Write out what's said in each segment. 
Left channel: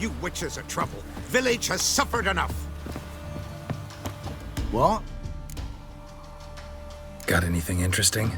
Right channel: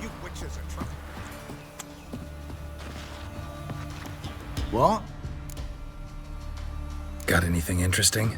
You witches are trouble. Village has suffered enough. What? Got anything interesting?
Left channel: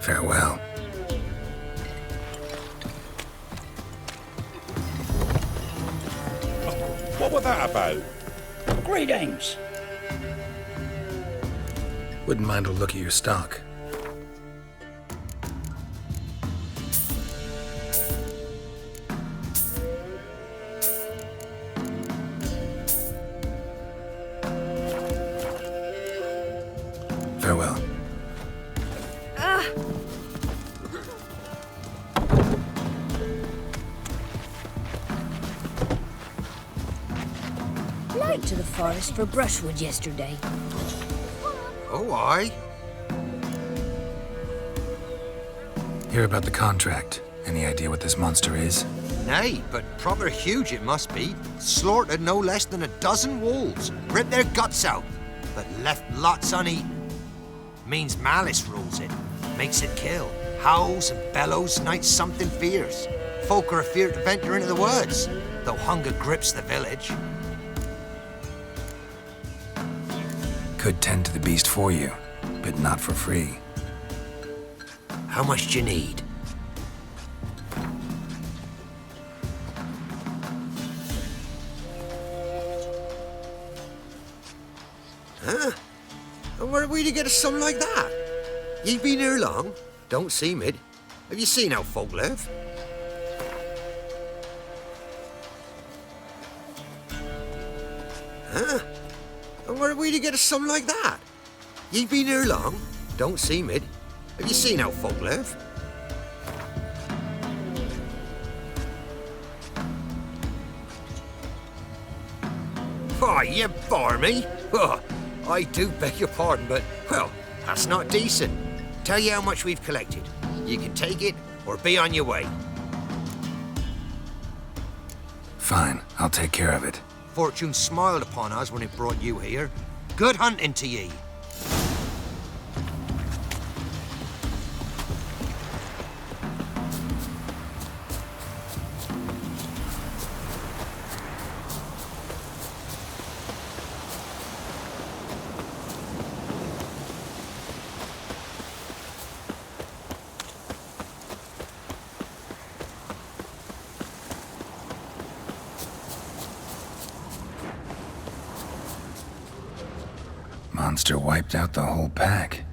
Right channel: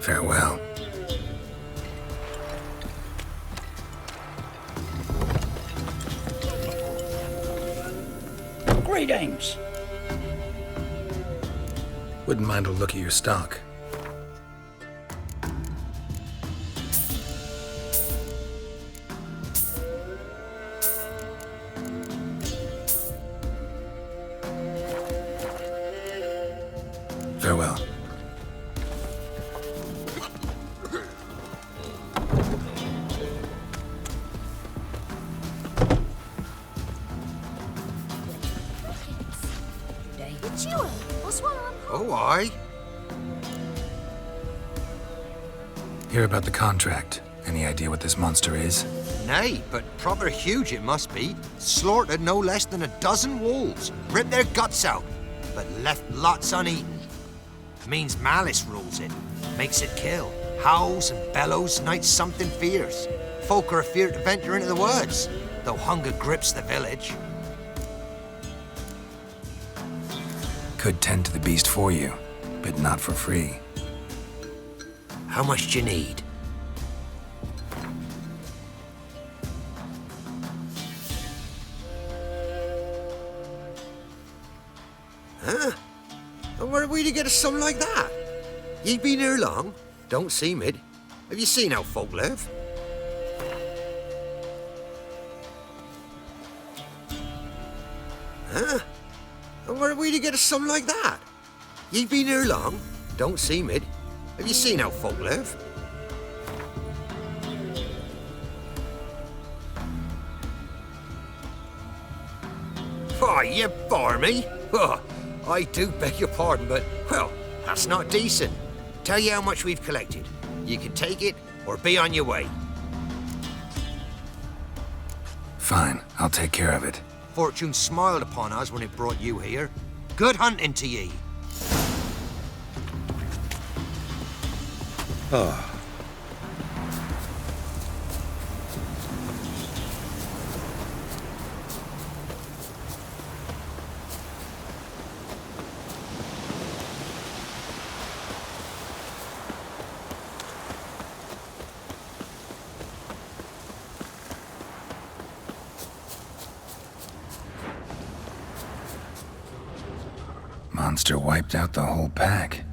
Farewell. What was that about? Greetings. Wouldn't mind a look at your stock. Farewell. To the forest for brushwood yesterday. Oh, aye. Hear about the contract. Any idea what this monster is? Nay, but proper huge it must be. Slaughtered no less than a dozen wolves. Ripped their guts out, but left lots uneaten. Means malice rules it. Makes it kill. Howls and bellows night something fierce. Folk are afeard to venture into the woods, though hunger grips the village. Could tend to the beast for you, but not for free. How much do you need? Huh? And where are we to get a sum like that? Ye been here long? Don't seem it. Have you seen how folk live? Huh? And where are we to get a sum like that? Ye been here long? Don't seem it. Have you seen how folk live? Why, you bore me. Oh, I do beg your pardon, but, well, that's not decent. Tell you how much we've collected. You can take it or be on your way. Fine, I'll take care of it. Fortune smiled upon us when it brought you here. Good hunting to ye. Monster wiped out the whole pack.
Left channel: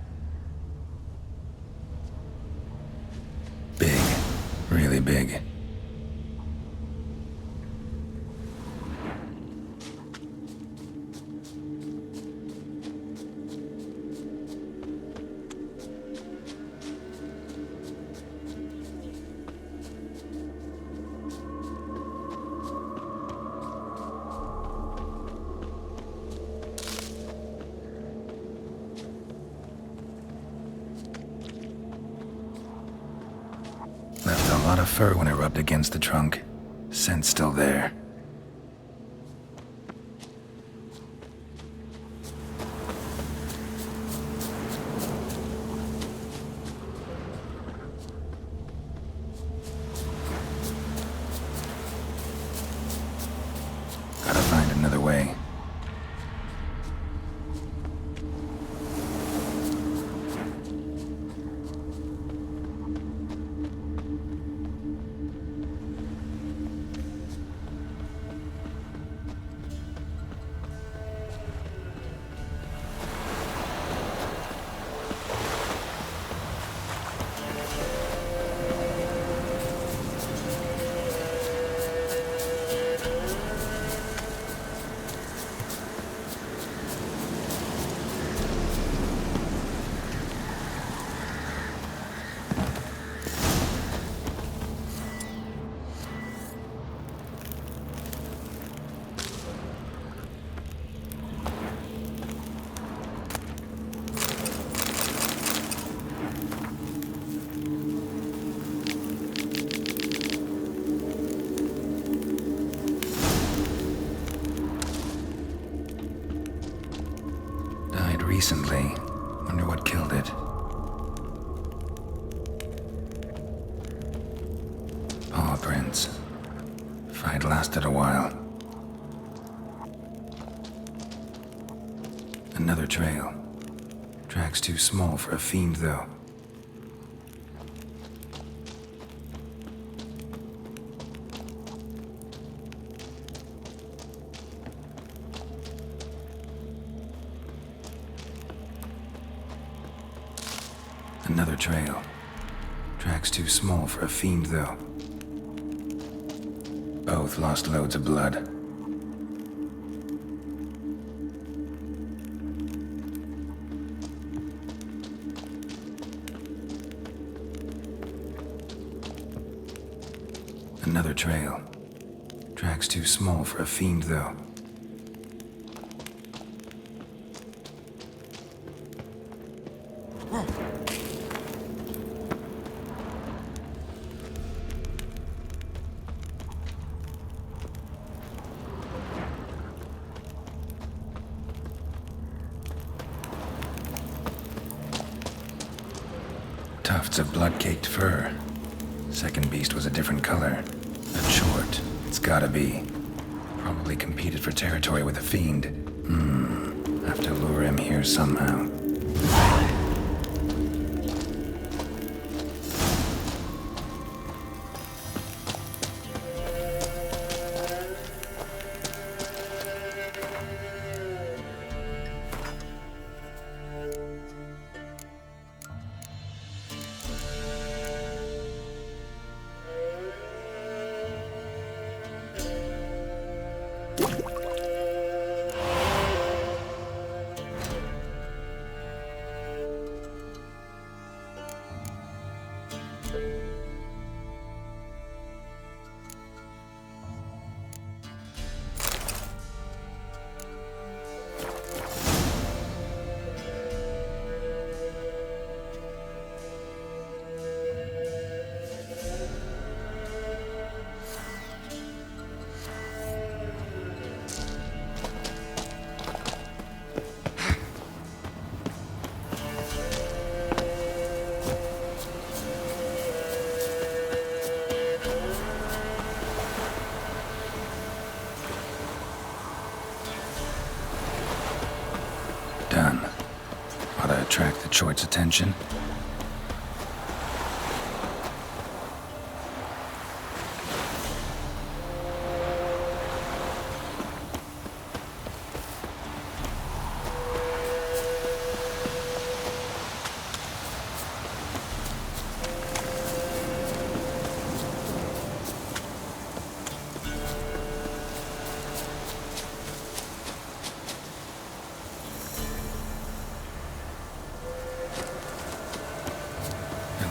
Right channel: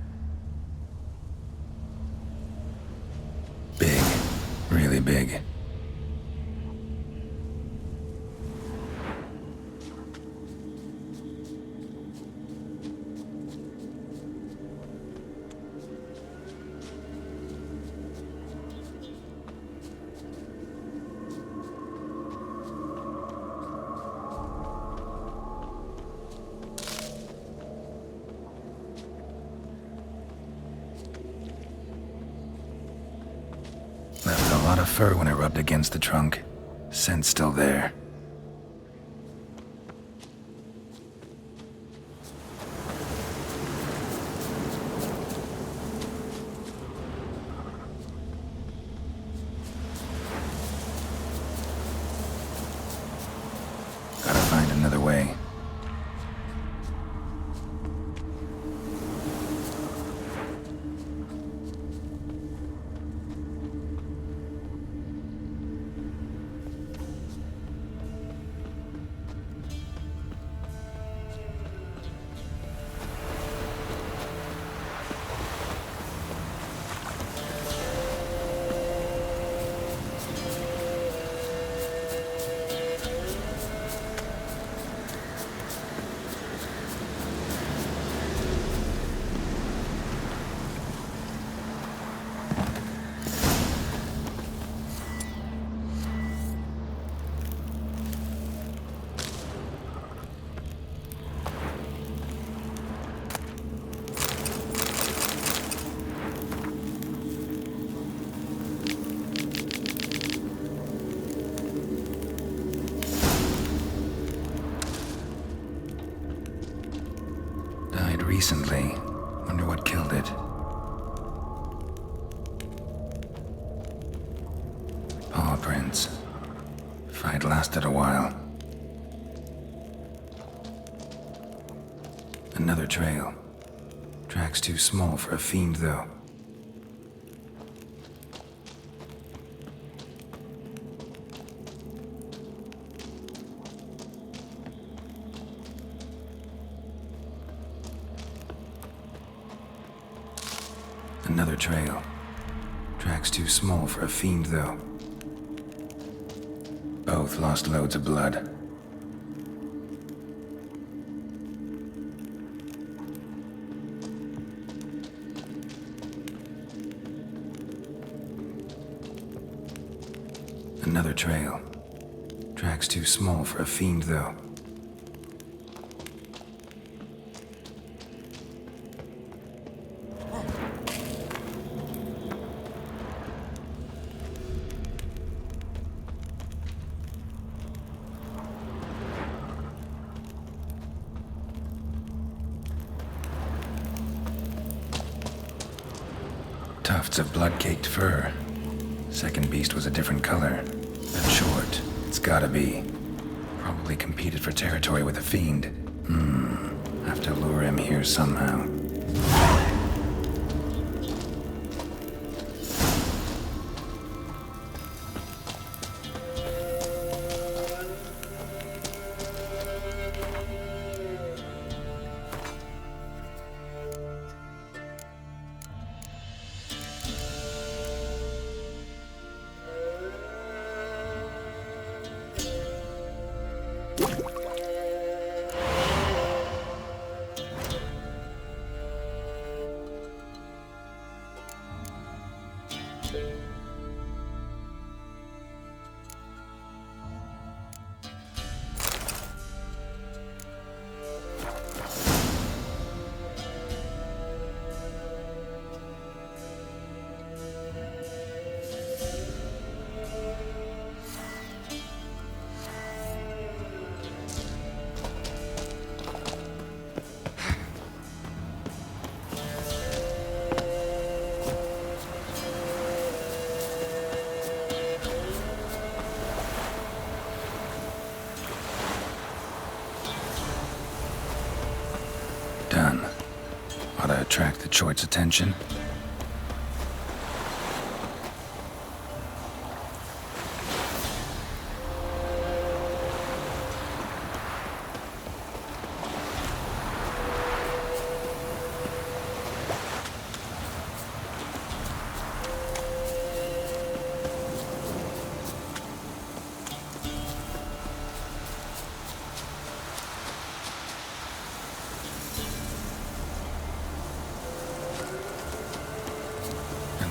Big. Really big. Left a lot of fur when it rubbed against the trunk. Scent's still there. Gotta find another way. recently. Wonder what killed it. Paw prints. Fight lasted a while. Another trail. Track's too small for a fiend, though. Another trail. Track's too small for a fiend, though. Both lost loads of blood. Another trail. Track's too small for a fiend, though. Tufts of blood-caked fur. Second beast was a different color. But short. It's gotta be. Probably competed for territory with a fiend. Have to lure him here somehow. Done. Ought to attract the Choit's attention.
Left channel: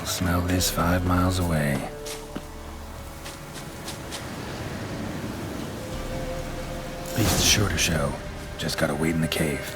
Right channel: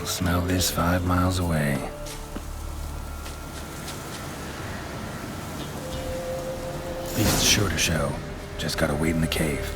Smell this 5 miles away. Beast's sure to show. Just gotta wait in the cave.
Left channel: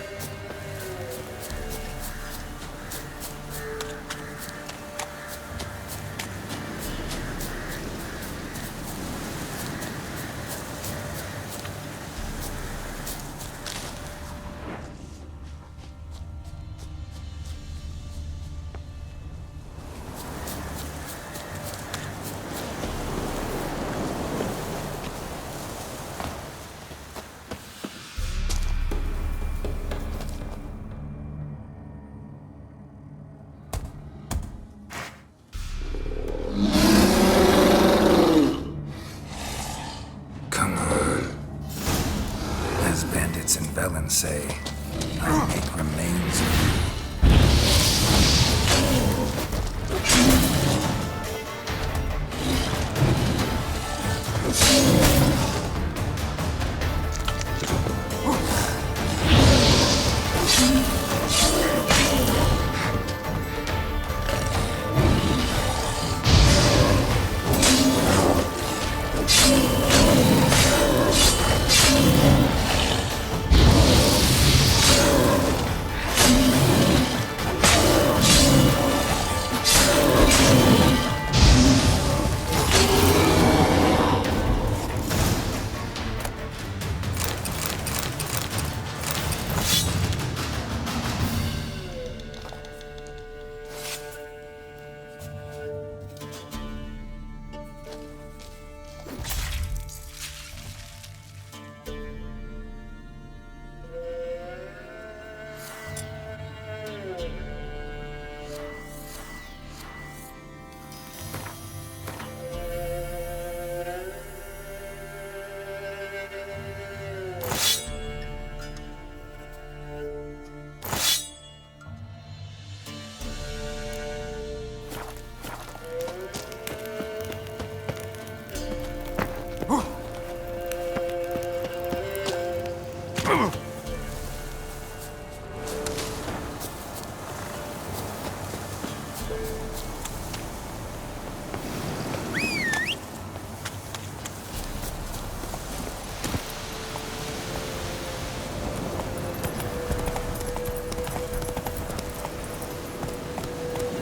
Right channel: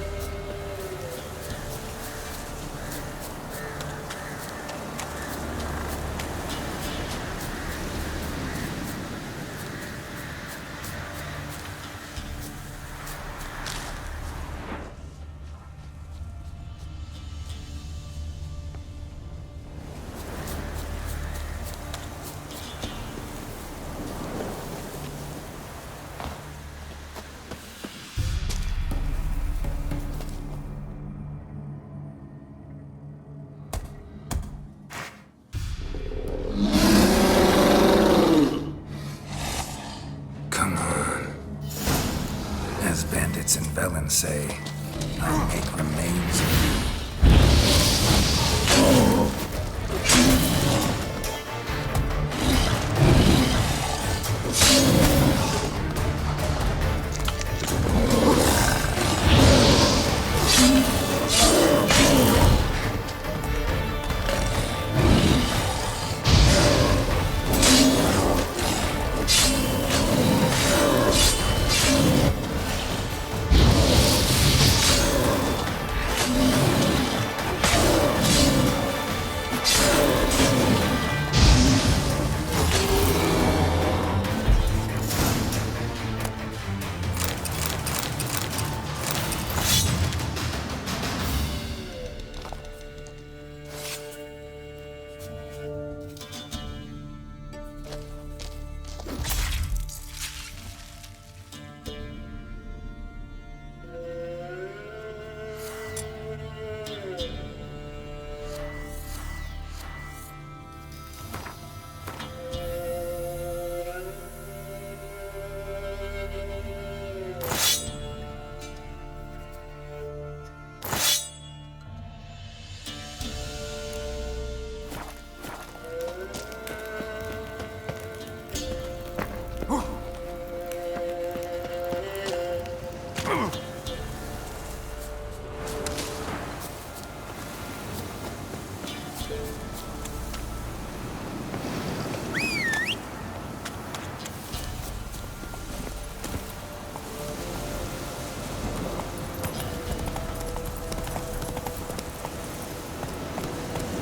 Say, I make remains of you.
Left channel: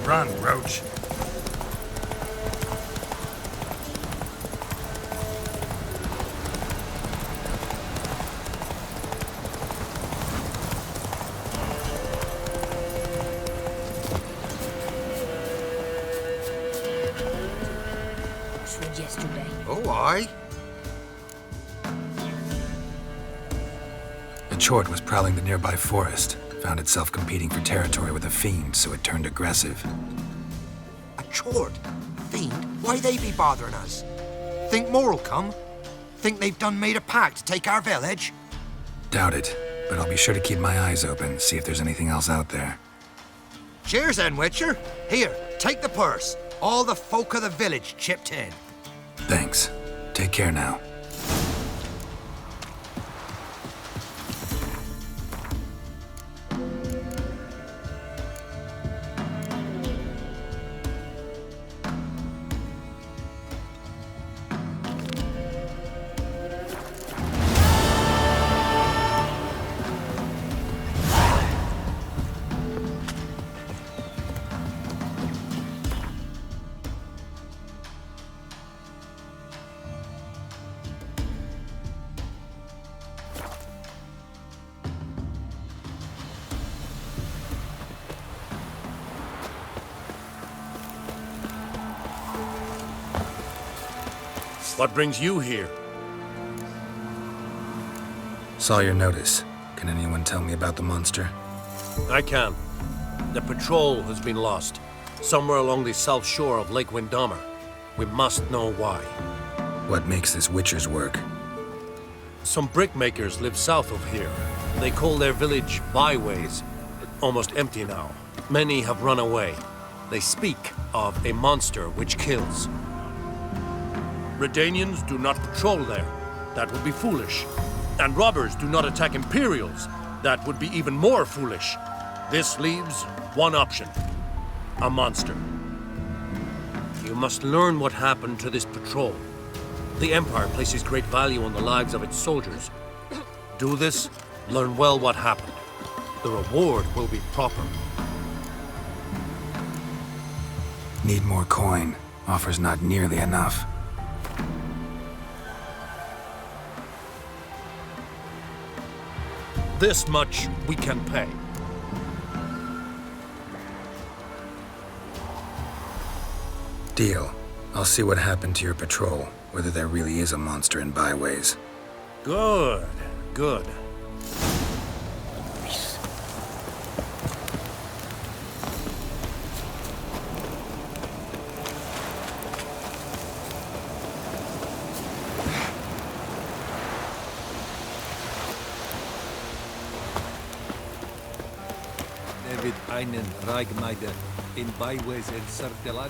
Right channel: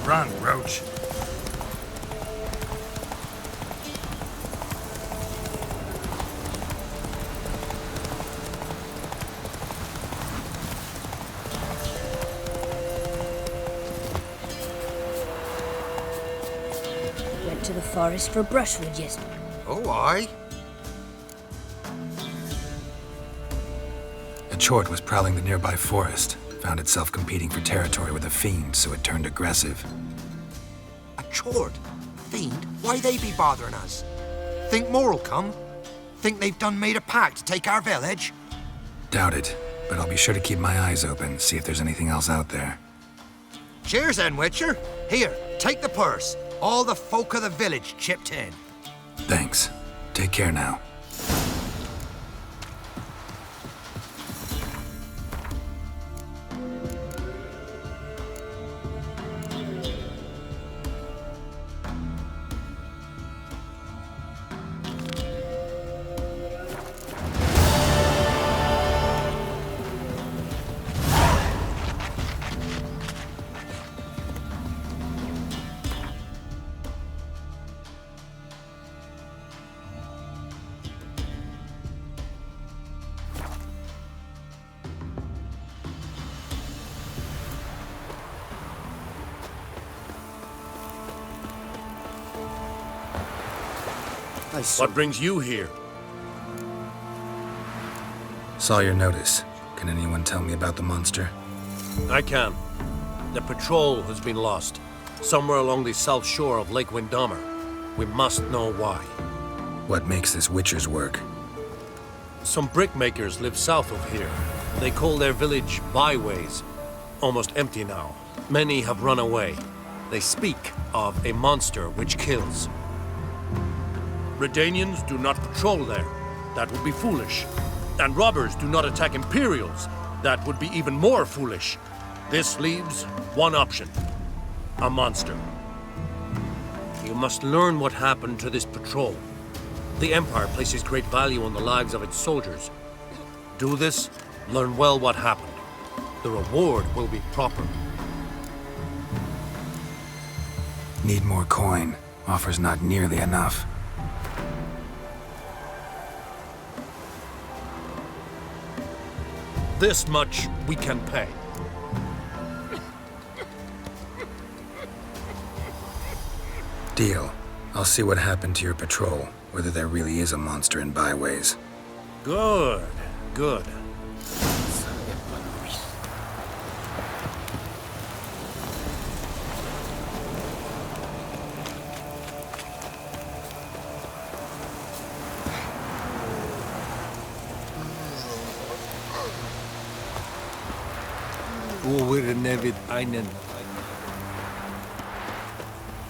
Run, Roach. Went to the forest for brushwood yesterday. Oh, aye. A chort was prowling the nearby forest. Found itself competing for territory with a fiend, so it turned aggressive. A chort? A fiend? Why they be bothering us? Think more'll come? Think they've done made a pact to take our village? Doubt it, but I'll be sure to keep my eyes open, see if there's anything else out there. Cheers then, Witcher. Here, take the purse. All the folk of the village chipped in. Thanks. Take care now. What brings you here? Saw your notice. Can anyone tell me about the monster? I can. The patrol has been lost, somewhere along the south shore of Lake Windammer. We must know why. What makes this Witcher's work? Some brickmakers live south of here. They call their village byways. Almost empty now. Many have run away. They speak of a monster which kills. Redanians do not patrol there. That would be foolish. And robbers do not attack Imperials. That would be even more foolish. This leaves one option. A monster. You must learn what happened to this patrol. The Empire places great value on the lives of its soldiers. Do this, learn well what happened. The reward will be proper. Need more coin. Offer's not nearly enough. This much we can pay. Deal. I'll see what happened to your patrol, whether there really is a monster in byways. Good, good. Wir nevid einen Reigmeiden in byways of Circular.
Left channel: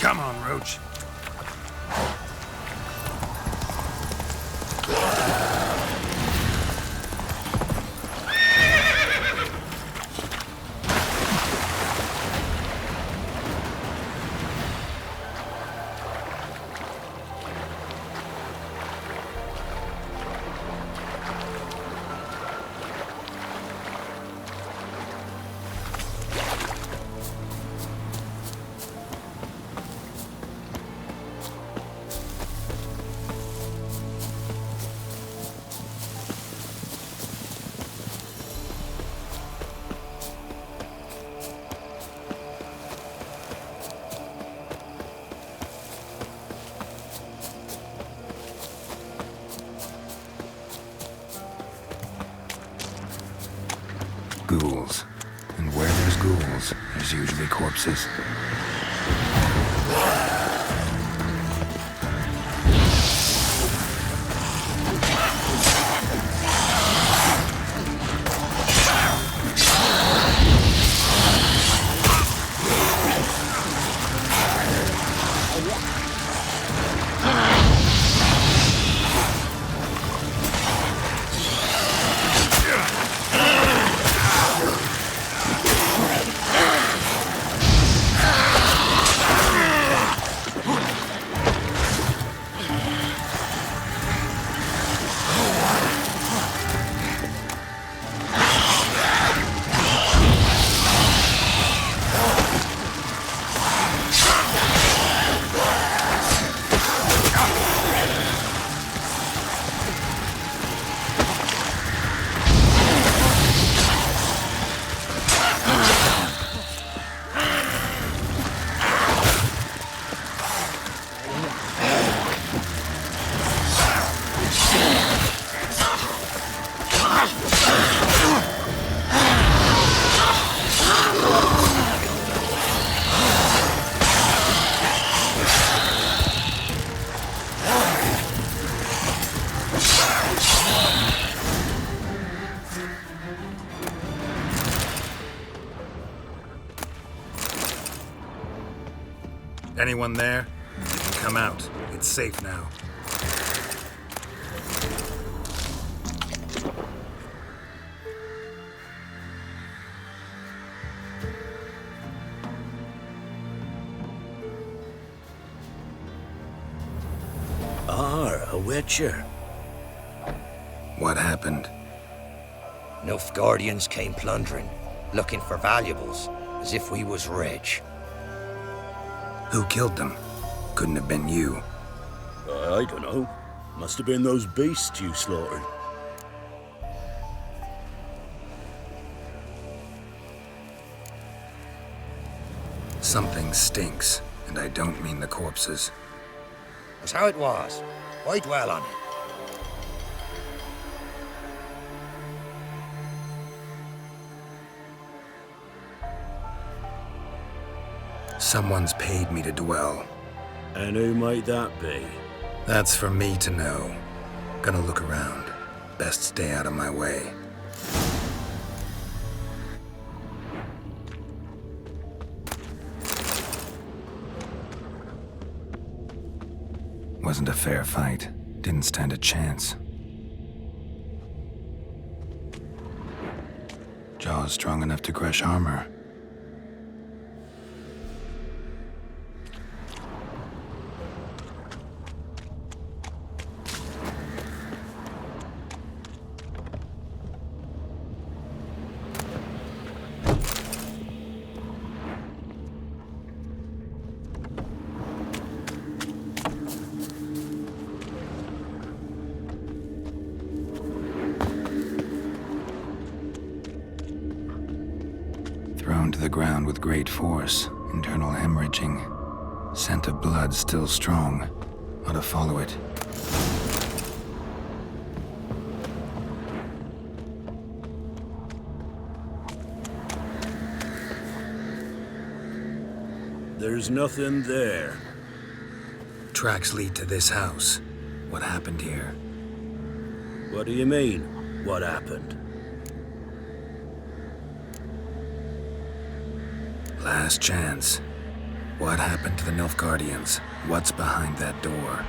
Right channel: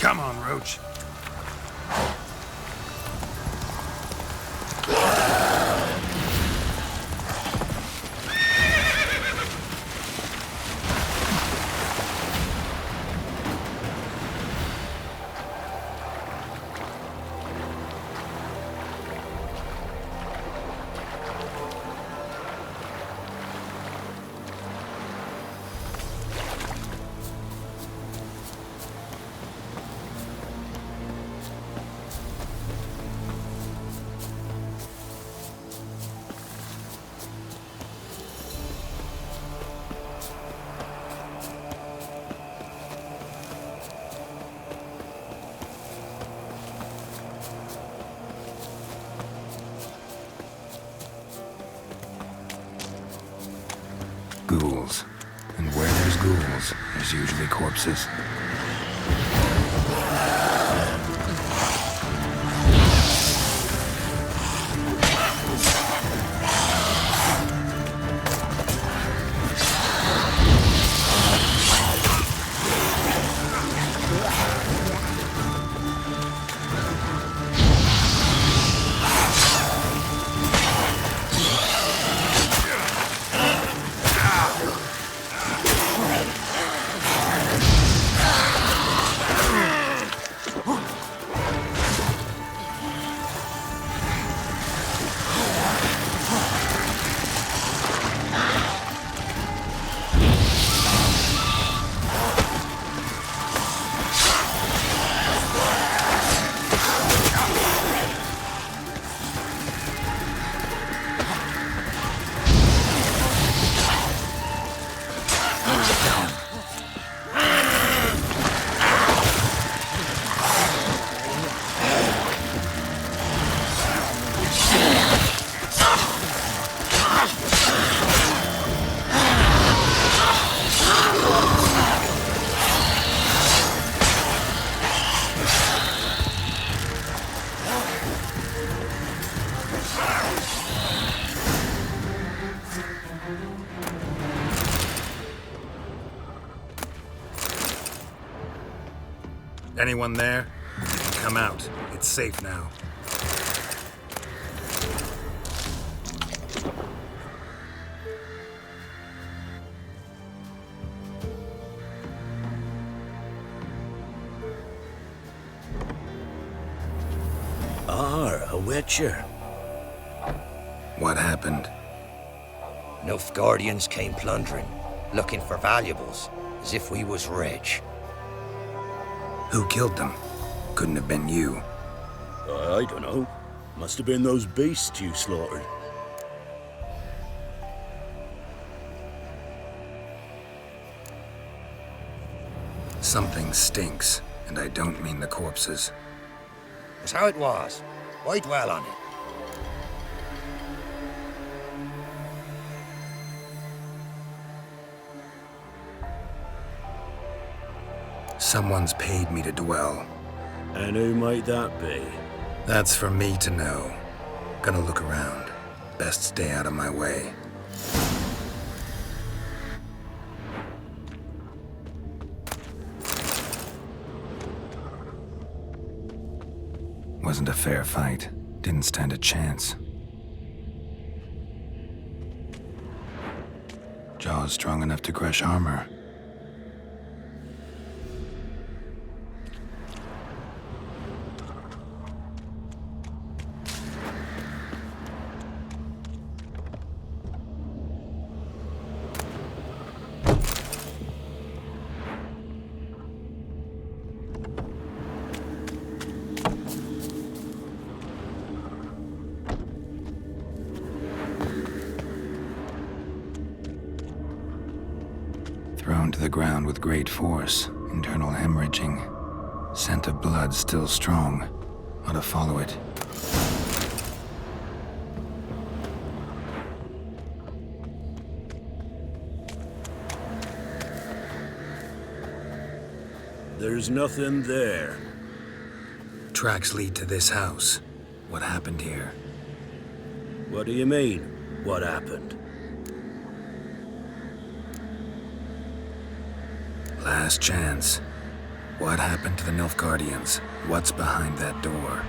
Come on, Roach. Ghouls. And where there's ghouls, there's usually corpses. Anyone there? You can come out. It's safe now. A witcher. What happened? Nilfgaardians came plundering, looking for valuables, as if we was rich. Who killed them? Couldn't have been you. I don't know. Must have been those beasts you slaughtered. Something stinks, and I don't mean the corpses. Was how it was. Why dwell on it? Someone's paid me to dwell. And who might that be? That's for me to know. Gonna look around. Best stay out of my way. Wasn't a fair fight. Didn't stand a chance. Jaws strong enough to crush armor. Thrown to the ground with great force, internal hemorrhaging. Scent of blood still strong. Ought to follow it. There's nothing there. Tracks lead to this house. What happened here? What do you mean, what happened? Last chance. What happened to the Nilfgaardians? What's behind that door?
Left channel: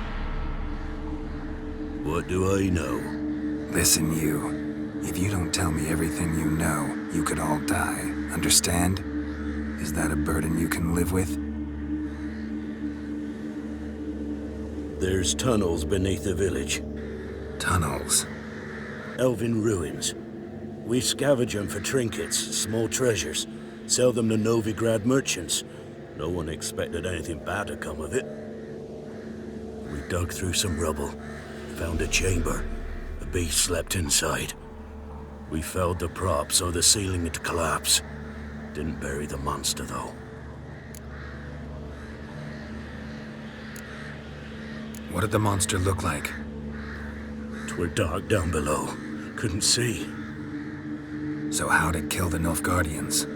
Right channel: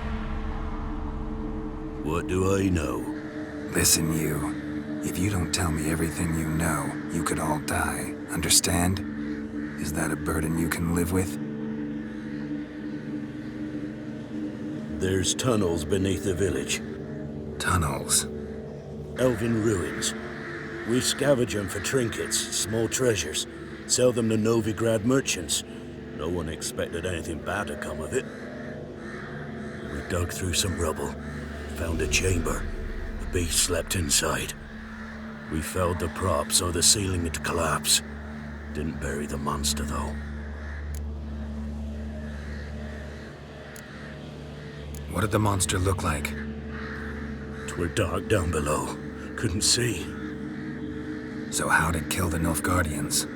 What do I know? Listen, you. If you don't tell me everything you know, you could all die. Understand? Is that a burden you can live with? There's tunnels beneath the village. Tunnels. Elven ruins. We scavenge them for trinkets, small treasures. Sell them to Novigrad merchants. No one expected anything bad to come of it. We dug through some rubble. Found a chamber. The beast slept inside. We felled the prop so the ceiling had collapsed. Didn't bury the monster, though. What did the monster look like? 'Twere dark down below. Couldn't see. So how'd it kill the Nilfgaardians?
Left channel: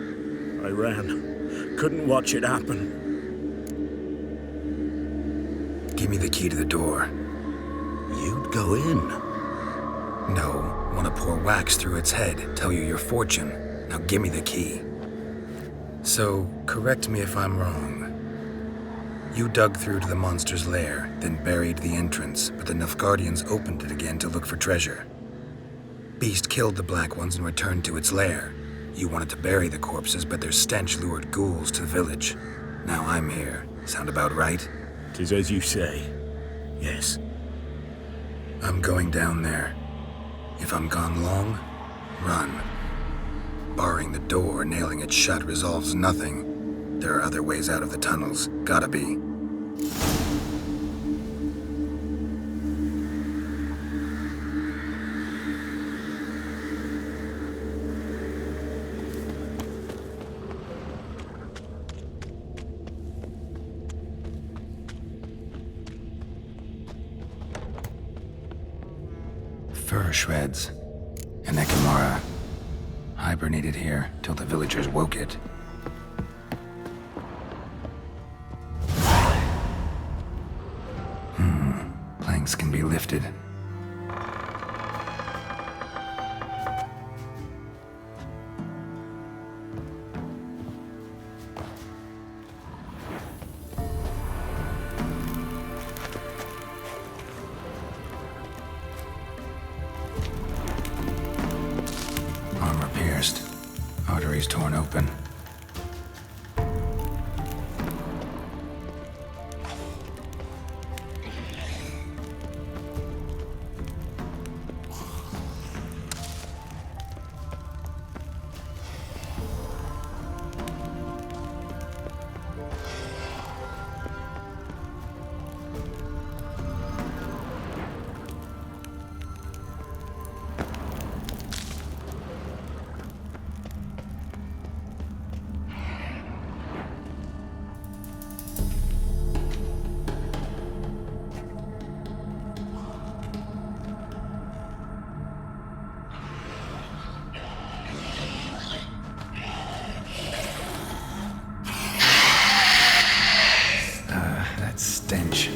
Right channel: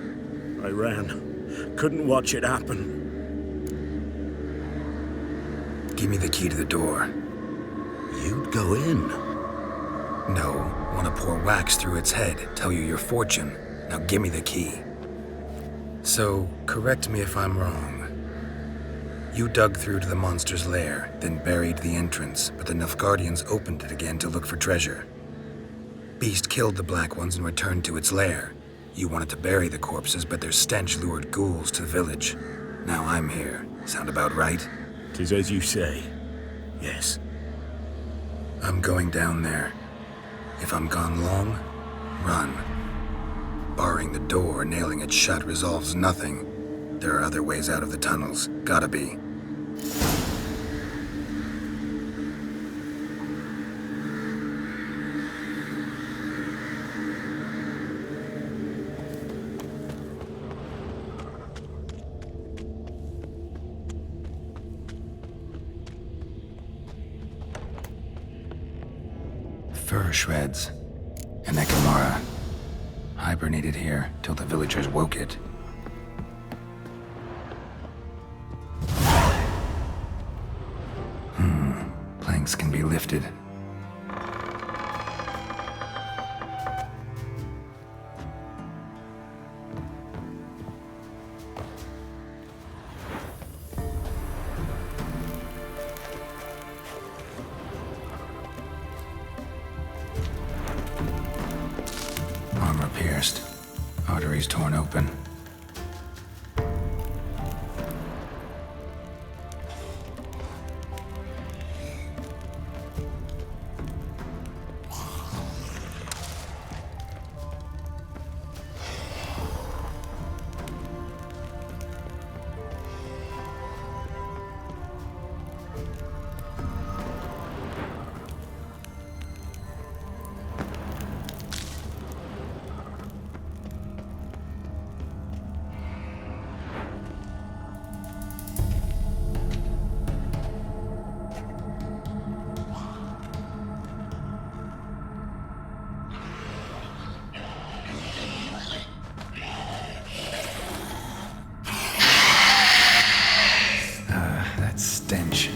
I ran. Couldn't watch it happen. Give me the key to the door. You'd go in. No, want to pour wax through its head, tell you your fortune. Now give me the key. So, correct me if I'm wrong. You dug through to the monster's lair, then buried the entrance, but the Nilfgaardians opened it again to look for treasure. Beast killed the Black Ones and returned to its lair. You wanted to bury the corpses, but their stench lured ghouls to the village. Now I'm here. Sound about right? 'Tis as you say. Yes. I'm going down there. If I'm gone long, run. Barring the door, nailing it shut resolves nothing. There are other ways out of the tunnels. Gotta be. Fur shreds. An Ekamara. Hibernated here till the villagers woke it. Planks can be lifted. Armor pierced. Arteries torn open. That stench.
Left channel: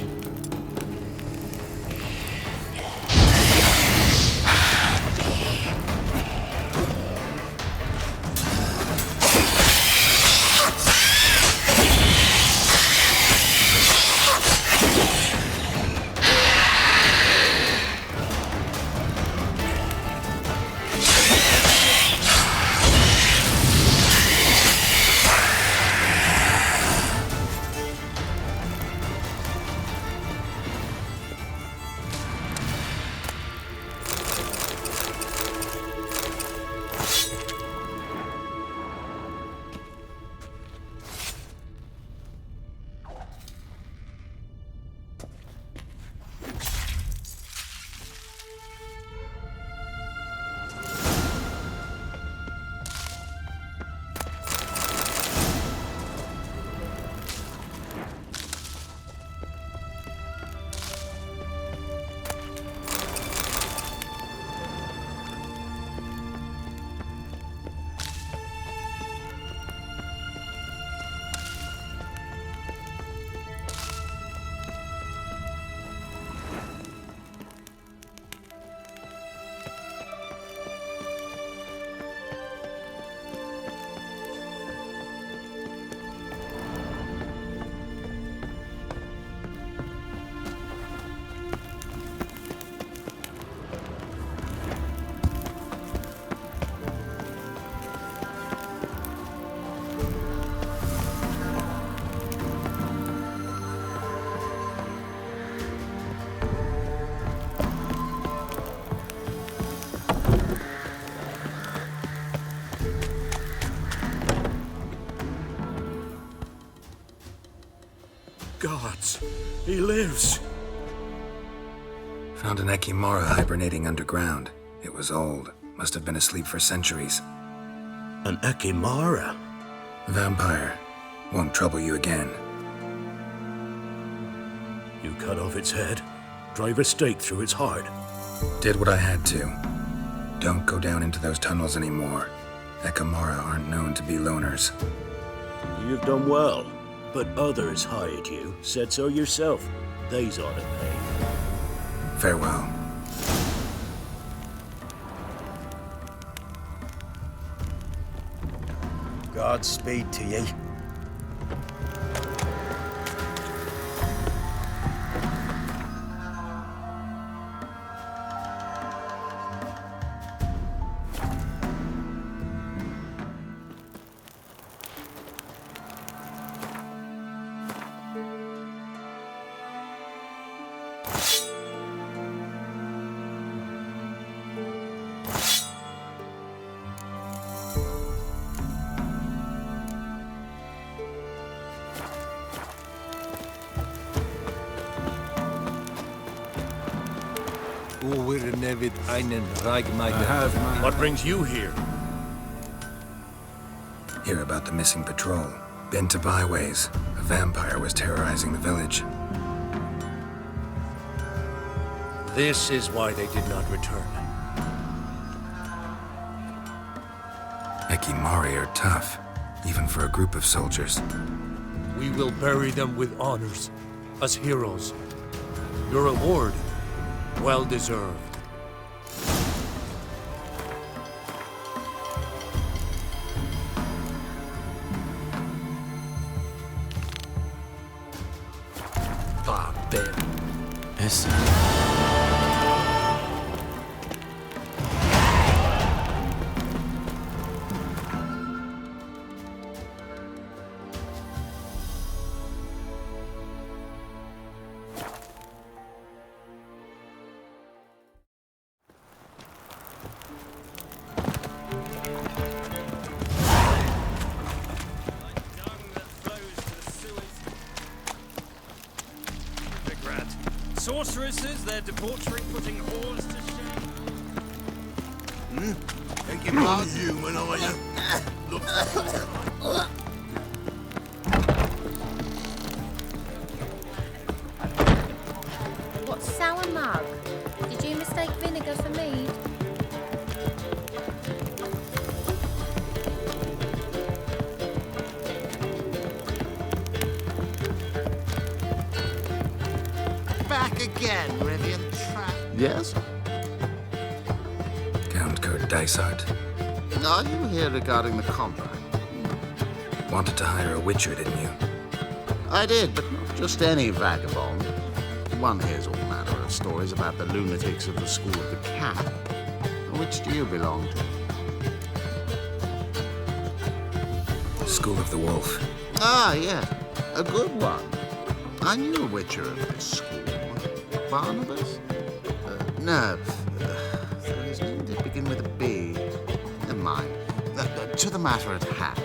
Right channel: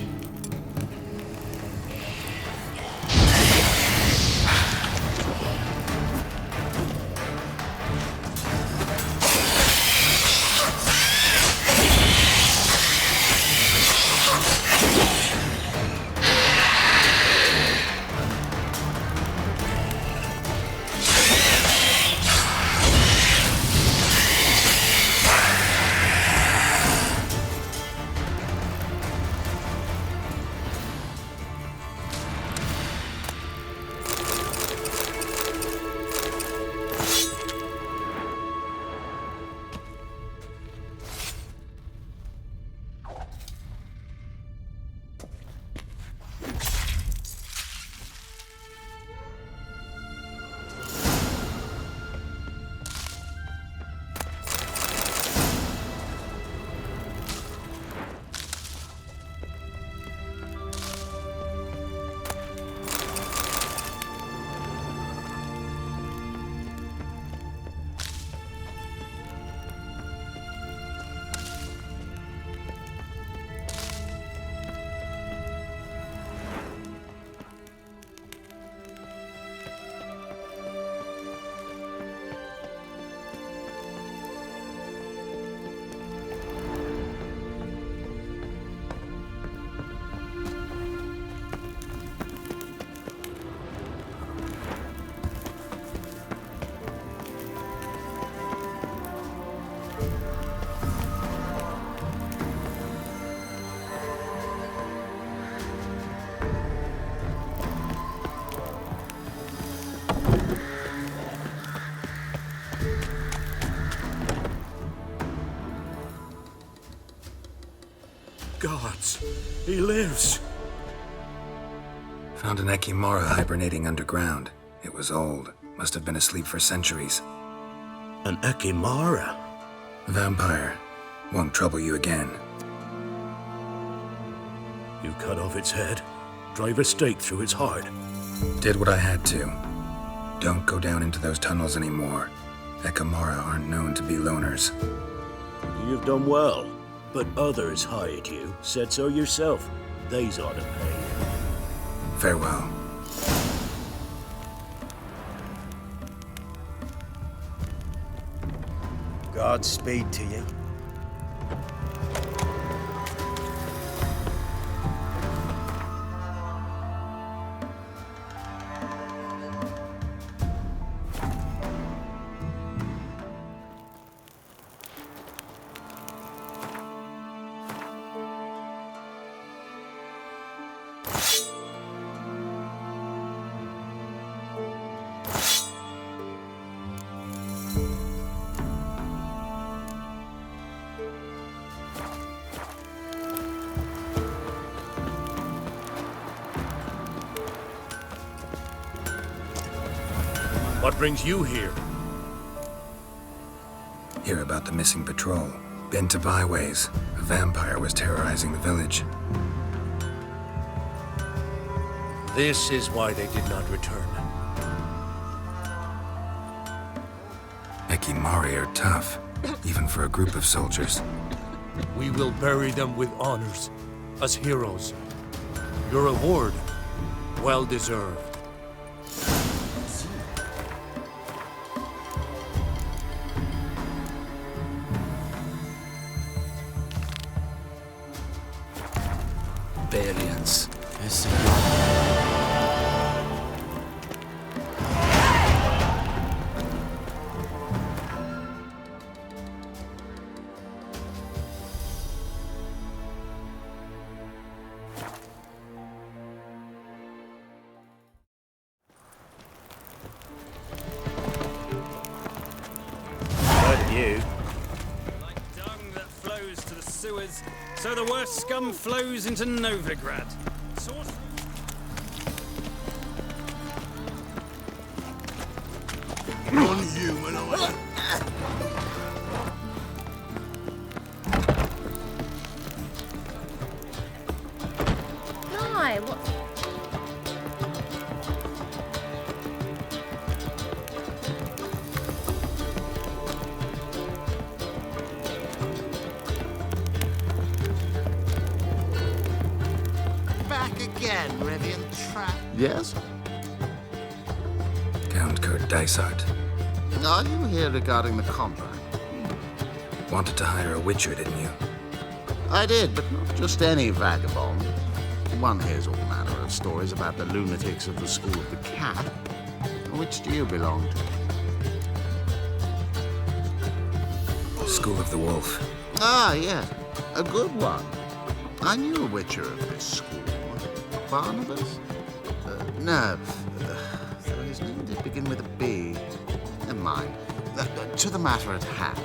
Gods, he lives. Found an Ekimara hibernating underground. It was old. Must have been asleep for centuries. An Ekimara? Vampire. Won't trouble you again. You cut off its head, drive a stake through its heart. Did what I had to. Don't go down into those tunnels anymore. Ekimara aren't known to be loners. You've done well, but others hired you. Said so yourself. They's ought to pay. Farewell. Godspeed to ye. What brings you here? Hear about the missing patrol. Been to byways. A vampire was terrorizing the village. This is why they did not return. Ekimari are tough, even for a group of soldiers. We will bury them with honors, as heroes. Your reward, well deserved. Barbarians. So the worst scum flows into Novigrad. Sorceresses, their debauchery putting horns to shame. You're non-human, are you? Hi, what's sour mug? Did you mistake vinegar for me? Back again, Rivian Trap. Yes? Count Kurt Dysart. Are you here regarding the contract? Wanted to hire a witcher, didn't you? I did, but not just any vagabond. One hears all manner of stories about the lunatics of the School of the Cat. Which do you belong to? School of the Wolf. Ah, yes. A good one. I knew a witcher of this school. Barnabas? No. So his name did begin with a B. Never mind. To the matter at hand.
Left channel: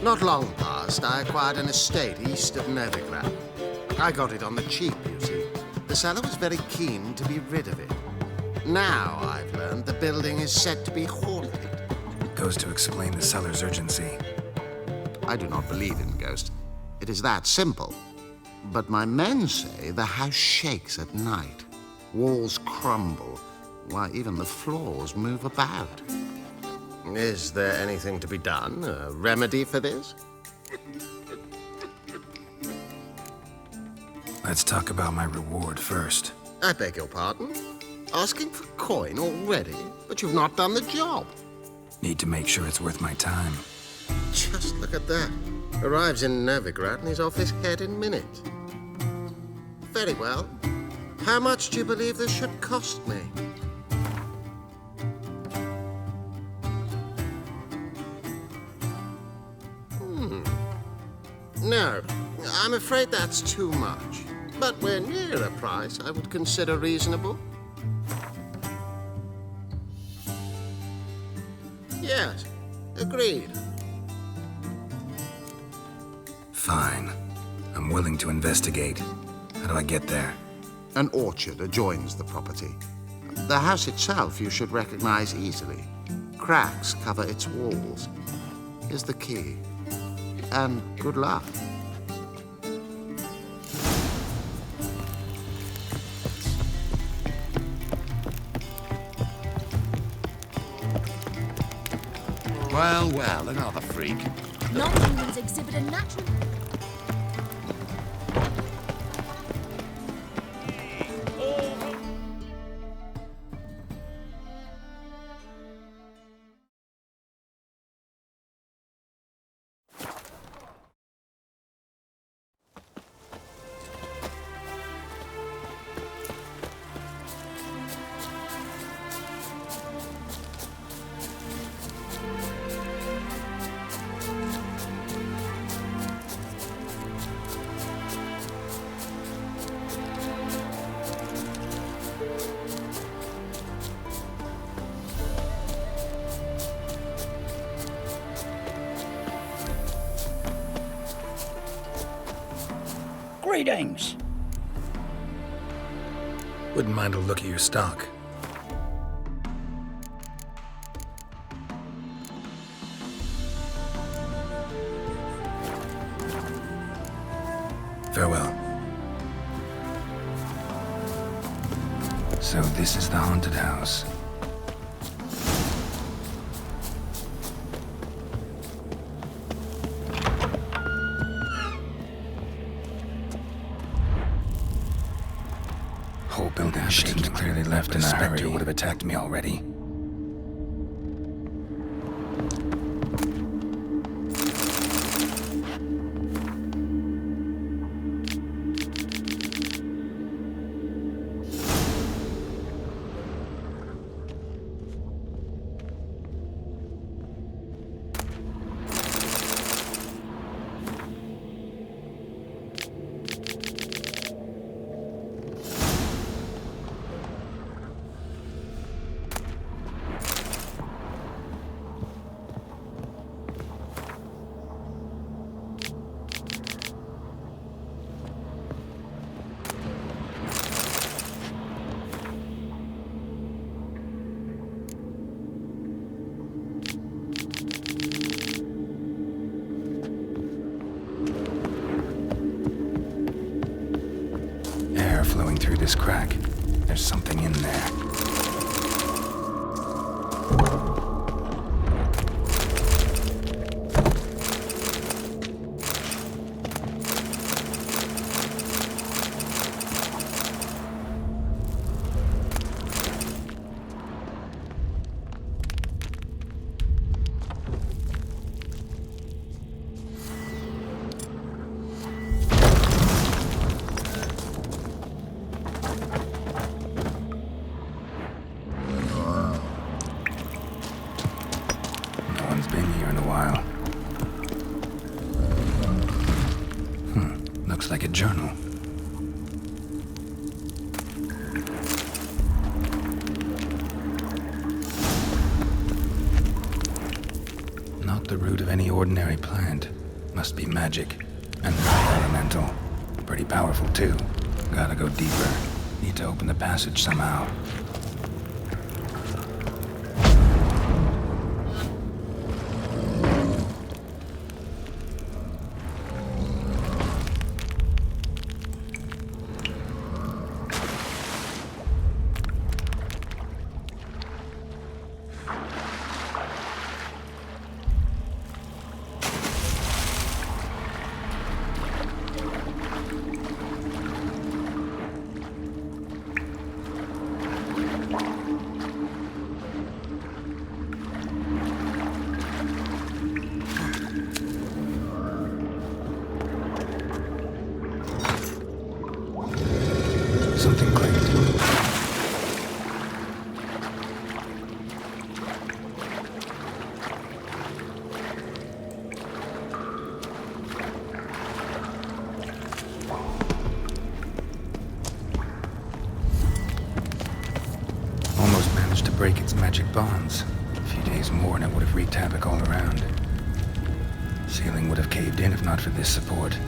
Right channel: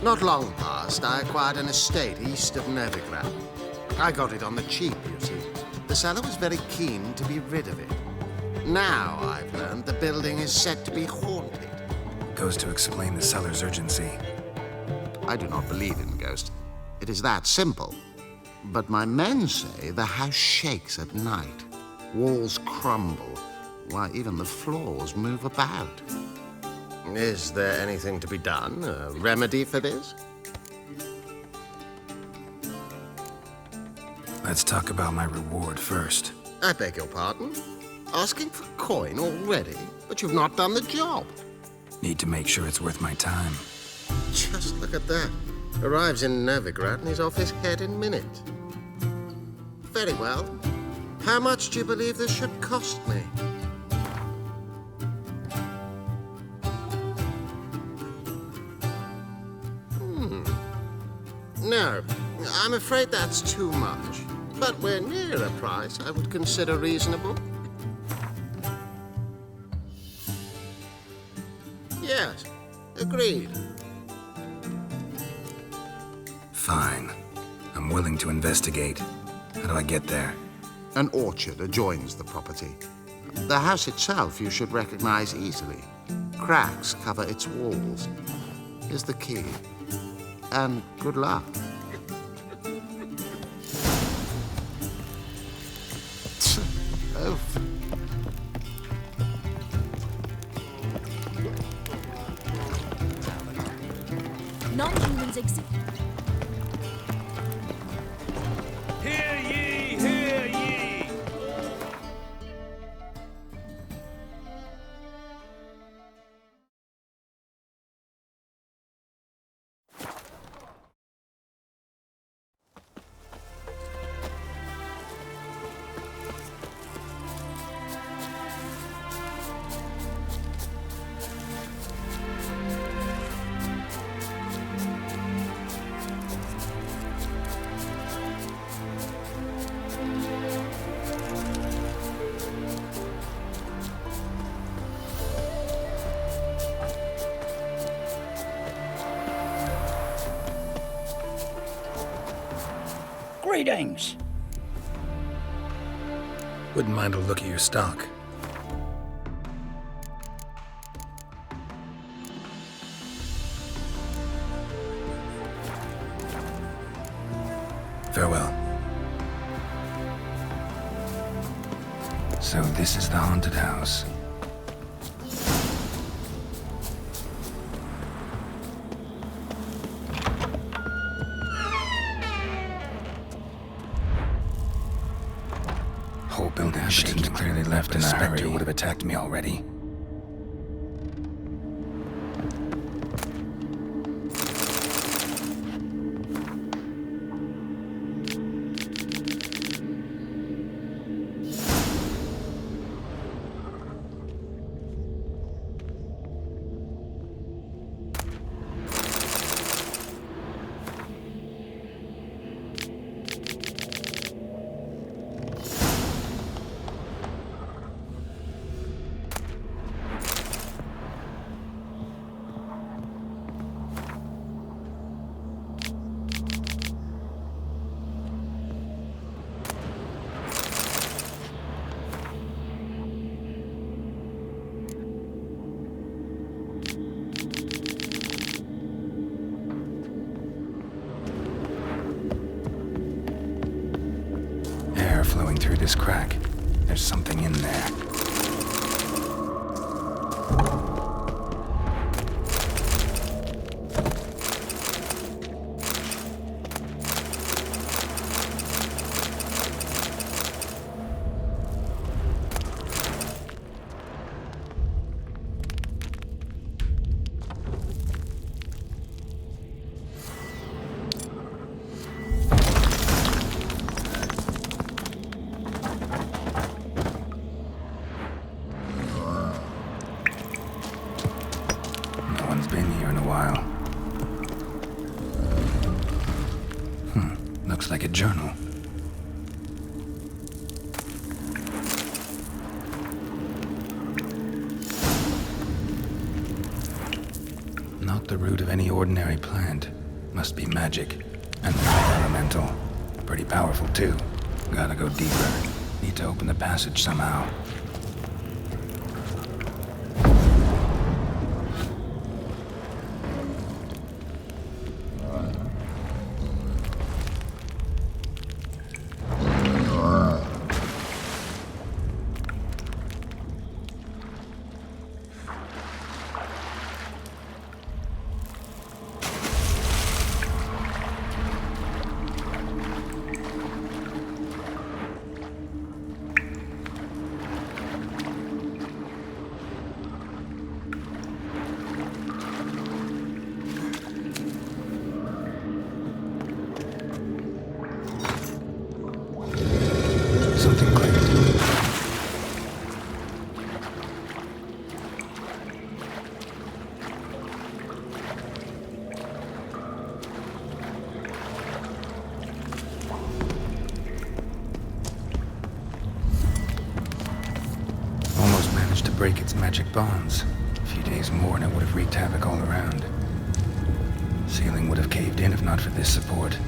Not long past, I acquired an estate east of Novigrad. I got it on the cheap, you see. The seller was very keen to be rid of it. Now I've learned the building is said to be haunted. Goes to explain the seller's urgency. I do not believe in ghosts. It is that simple. But my men say the house shakes at night. Walls crumble. Why, even the floors move about. Is there anything to be done? A remedy for this? Let's talk about my reward first. I beg your pardon? Asking for coin already? But you've not done the job. Need to make sure it's worth my time. Just look at that. Arrives in Novigrad and he's off his head in minutes. Very well. How much do you believe this should cost me? No, I'm afraid that's too much. But we're near a price I would consider reasonable. Yes, agreed. Fine. I'm willing to investigate. How do I get there? An orchard adjoins the property. The house itself you should recognize easily. Cracks cover its walls. Here's the key. And good luck. Well, another freak. Non-humans exhibit a natural... Hear ye, hear ye! All... Greetings. Wouldn't mind a look at your stock. Farewell. So this is the haunted house. Whole building shaking. Clearly left in a hurry. Would have attacked me already. flowing through this crack. There's something in there. Been here in a while. Looks like a journal. Not the root of any ordinary plant. Must be magic. And elemental. Pretty powerful too. Gotta go deeper. Need to open the passage somehow. Something clicked. Almost managed to break its magic bonds. A few days more and it would have wreaked havoc all around. Ceiling would have caved in if not for this support.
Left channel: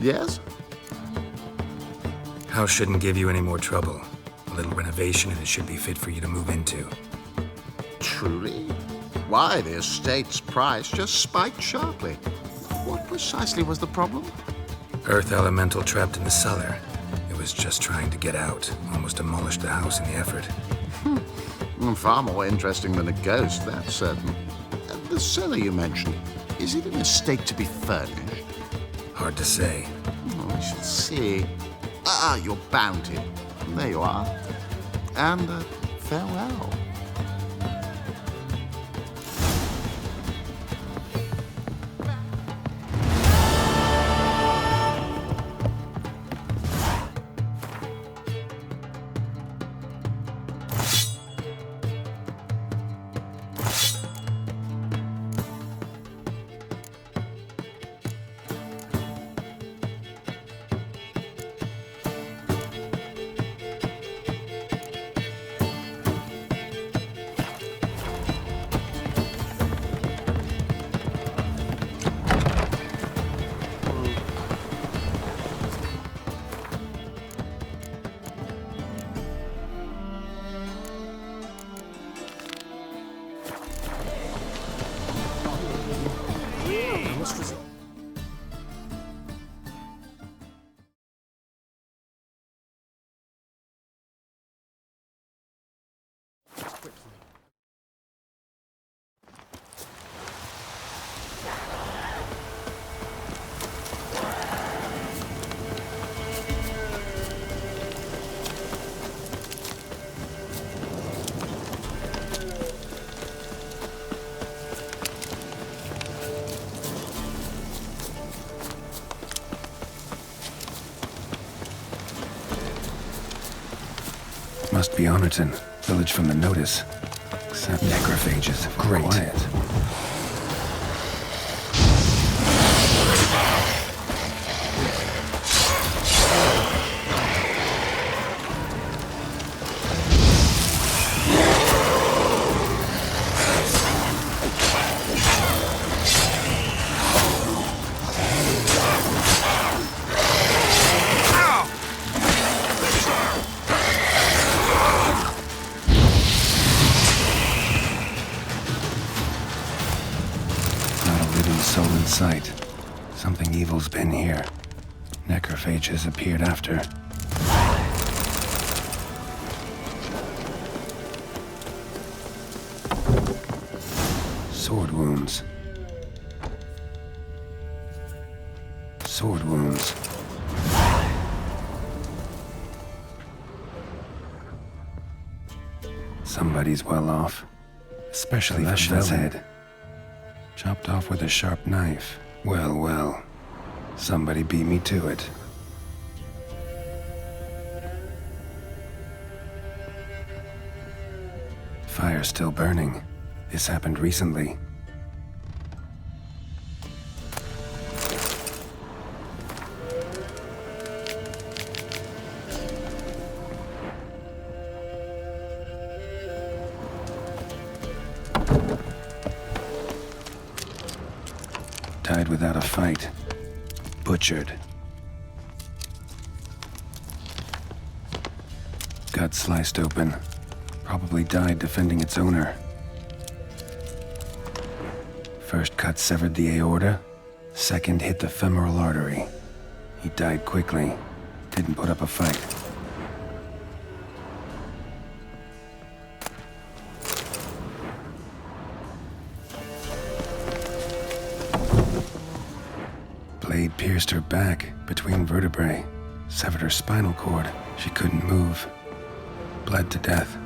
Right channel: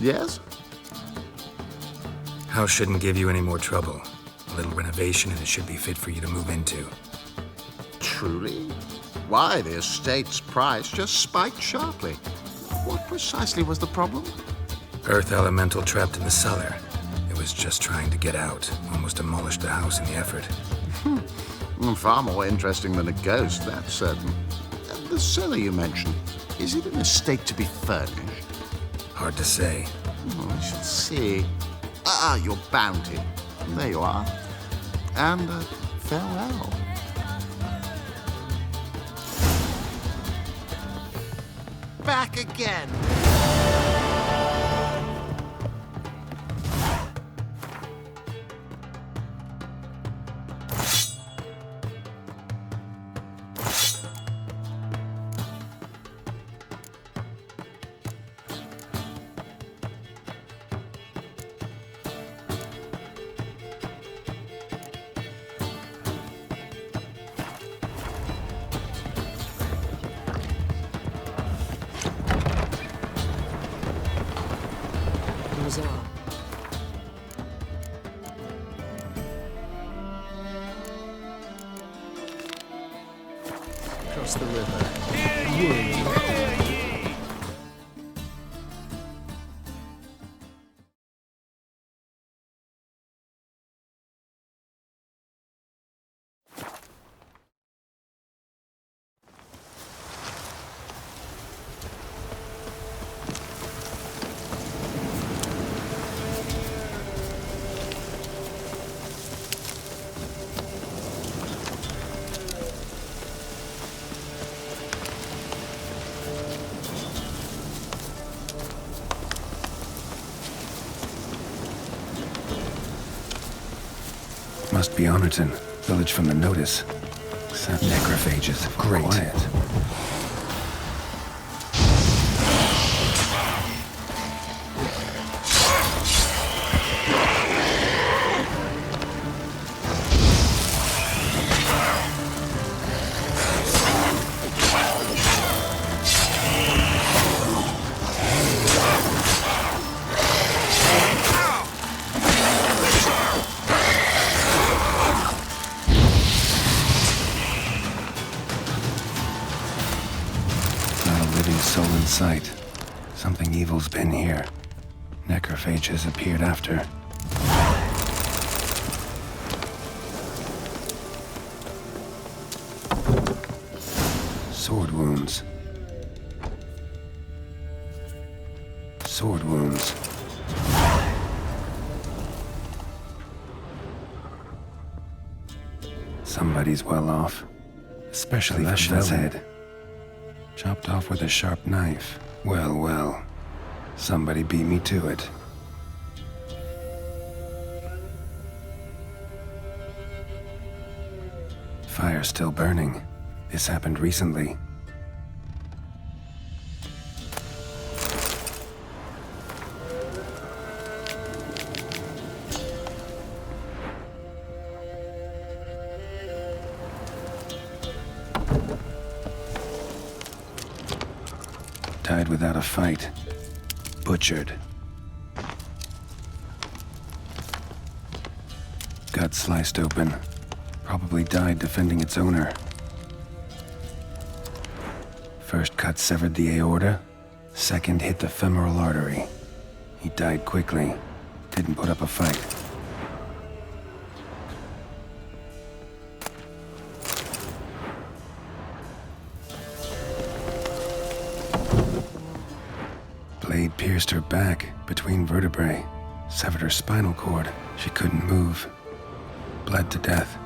Yes? House shouldn't give you any more trouble. A little renovation and it should be fit for you to move into. Truly? Why, the estate's price just spiked sharply. What precisely was the problem? Earth elemental trapped in the cellar. It was just trying to get out. Almost demolished the house in the effort. Far more interesting than a ghost, that's certain. The cellar you mentioned, is it in a state to be furnished? Hard to say. We shall see. Your bounty. There you are. And farewell. Back again. Must be Honorton, village from the notice. Except necrophages. Great. Quiet. Sight. Something evil's been here. Necrophages appeared after. Sword wounds. Sword wounds. Somebody's well off. Especially Fashion's head. Chopped off with a sharp knife. Well, well. Somebody beat me to it. Fire's still burning. This happened recently. Died without a fight. Butchered. Gut sliced open. Probably died defending its owner. First cut severed the aorta. Second hit the femoral artery. He died quickly. Didn't put up a fight. Blade pierced her back, between vertebrae. Severed her spinal cord. She couldn't move. Bled to death.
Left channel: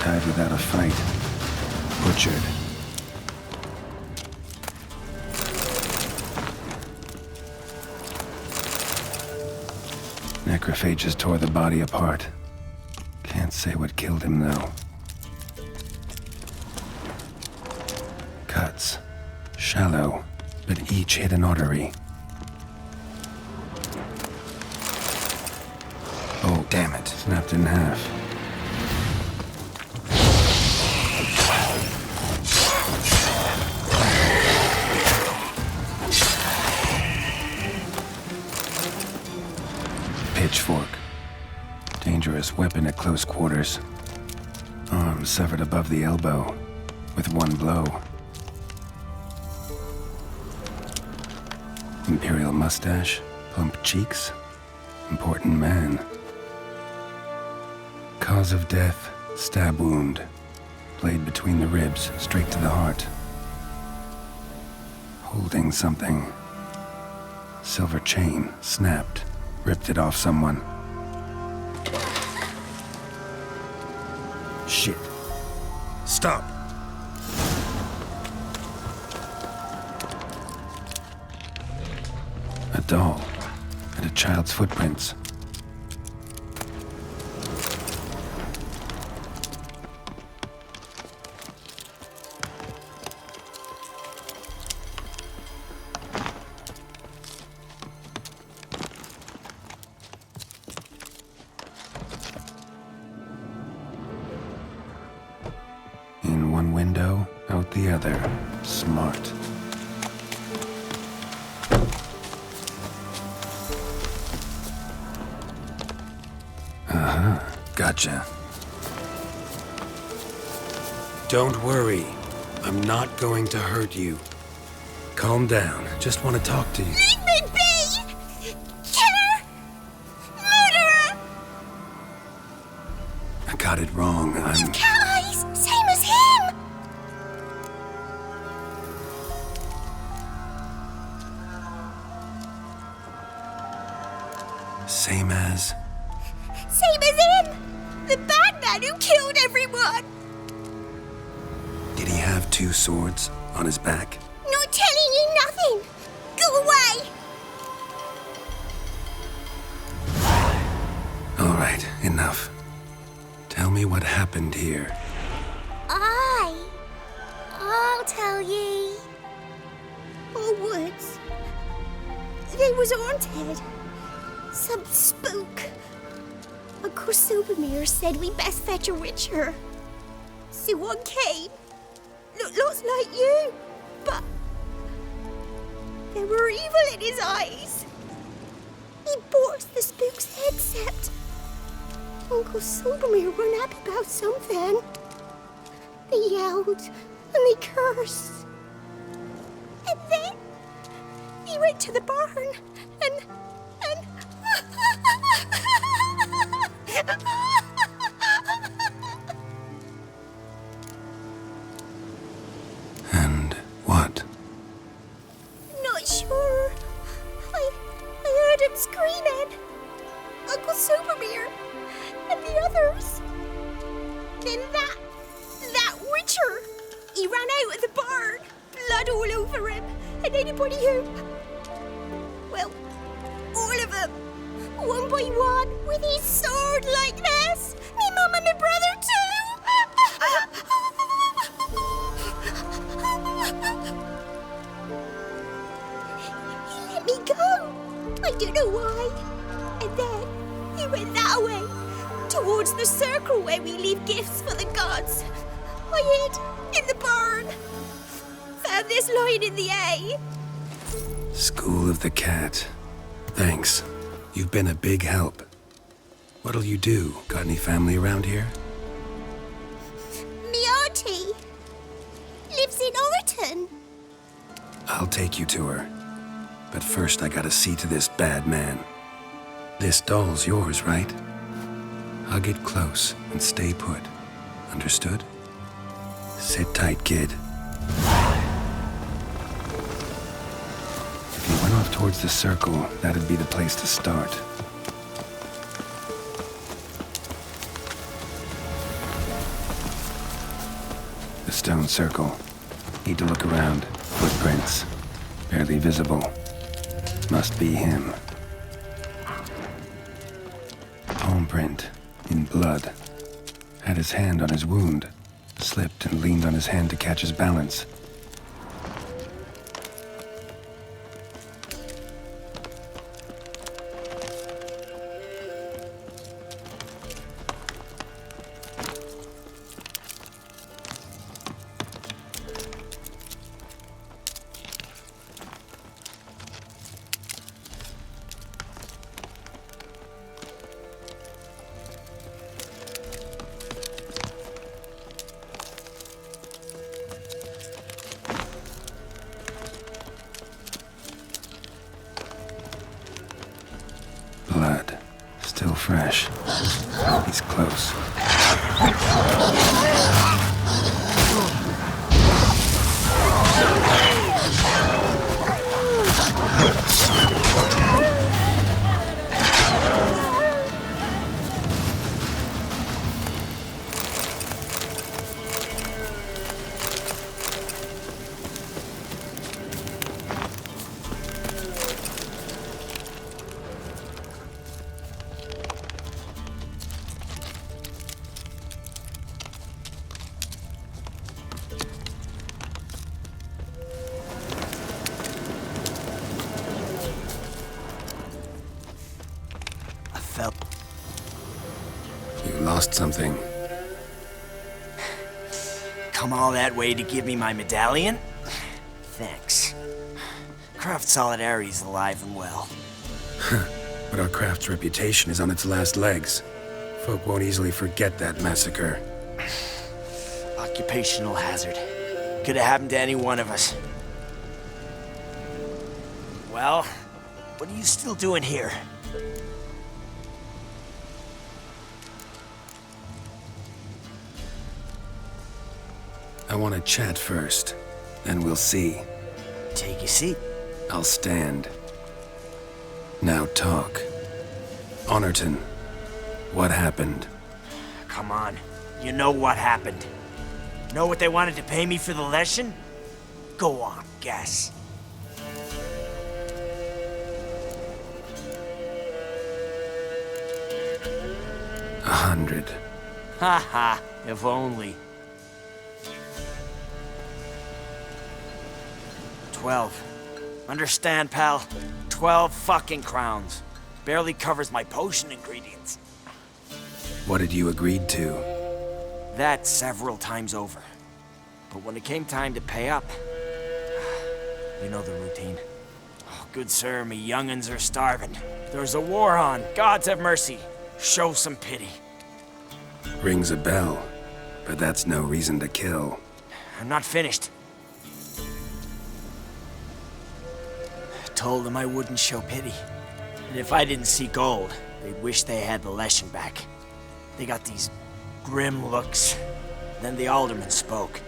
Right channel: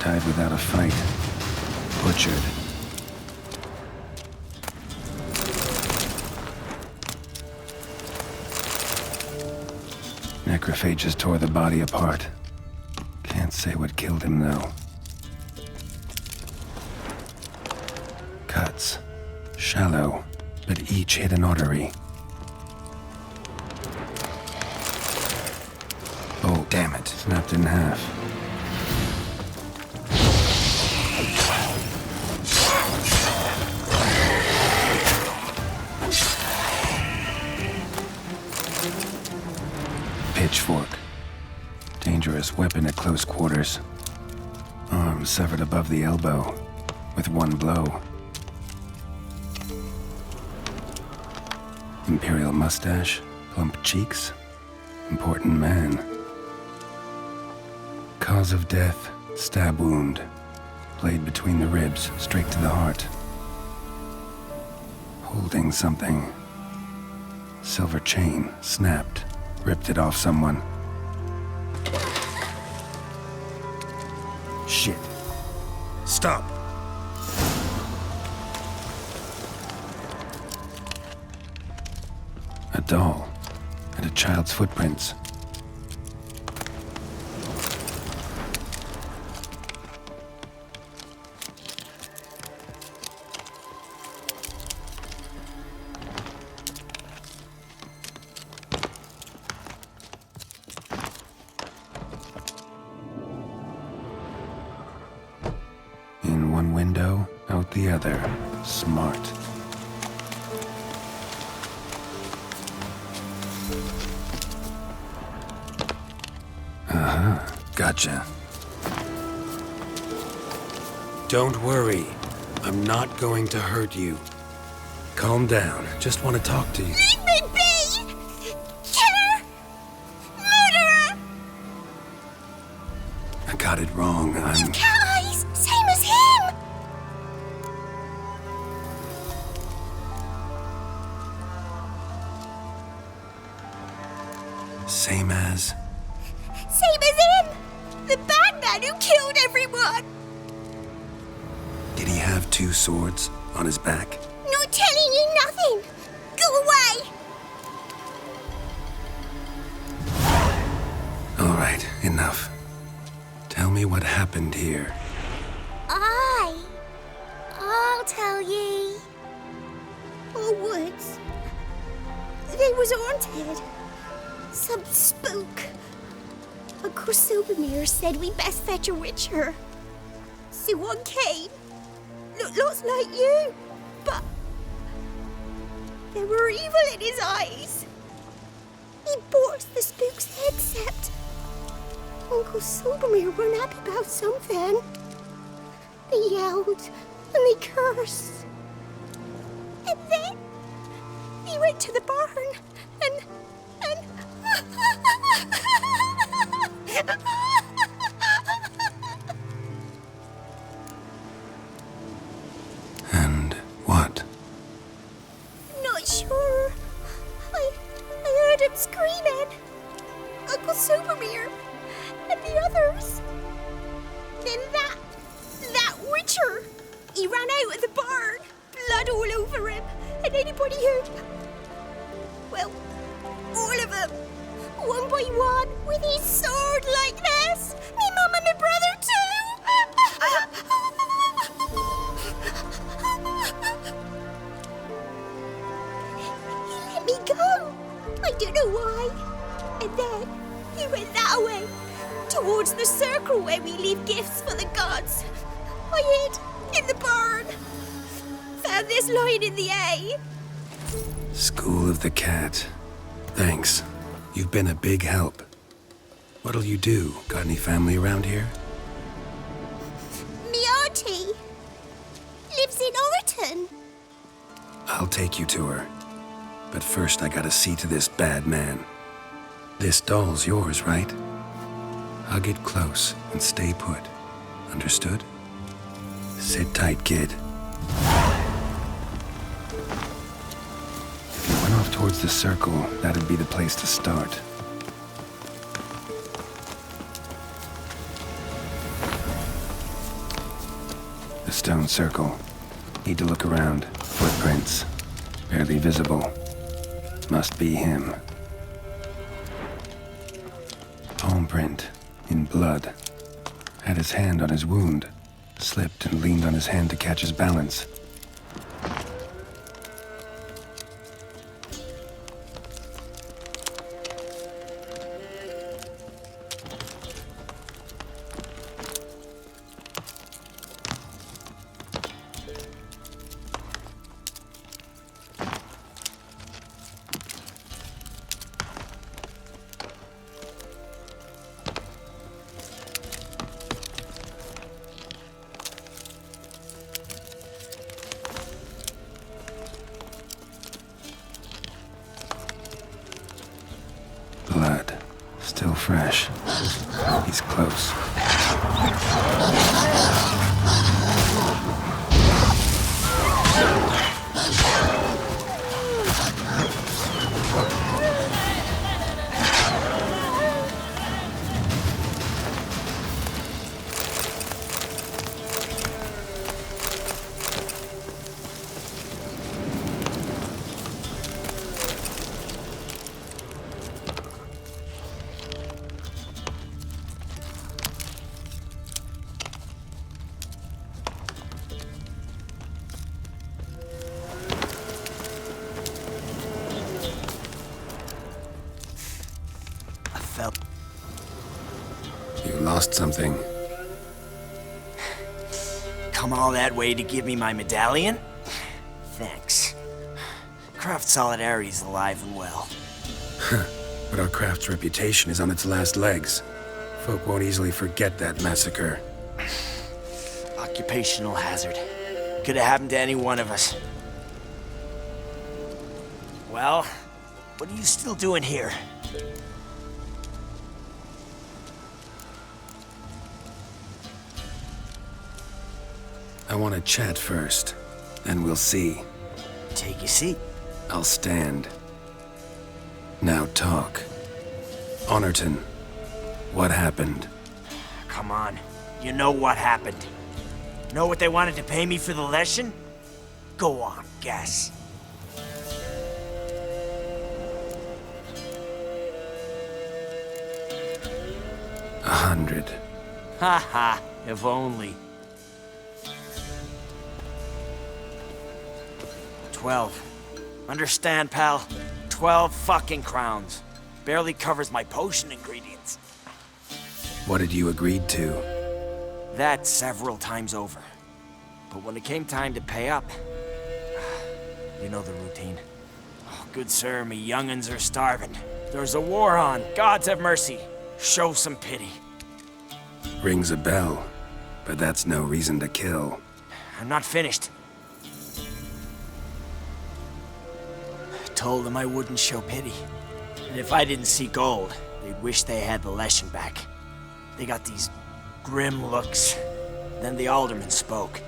Died without a fight. Butchered. Necrophages tore the body apart. Can't say what killed him, though. Cuts. Shallow, but each hit an artery. Oh, damn it. Snapped in half. Pitchfork. Dangerous weapon at close quarters. Arm severed above the elbow, with one blow. Imperial mustache, plump cheeks. Important man. Cause of death, stab wound. Blade between the ribs, straight to the heart. Holding something. Silver chain, snapped. Ripped it off someone. Shit. Stop. A doll. And a child's footprints. In one window, out the other. Smart. Gotcha. Don't worry. I'm not going to hurt you. Calm down. Just want to talk to you. Leave me be! Killer! Murderer! I got it wrong. You cat eyes! Same as him! Same as... Same as him! The bad man who killed everyone! Did he have two swords on his back? Not telling you nothing! Go away! All right, enough. Tell me what happened here. I'll tell ye. Oh, woods. They was haunted. Some spook. Uncle Silvermere said we best fetch a witcher. So one came. Looked lots like you, but there were evil in his eyes. He bought us the spook's headset. Uncle Silvermere weren't happy about something. They yelled and they cursed. And then he went to the barn and And what? Not sure. I heard him screaming. Uncle Silvermere and the others. Then that witcher. He ran out of the barn, blood all over him, and anybody who... Well, all of them. One by one, with his sword like this. Me mum and my brother too. He let me go. I don't know why. And then he went that way, towards the circle where we leave gifts for the gods. I hid in the barn. Found this line in the A. School of the Cat. Thanks. You've been a big help. What'll you do? Got any family around here? Me auntie lives in Orton. I'll take you to her. But first I gotta see to this bad man. This doll's yours, right? Hug it close and stay put. Understood? Sit tight, kid. If you went off towards the circle, that'd be the place to start. The stone circle. Need to look around. Footprints. Barely visible. Must be him. palm print, in blood. Had his hand on his wound, slipped and leaned on his hand to catch his balance. Blood. Still fresh. He's close. You lost something. Come all that way to give me my medallion? Thanks. Craft Solidarity's alive and well. But our craft's reputation is on its last legs. Folk won't easily forget that massacre. Occupational hazard. Could have happened to any one of us. Well, what are you still doing here? I want to chat first, then we'll see. Take your seat. I'll stand. Now talk. Honorton, what happened? Come on. You know what happened. Know what they wanted to pay me for the lesson? Go on, guess. $100. Ha ha, if only. 12. Understand, pal? 12 fucking crowns. Barely covers my potion ingredients. What had you agreed to? That several times over. But when it came time to pay up, you know the routine. Oh, good sir, me young'uns are starving. There's a war on. Gods have mercy. Show some pity. Rings a bell, but that's no reason to kill. I'm not finished. Told them I wouldn't show pity. And if I didn't see gold, they'd wish they had the lesson back. They got these grim looks. Then the alderman spoke.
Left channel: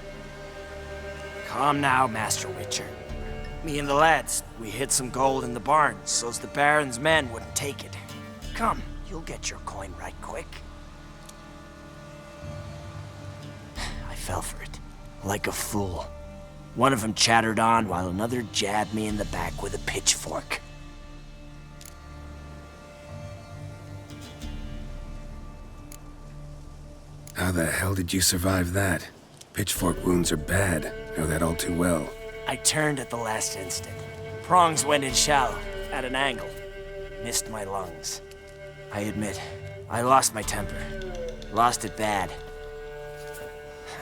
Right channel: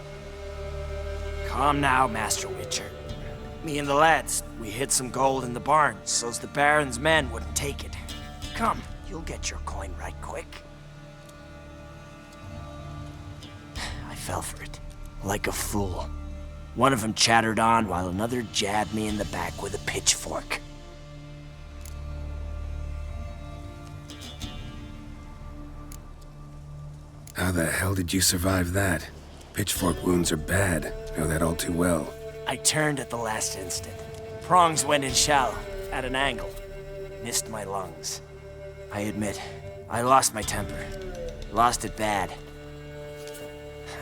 Calm now, Master Witcher. Me and the lads, we hid some gold in the barn so's the Baron's men wouldn't take it. Come, you'll get your coin right quick. I fell for it, like a fool. One of them chattered on while another jabbed me in the back with a pitchfork. How the hell did you survive that? Pitchfork wounds are bad. Know that all too well. I turned at the last instant. Prongs went in shallow, at an angle. Missed my lungs. I admit, I lost my temper. Lost it bad.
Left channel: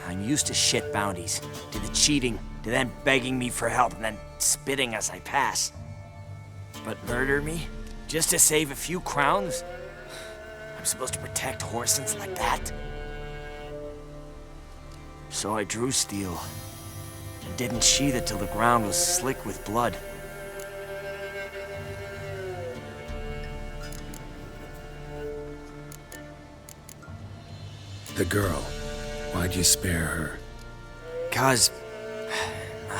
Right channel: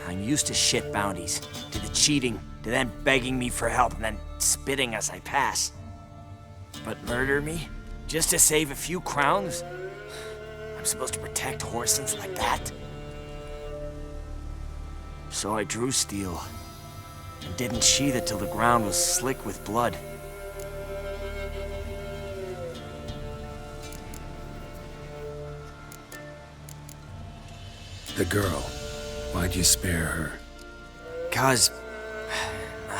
I'm used to shit bounties, to the cheating, to them begging me for help and then spitting as I pass. But murder me? Just to save a few crowns? I'm supposed to protect Horsens like that? So I drew steel, and didn't sheathe it till the ground was slick with blood. The girl. Why'd you spare her? 'Cause...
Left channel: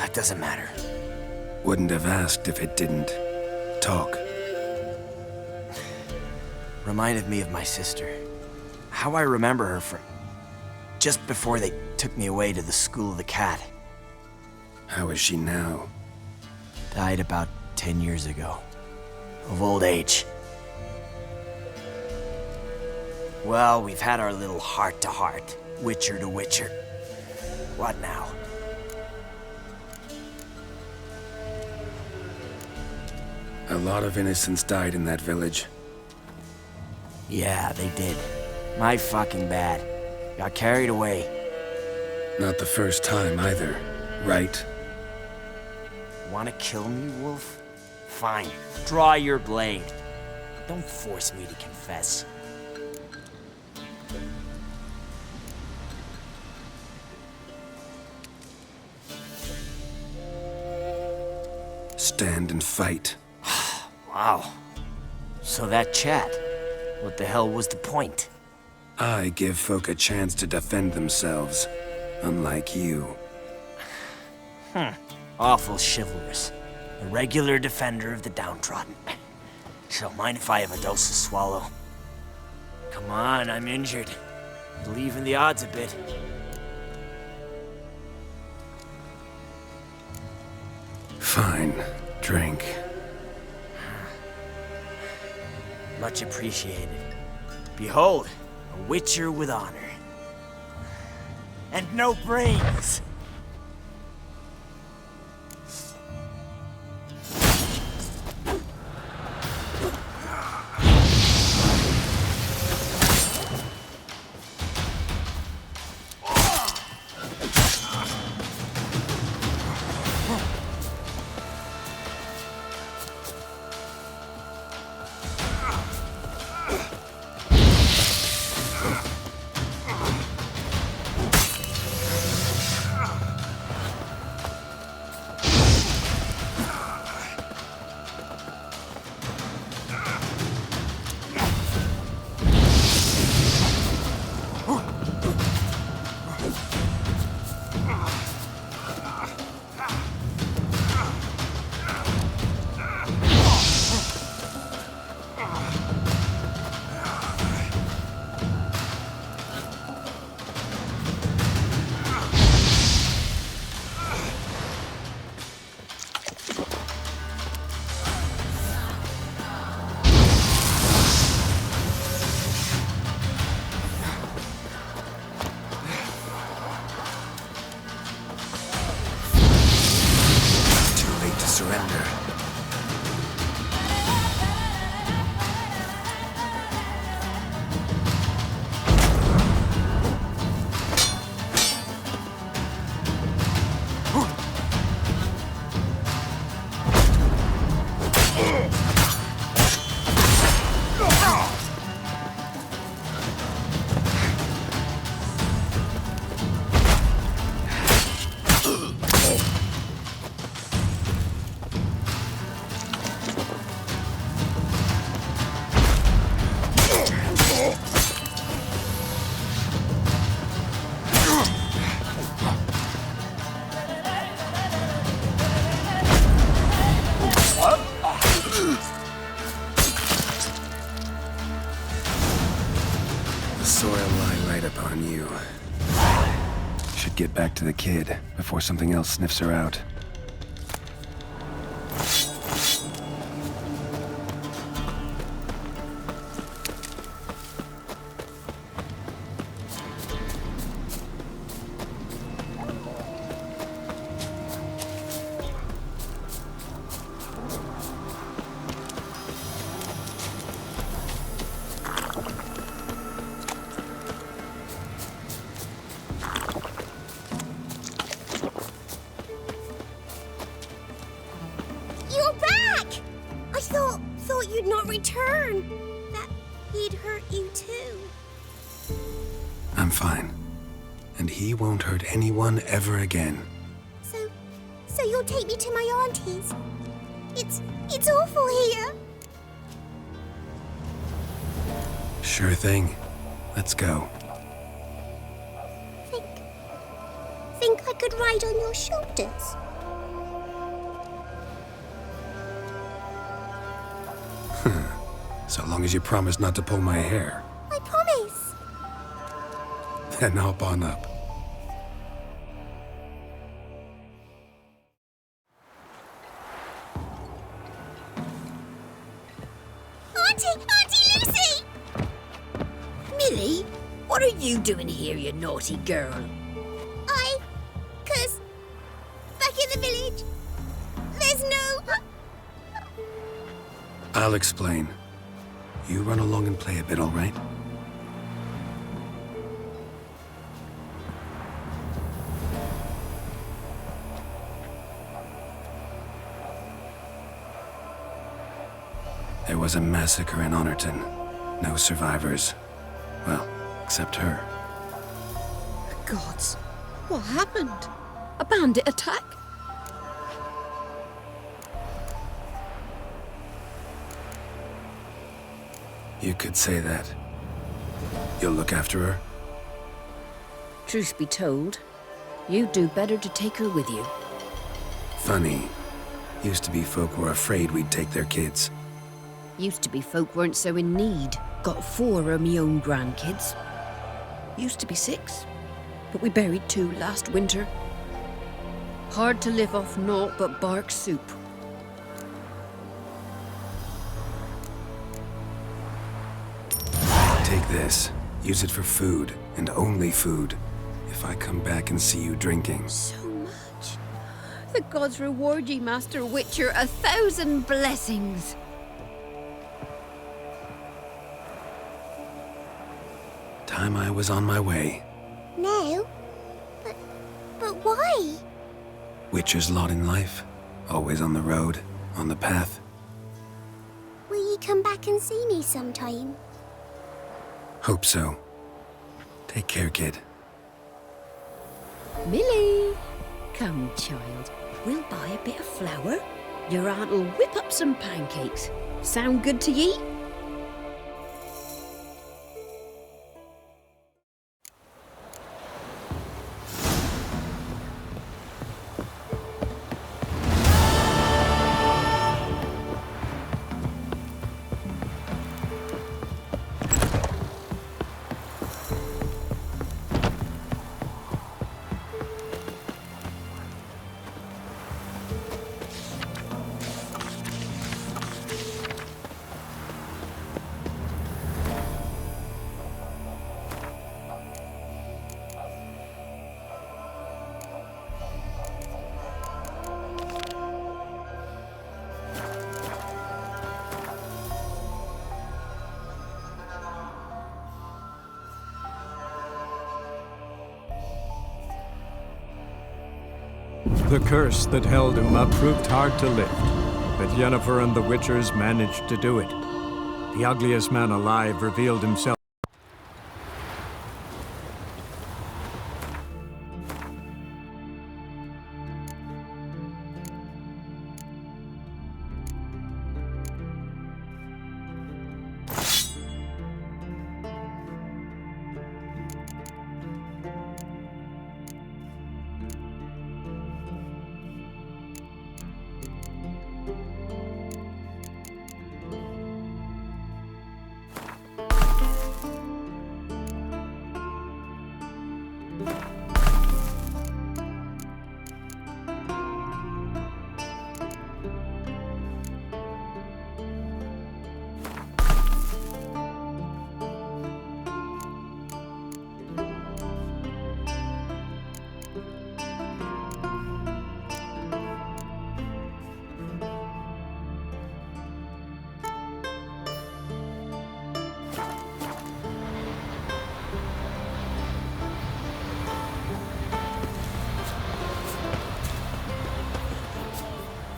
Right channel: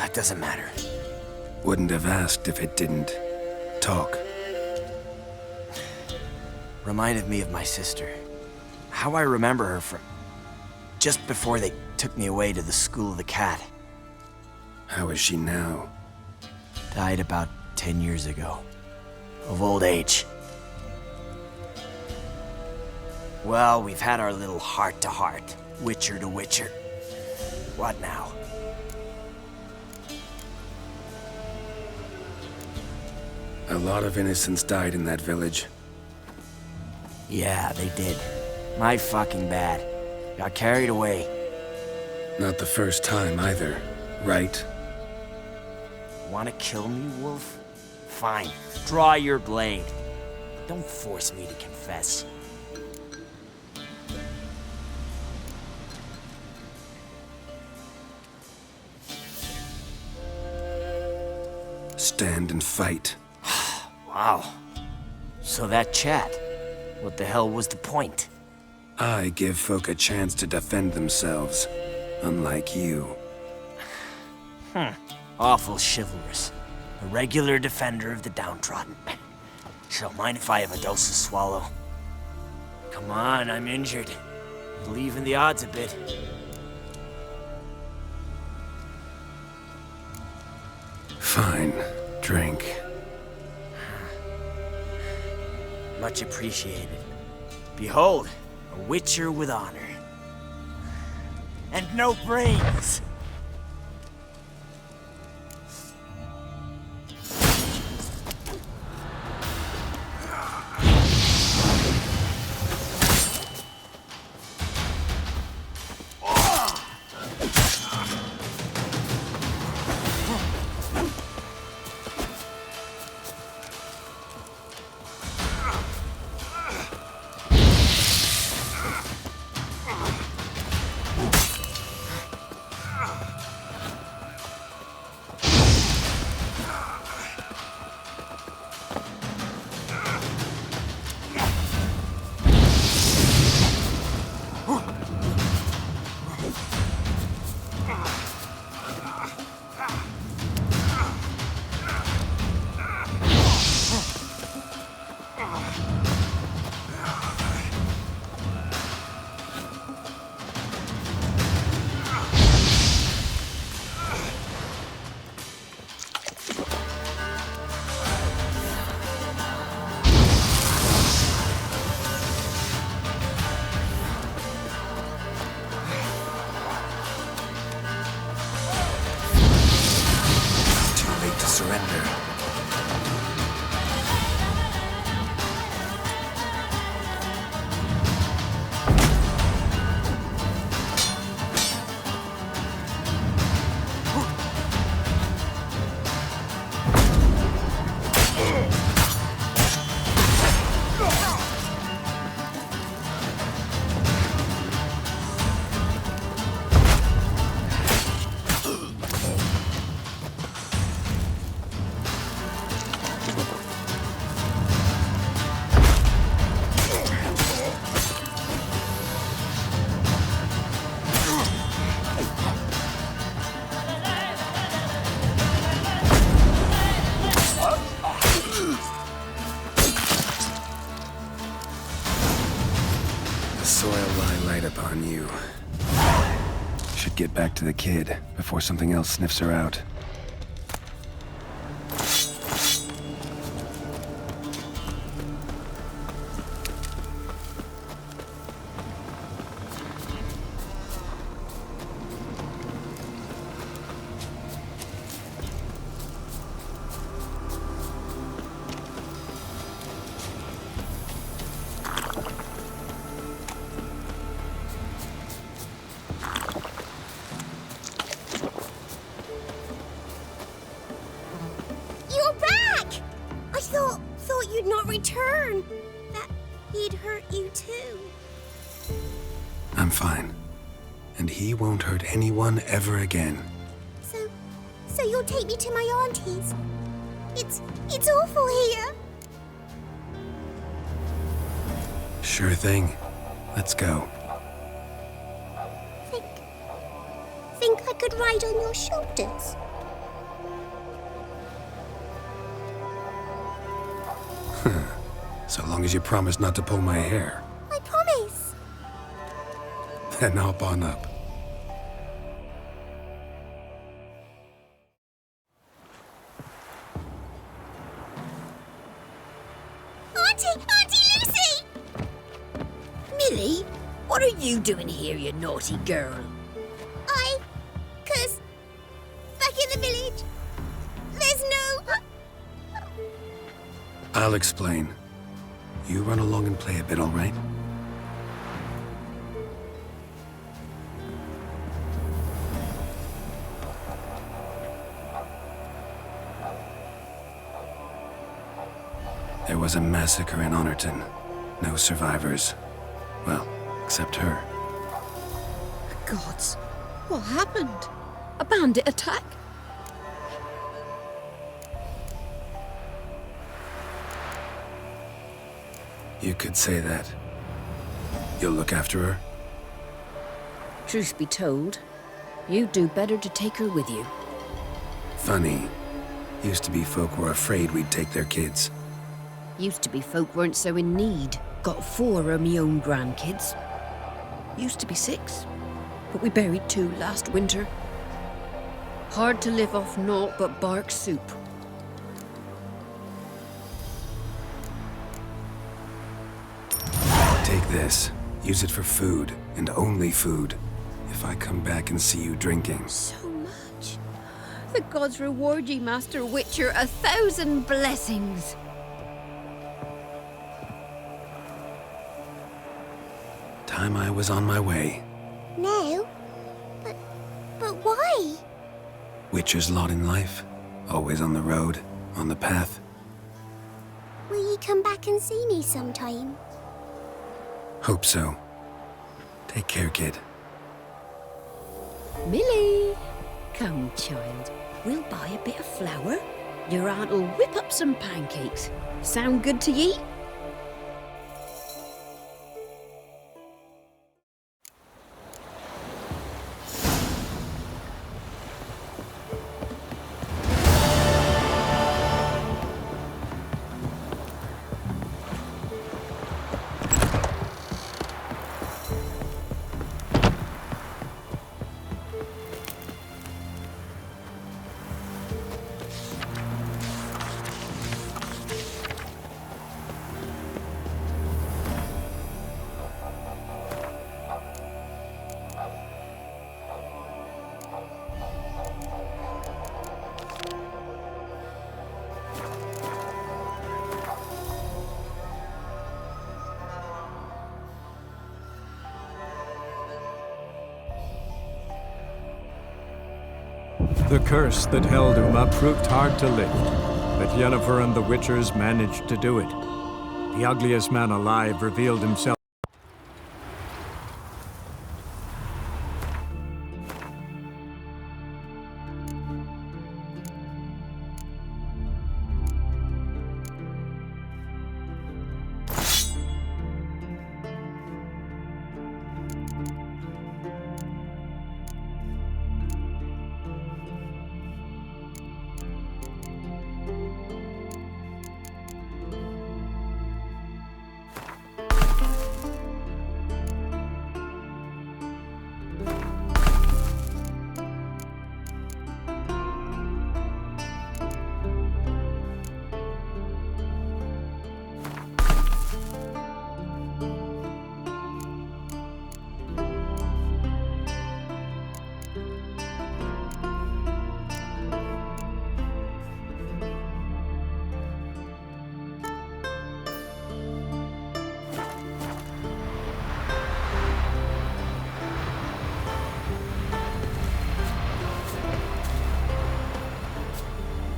it doesn't matter. Wouldn't have asked if it didn't. Talk. Reminded me of my sister. How I remember her from... just before they took me away to the School of the Cat. How is she now? Died about 10 years ago. Of old age. Well, we've had our little heart-to-heart, Witcher to Witcher. What now? A lot of innocents died in that village. Yeah, they did. My fucking bad. Got carried away. Not the first time either, right? Wanna kill me, Wolf? Fine. Draw your blade. Don't force me to confess. Stand and fight. Wow. So that chat, what the hell was the point? I give folk a chance to defend themselves, unlike you. Awful chivalrous. A regular defender of the downtrodden. So mind if I have a dose to swallow? Come on, I'm injured. Believe in the odds a bit. Fine. Drink. Much appreciated. Behold, a witcher with honor. And no brains! Surrender. On you. Should get back to the kid before something else sniffs her out. You'd not return. That he'd hurt you too. I'm fine. And he won't hurt anyone ever again. So you'll take me to my auntie's? It's awful here. Sure thing. Let's go. Think I could ride on your shoulders? So long as you promise not to pull my hair. I promise. Then hop on up. Auntie Lucy! you doing here, you naughty girl? Cause back in the village, there's no... I'll explain. You run along and play a bit, all right? There was a massacre in Honorton. No survivors. Well, except her. The gods. What happened? A bandit attack? You could say that. You'll look after her? Truth be told, you'd do better to take her with you. Funny. Used to be folk were afraid we'd take their kids. Used to be folk weren't so in need. Got 4 of me own grandkids. Used to be 6, but we buried 2 last winter. Hard to live off naught but bark soup. Take this. Use it for food, and only food. If I come back and see you drinking. So much. The gods reward ye, Master Witcher, 1,000 blessings. Time I was on my way. No? But why? Witcher's lot in life. Always on the road, on the path. Will you come back and see me sometime? Hope so. Take care, kid. Millie! Come, child. We'll buy a bit of flour. Your aunt'll whip up some pancakes. Sound good to ye? The curse that held Uma proved hard to lift, but Yennefer and the Witchers managed to do it. The ugliest man alive revealed himself.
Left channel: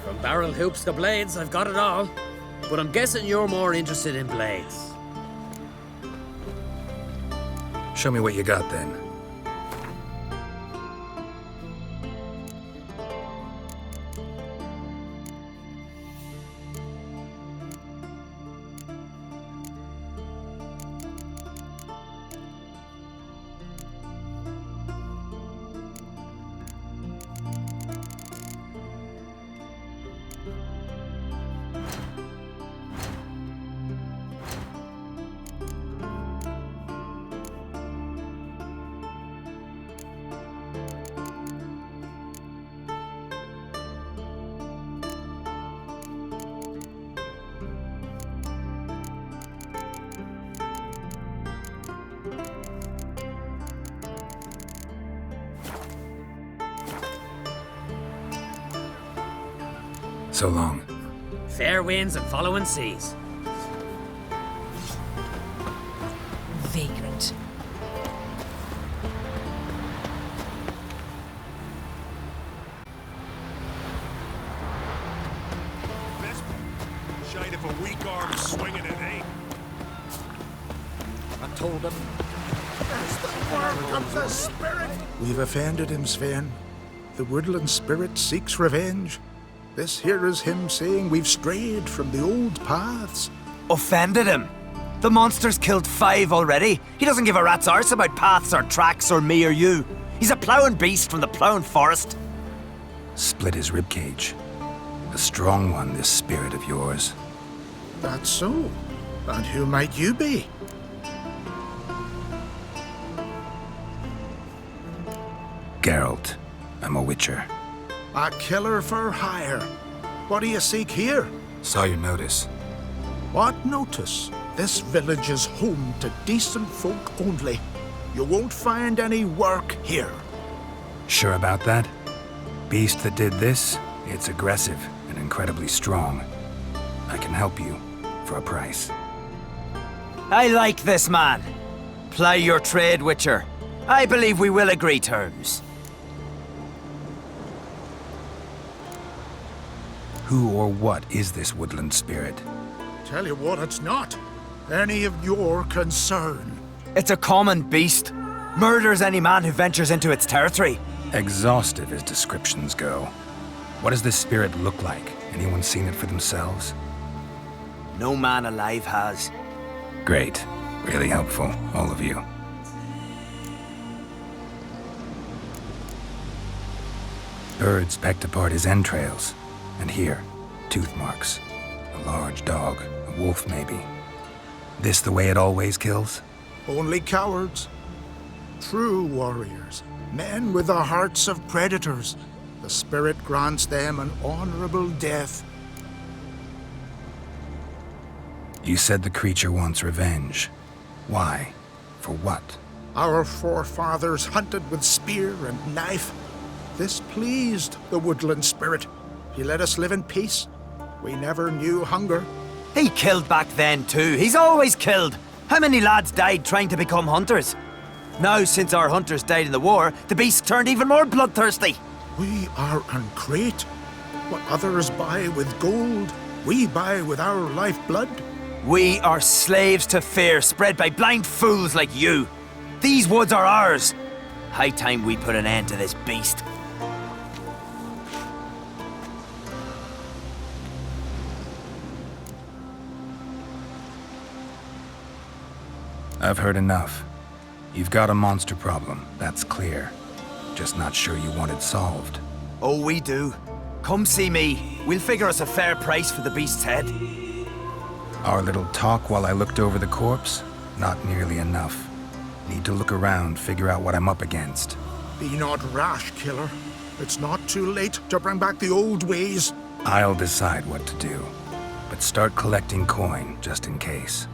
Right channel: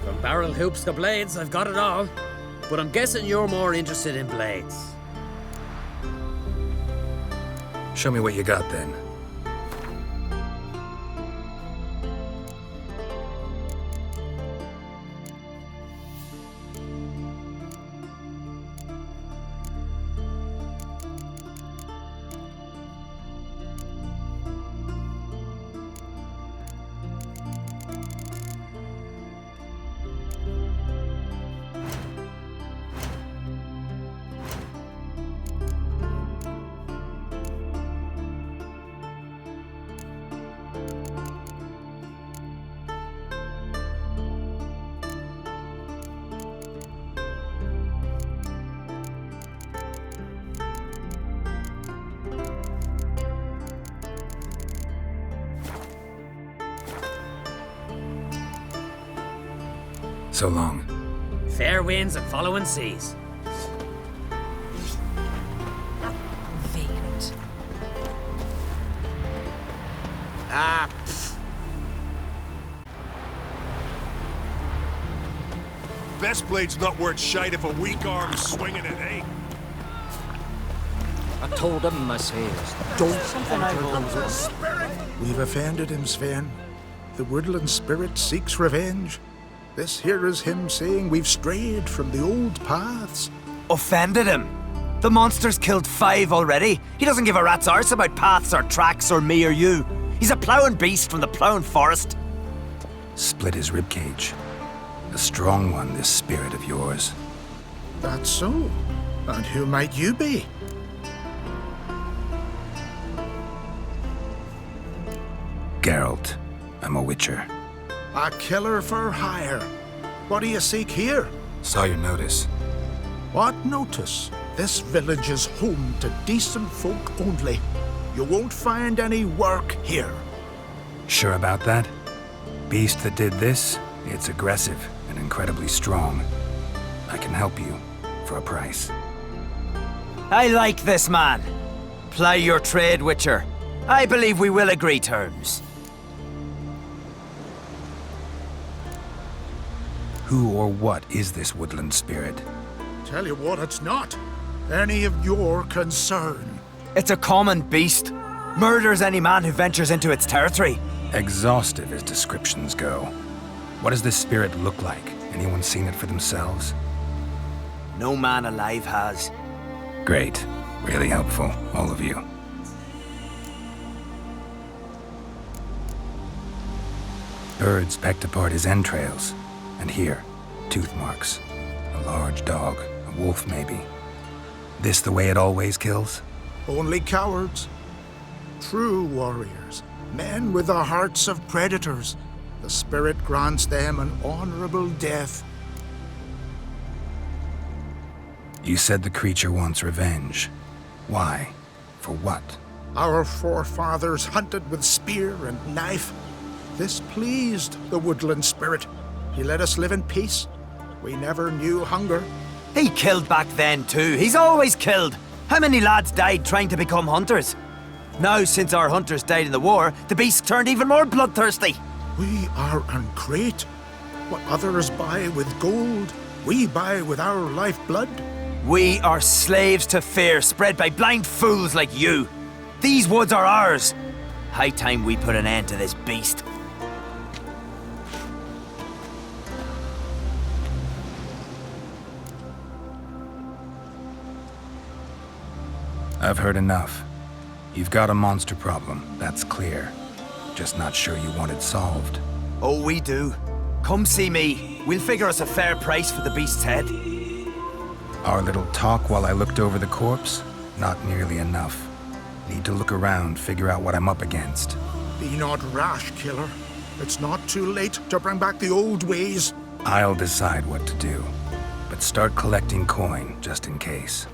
From barrel hoops to blades, I've got it all. But I'm guessing you're more interested in blades. Show me what you got then. So long. Fair winds and following seas. Vagrant. Best blade's not worth shite if a weak arm's swinging it, eh? I told him, I say. We've offended him, Sven. The woodland spirit seeks revenge. This here is him saying we've strayed from the old paths. Offended him? The monster's killed 5 already. He doesn't give a rat's arse about paths or tracks or me or you. He's a ploughing beast from the ploughing forest. Split his ribcage. A strong one, this spirit of yours. That's so. And who might you be? Geralt. I'm a witcher. A killer for hire. What do you seek here? Saw your notice. What notice? This village is home to decent folk only. You won't find any work here. Sure about that? Beast that did this, it's aggressive and incredibly strong. I can help you for a price. I like this man. Ply your trade, Witcher. I believe we will agree terms. Who or what is this woodland spirit? Tell you what, it's not any of your concern. It's a common beast. Murders any man who ventures into its territory. Exhaustive as descriptions go. What does this spirit look like? Anyone seen it for themselves? No man alive has. Great. Really helpful, all of you. Birds pecked apart his entrails. And here, tooth marks. A large dog, a wolf maybe. This the way it always kills? Only cowards. True warriors. Men with the hearts of predators. The spirit grants them an honorable death. You said the creature wants revenge. Why? For what? Our forefathers hunted with spear and knife. This pleased the woodland spirit. He let us live in peace. We never knew hunger. He killed back then too. He's always killed. How many lads died trying to become hunters? Now, since our hunters died in the war, the beast turned even more bloodthirsty. We are uncreate. What others buy with gold, we buy with our lifeblood. We are slaves to fear spread by blind fools like you. These woods are ours. High time we put an end to this beast. I've heard enough. You've got a monster problem, that's clear. Just not sure you want it solved. Oh, we do. Come see me. We'll figure us a fair price for the beast's head. Our little talk while I looked over the corpse? Not nearly enough. Need to look around, figure out what I'm up against. Be not rash, killer. It's not too late to bring back the old ways. I'll decide what to do. But start collecting coin, just in case.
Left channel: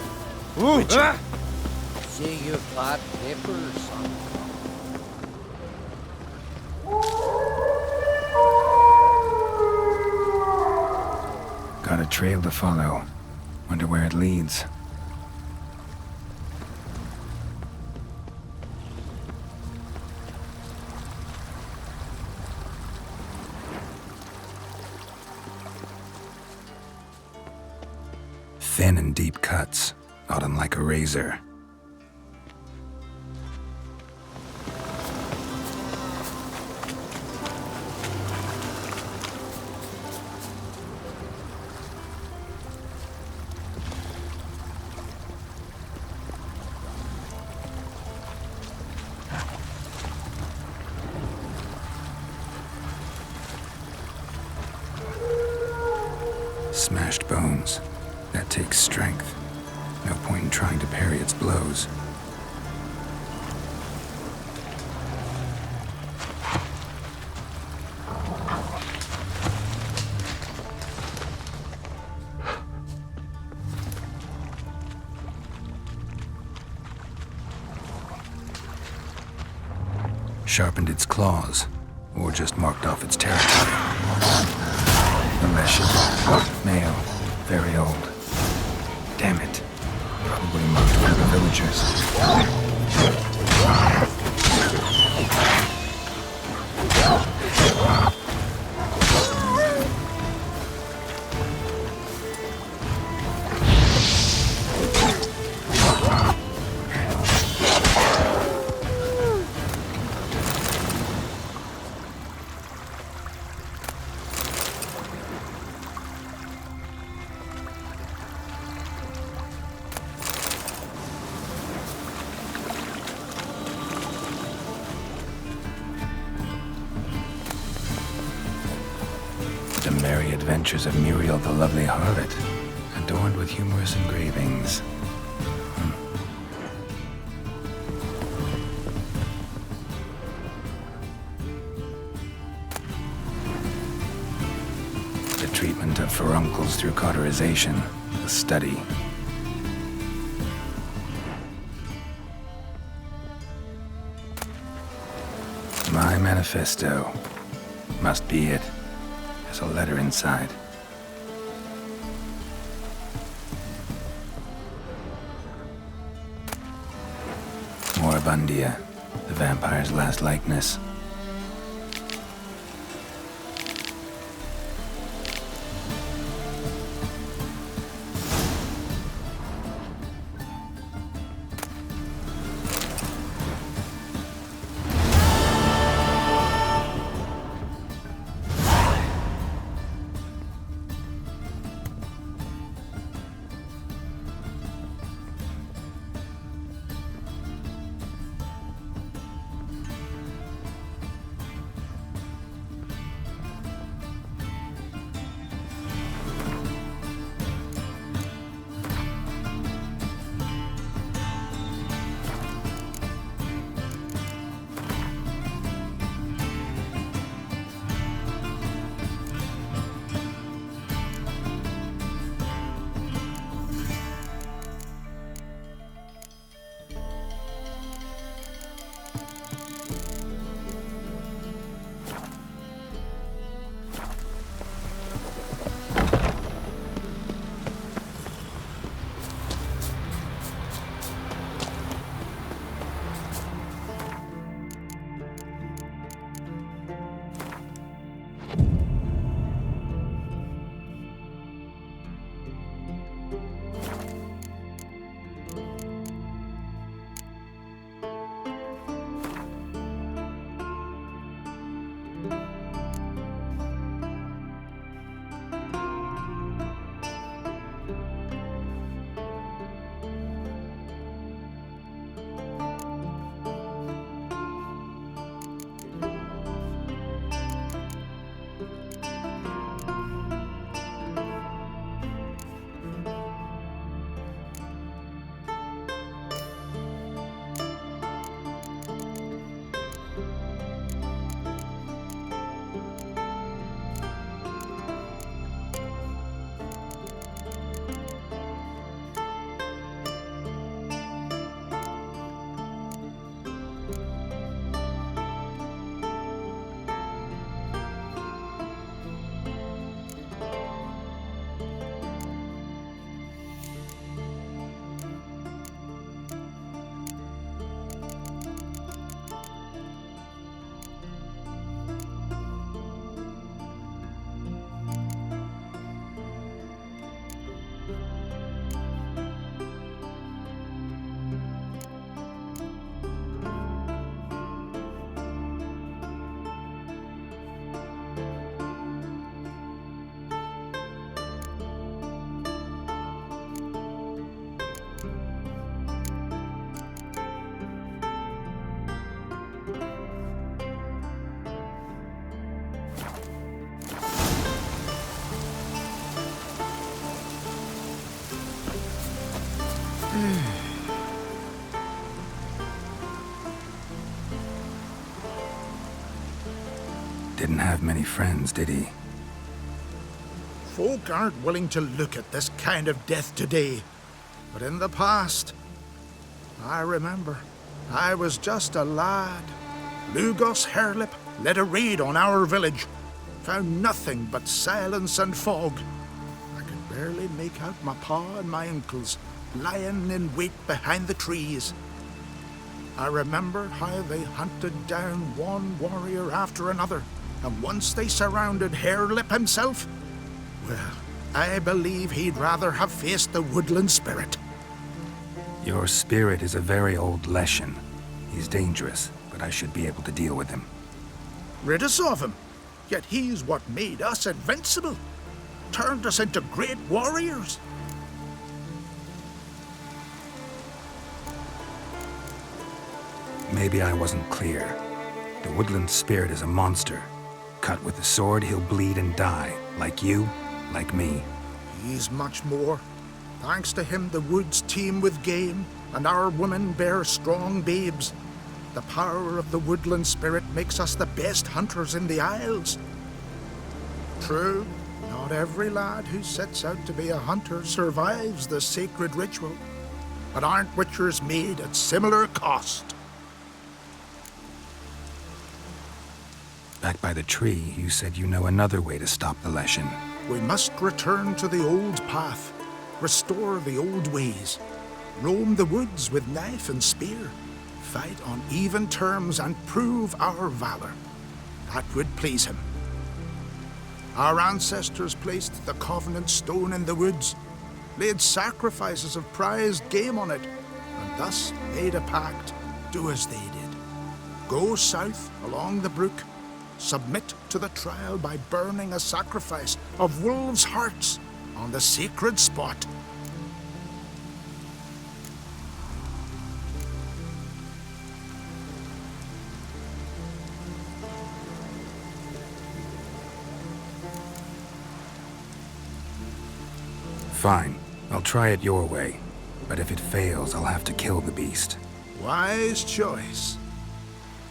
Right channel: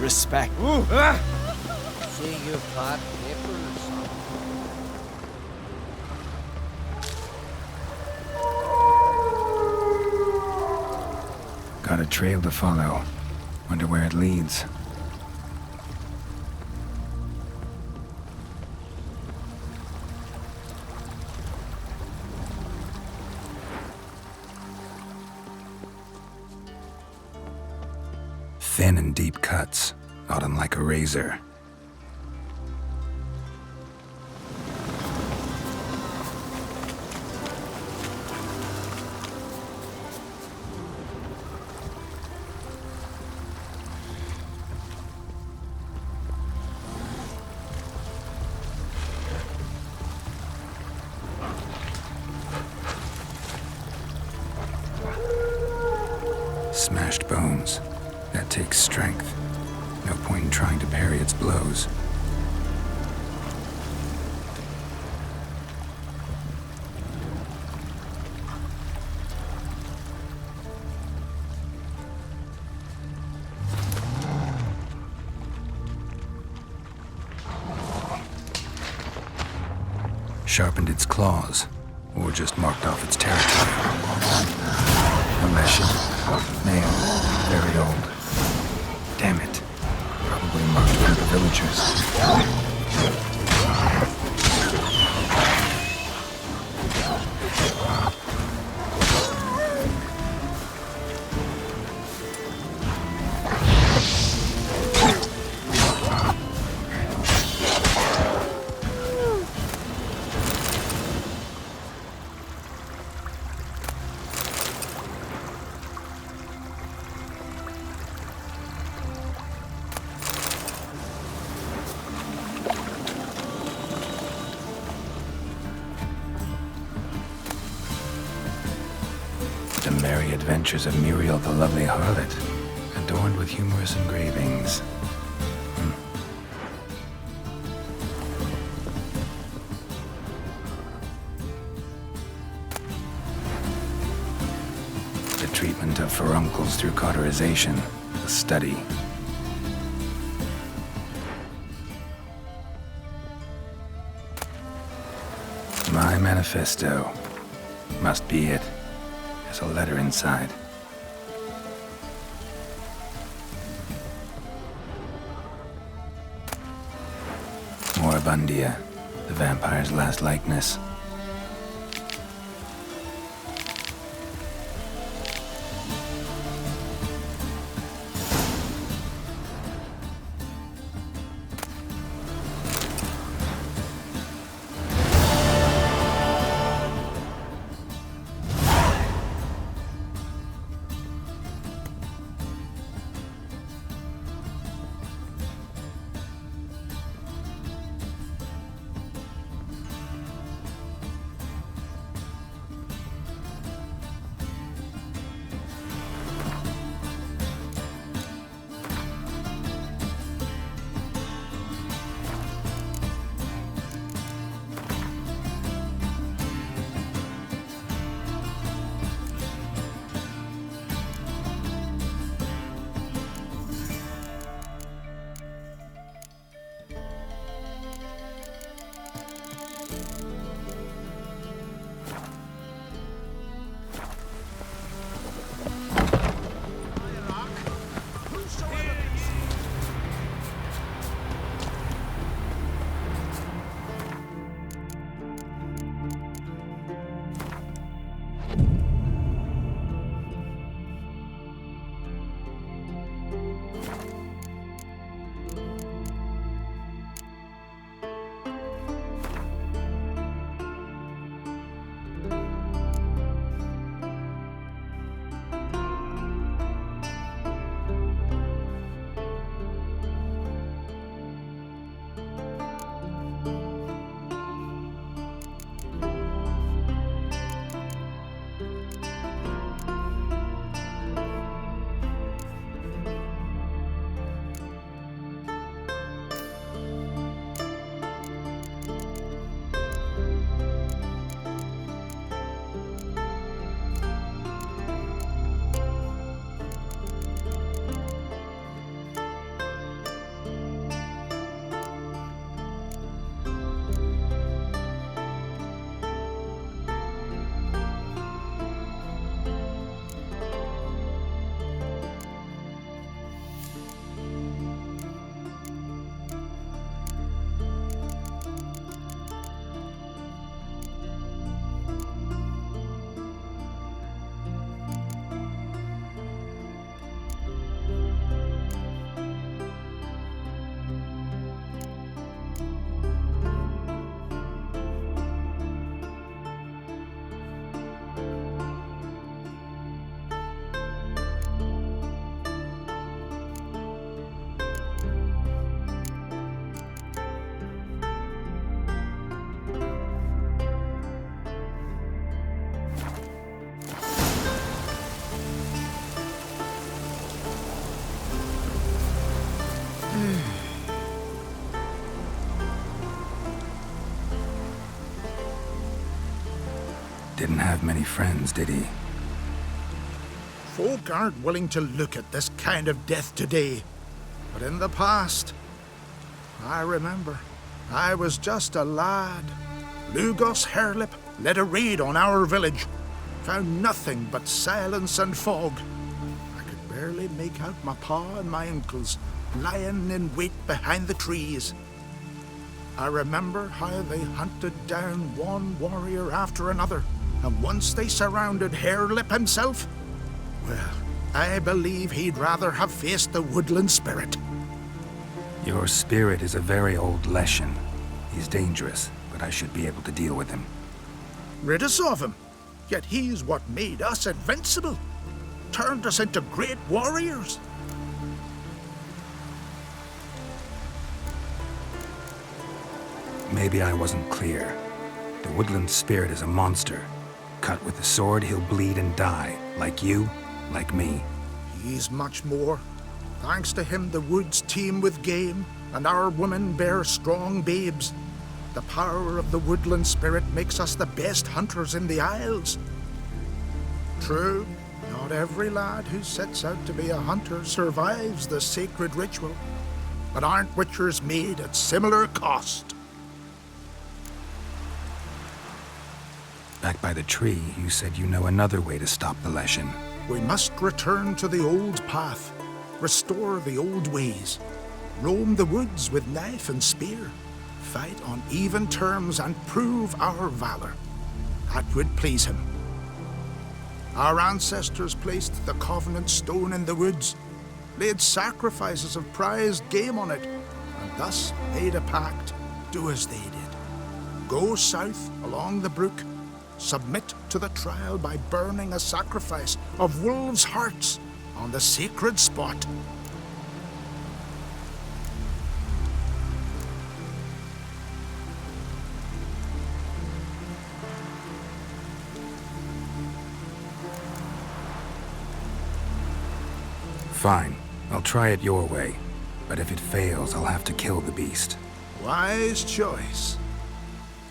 Respect. See you plot papers. Got a trail to follow. Wonder where it leads. Thin and deep cuts, not unlike a razor. Smashed bones. That takes strength. No point in trying to parry its blows. Sharpened its claws. or just marked off its territory. Unless ship, male, very old. Damn it. Probably marked by the villagers. The merry adventures of Muriel the lovely harlot, adorned with humorous engravings. The treatment of furuncles through cauterization, a study. My manifesto. Must be it. There's a letter inside. Moribundia, the vampire's last likeness. Didn't have many friends, did he? Folk aren't willing to look at this kind of death today. But in the past, I remember, I was just a lad, Lugos Hairlip led a raid on our village. Found nothing but silence and fog. I could barely make out my pa and my uncles lying in wait behind the trees. I remember how they hunted down one warrior after another, and once they surrounded Hairlip himself, well, I believe he'd rather have faced the woodland spirit. Your spirit is a very old Leshen. He's dangerous, but I should be able to deal with him. Rid us of him. Yet he's what made us invincible. Turned us into great warriors. Maybe I wasn't clear. The woodland spirit is a monster. Cut with the sword, he'll bleed and die. Like you, like me. He's much more. Thanks to him, the woods teem with game, and our women bear strong babes. The power of the woodland spirit makes us the best hunters in the Isles. True, not every lad who sets out to be a hunter survives the sacred ritual. But aren't witchers made at similar cost? Back by the tree, you said you know another way to stop the Leshen. We must return to the old path, restore the old ways, roam the woods with knife and spear, fight on even terms and prove our valor. That would please him. Our ancestors placed the Covenant Stone in the woods, laid sacrifices of prized game on it, and thus made a pact, do as they did. Go south along the brook, submit to the trial by burning a sacrifice of wolves' hearts on the sacred spot. Fine. I'll try it your way. But if it fails, I'll have to kill the beast. Wise choice.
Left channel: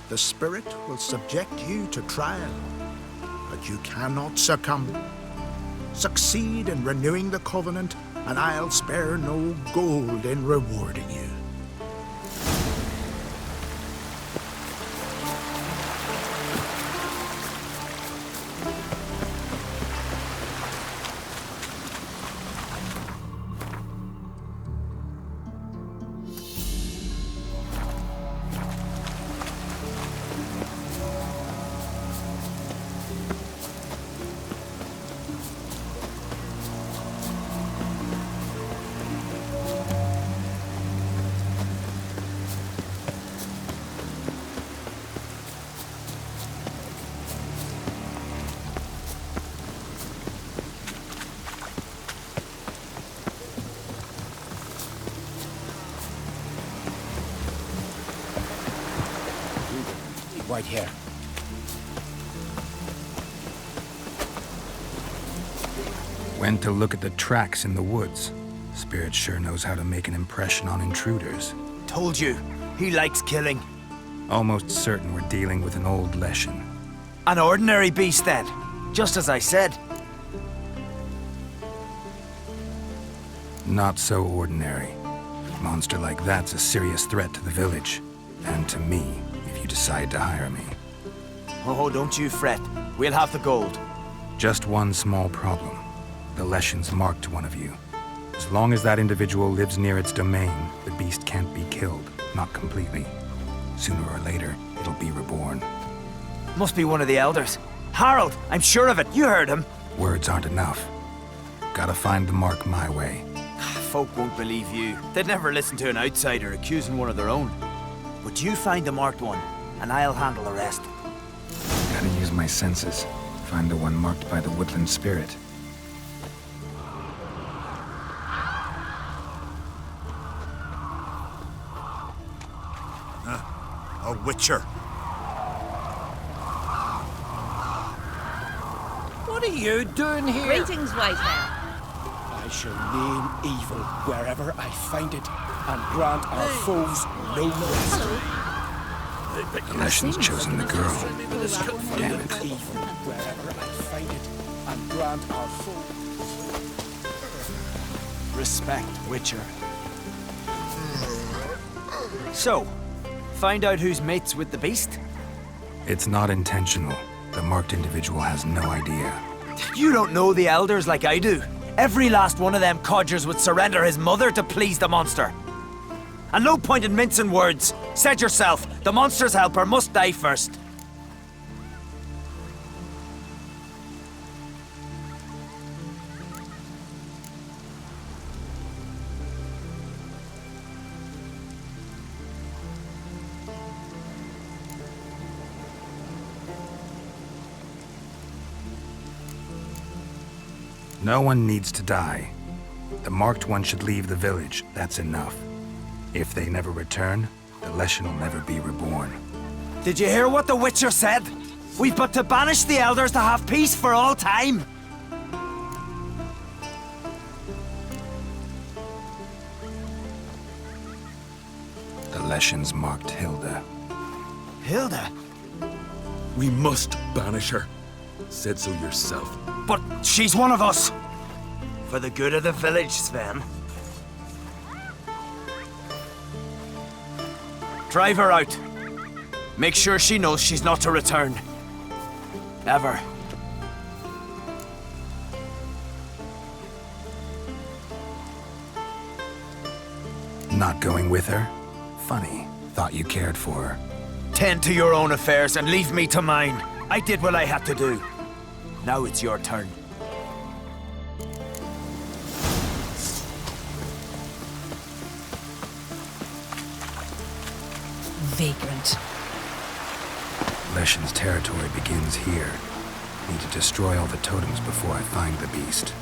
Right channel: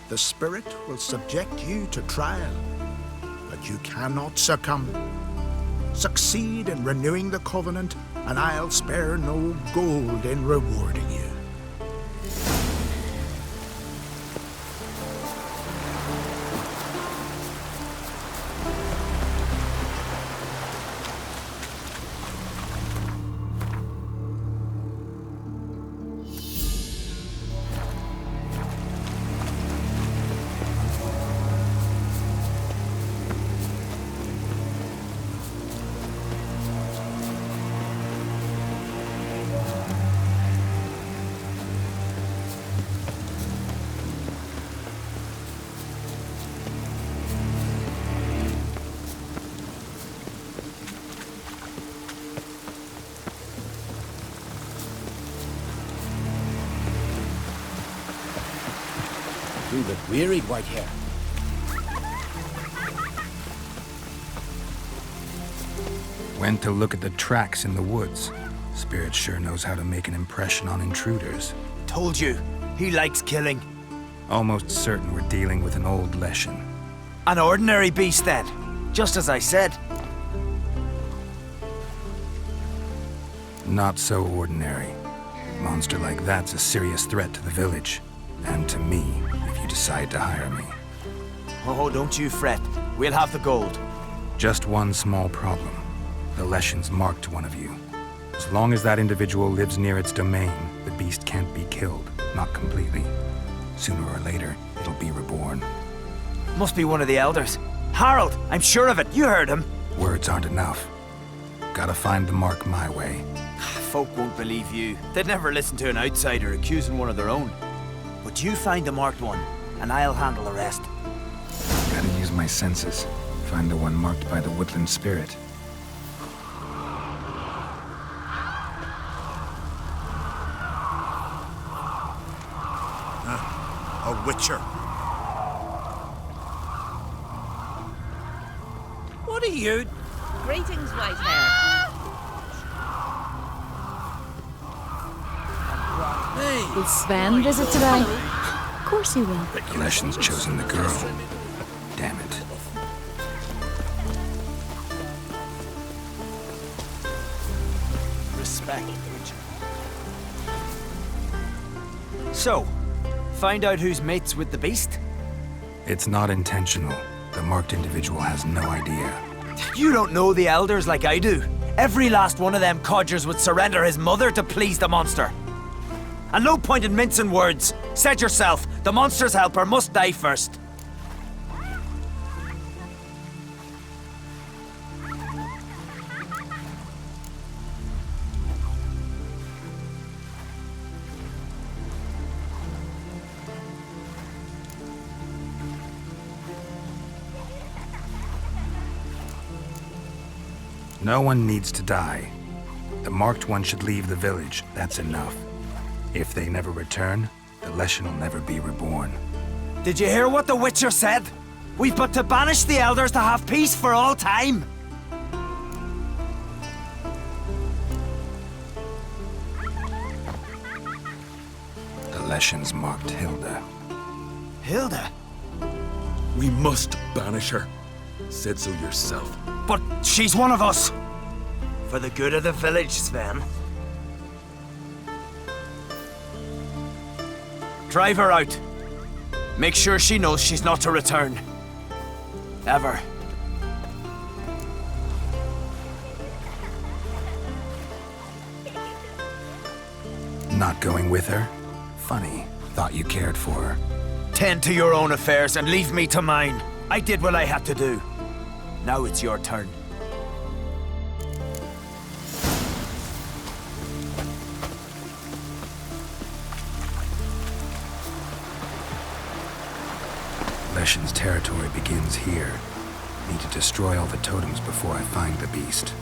The spirit will subject you to trial, but you cannot succumb. Succeed in renewing the Covenant, and I'll spare no gold in rewarding you. You look weary, white hair. Went to look at the tracks in the woods. Spirit sure knows how to make an impression on intruders. Told you, he likes killing. Almost certain we're dealing with an old Leshen. An ordinary beast then, just as I said. Not so ordinary. Monster like that's a serious threat to the village. And to me, if you decide to hire me. Oh, don't you fret. We'll have the gold. Just one small problem. The Leshen's marked one of you. As long as that individual lives near its domain, the beast can't be killed. Not completely. Sooner or later, it'll be reborn. Must be one of the elders. Harold, I'm sure of it. You heard him. Words aren't enough. Gotta find the mark my way. Folk won't believe you. They'd never listen to an outsider accusing one of their own. But you find the marked one, and I'll handle the rest. Gotta use my senses. Find the one marked by the woodland spirit. A witcher. What are you doing here? Greetings, white hair. I shall name evil wherever I find it, and grant our full... Sven visit today? Of course he will. The Leshen's chosen the girl. Damn it. Respect, Witcher. So, find out who's mates with the beast? It's not intentional. The marked individual has no idea. You don't know the elders like I do. Every last one of them codgers would surrender his mother to please the monster. And no point in mincing words. Said yourself, the monster's helper must die first. No one needs to die. The marked one should leave the village, that's enough. If they never return, the Leshen will never be reborn. Did you hear what the Witcher said? We've but to banish the elders to have peace for all time. The Leshen's marked Hilda. Hilda? We must banish her. Said so yourself. But she's one of us. For the good of the village, Sven. Drive her out. Make sure she knows she's not to return. Ever. Not going with her? Funny. Thought you cared for her. Tend to your own affairs and leave me to mine. I did what I had to do. Now it's your turn. Vagrant. Leshen's territory begins here. Need to destroy all the totems before I find the beast.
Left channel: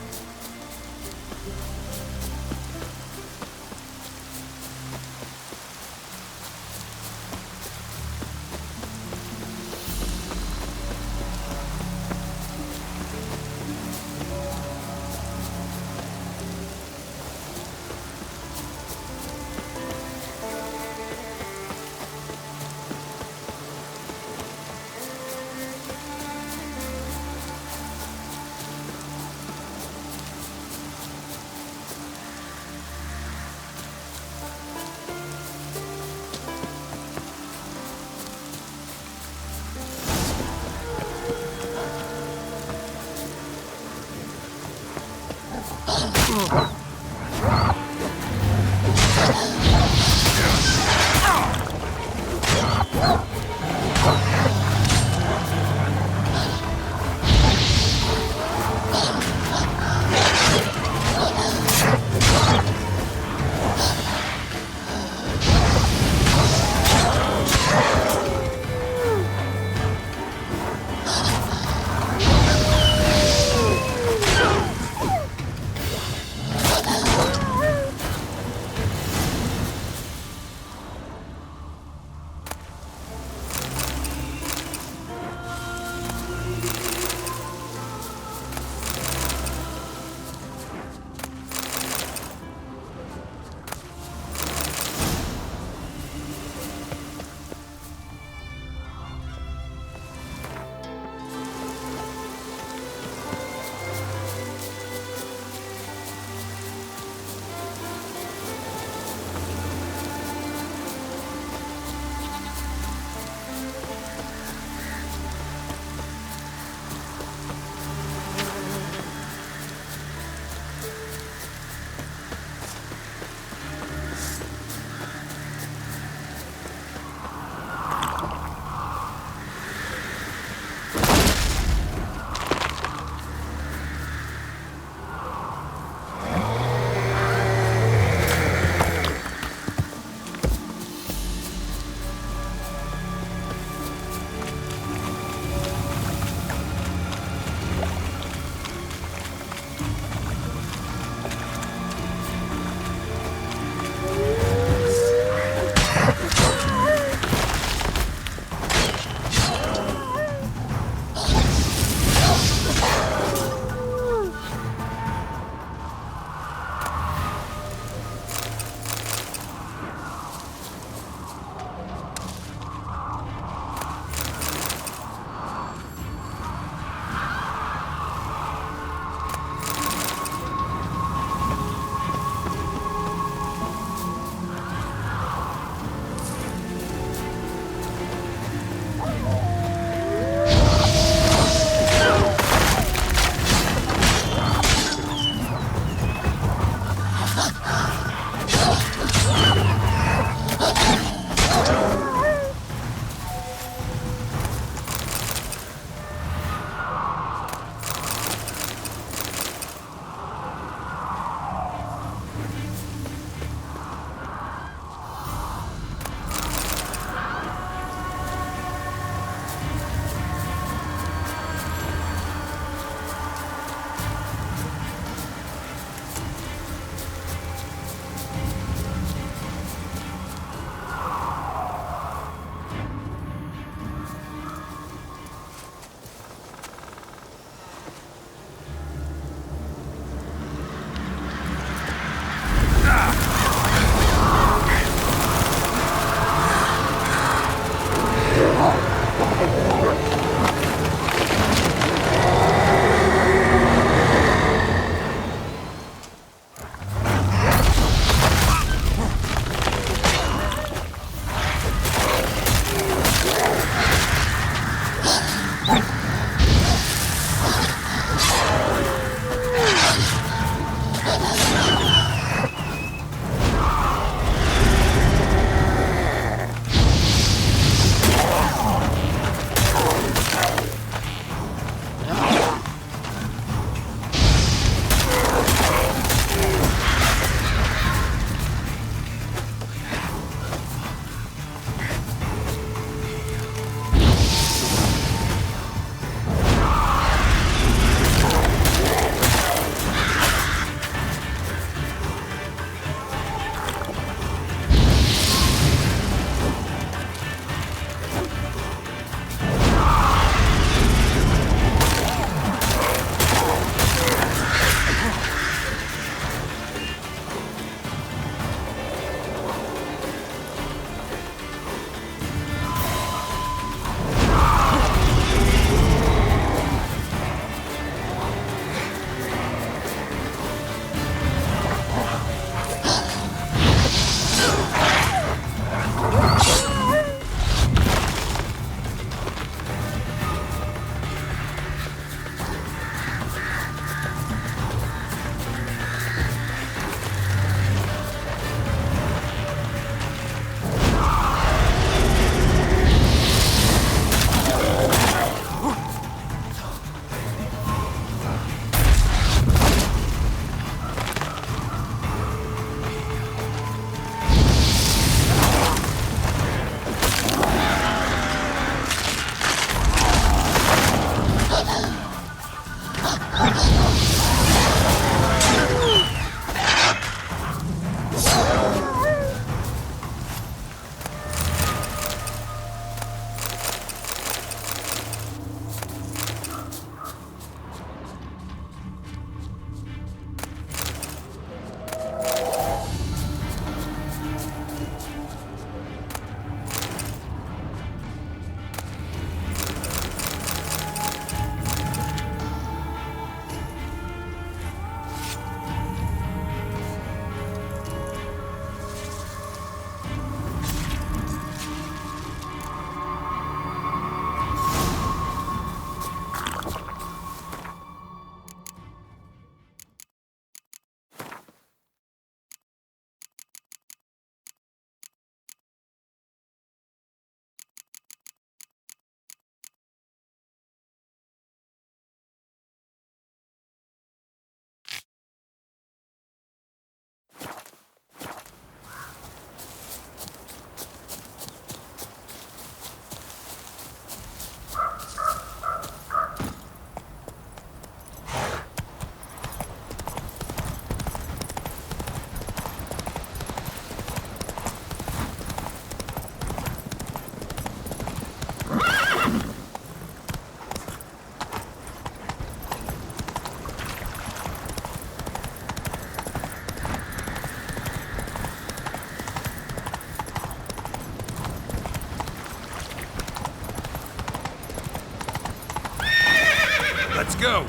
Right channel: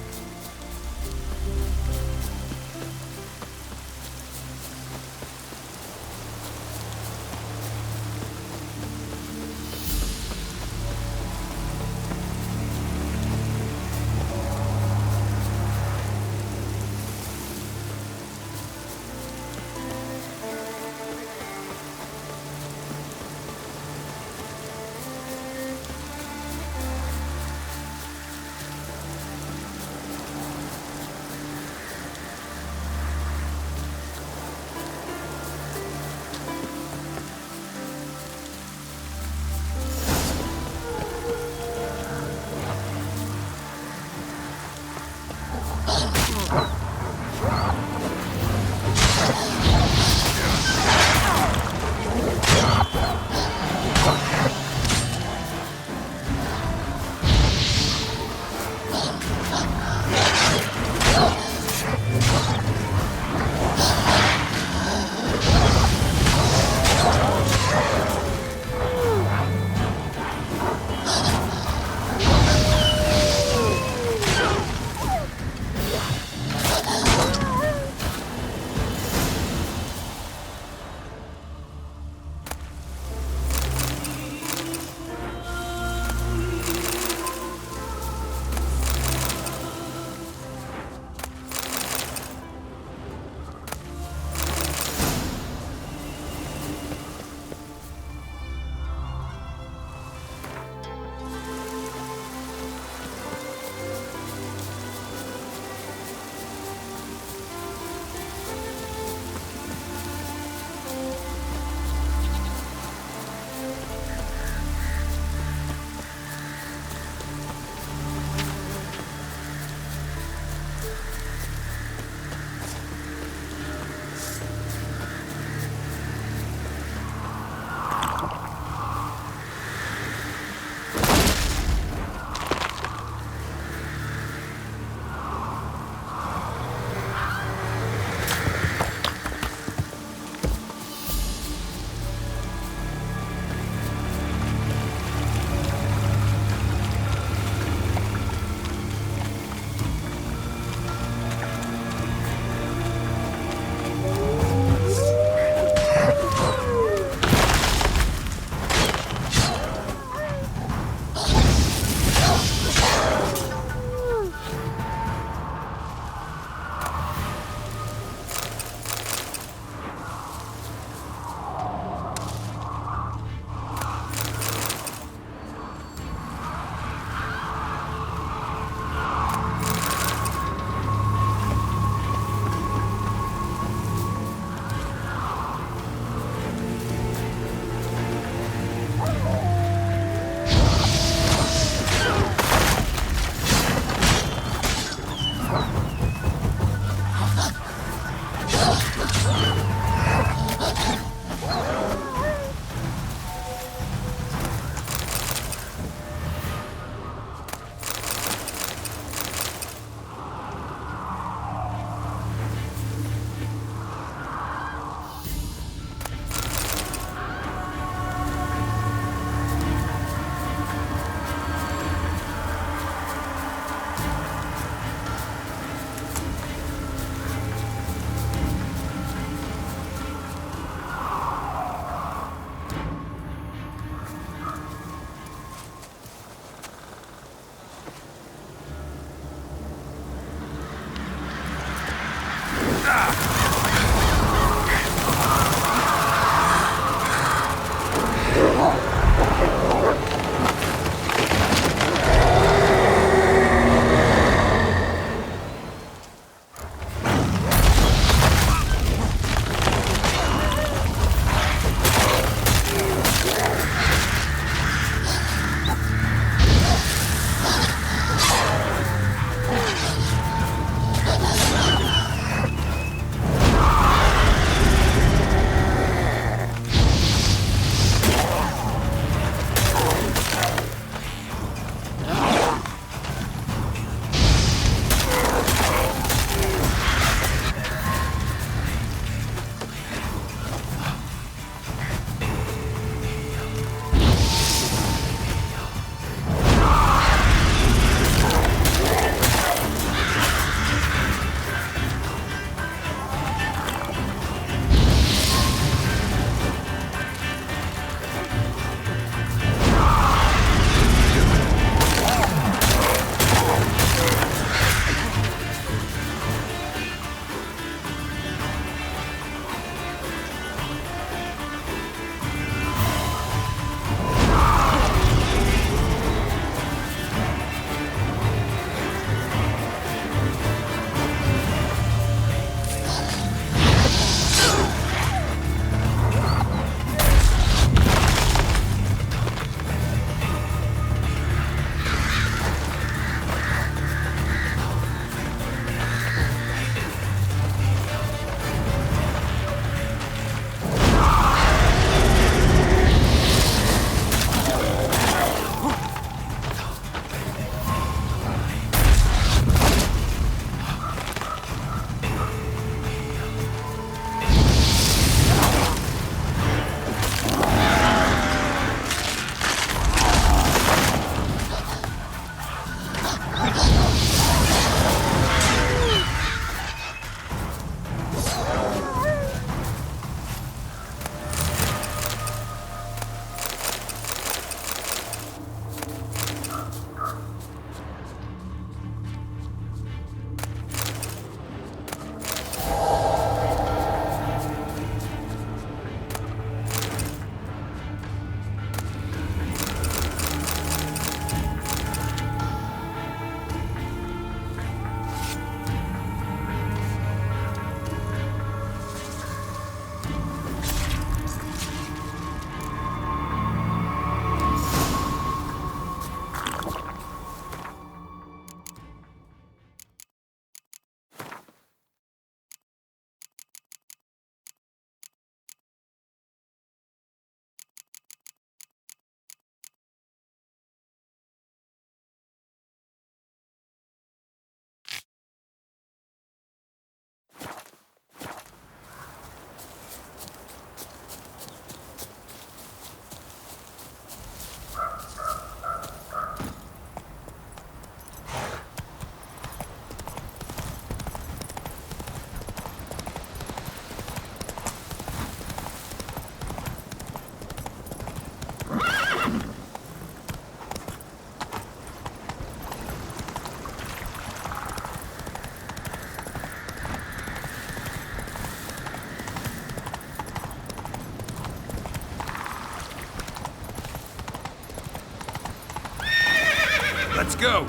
Let's go!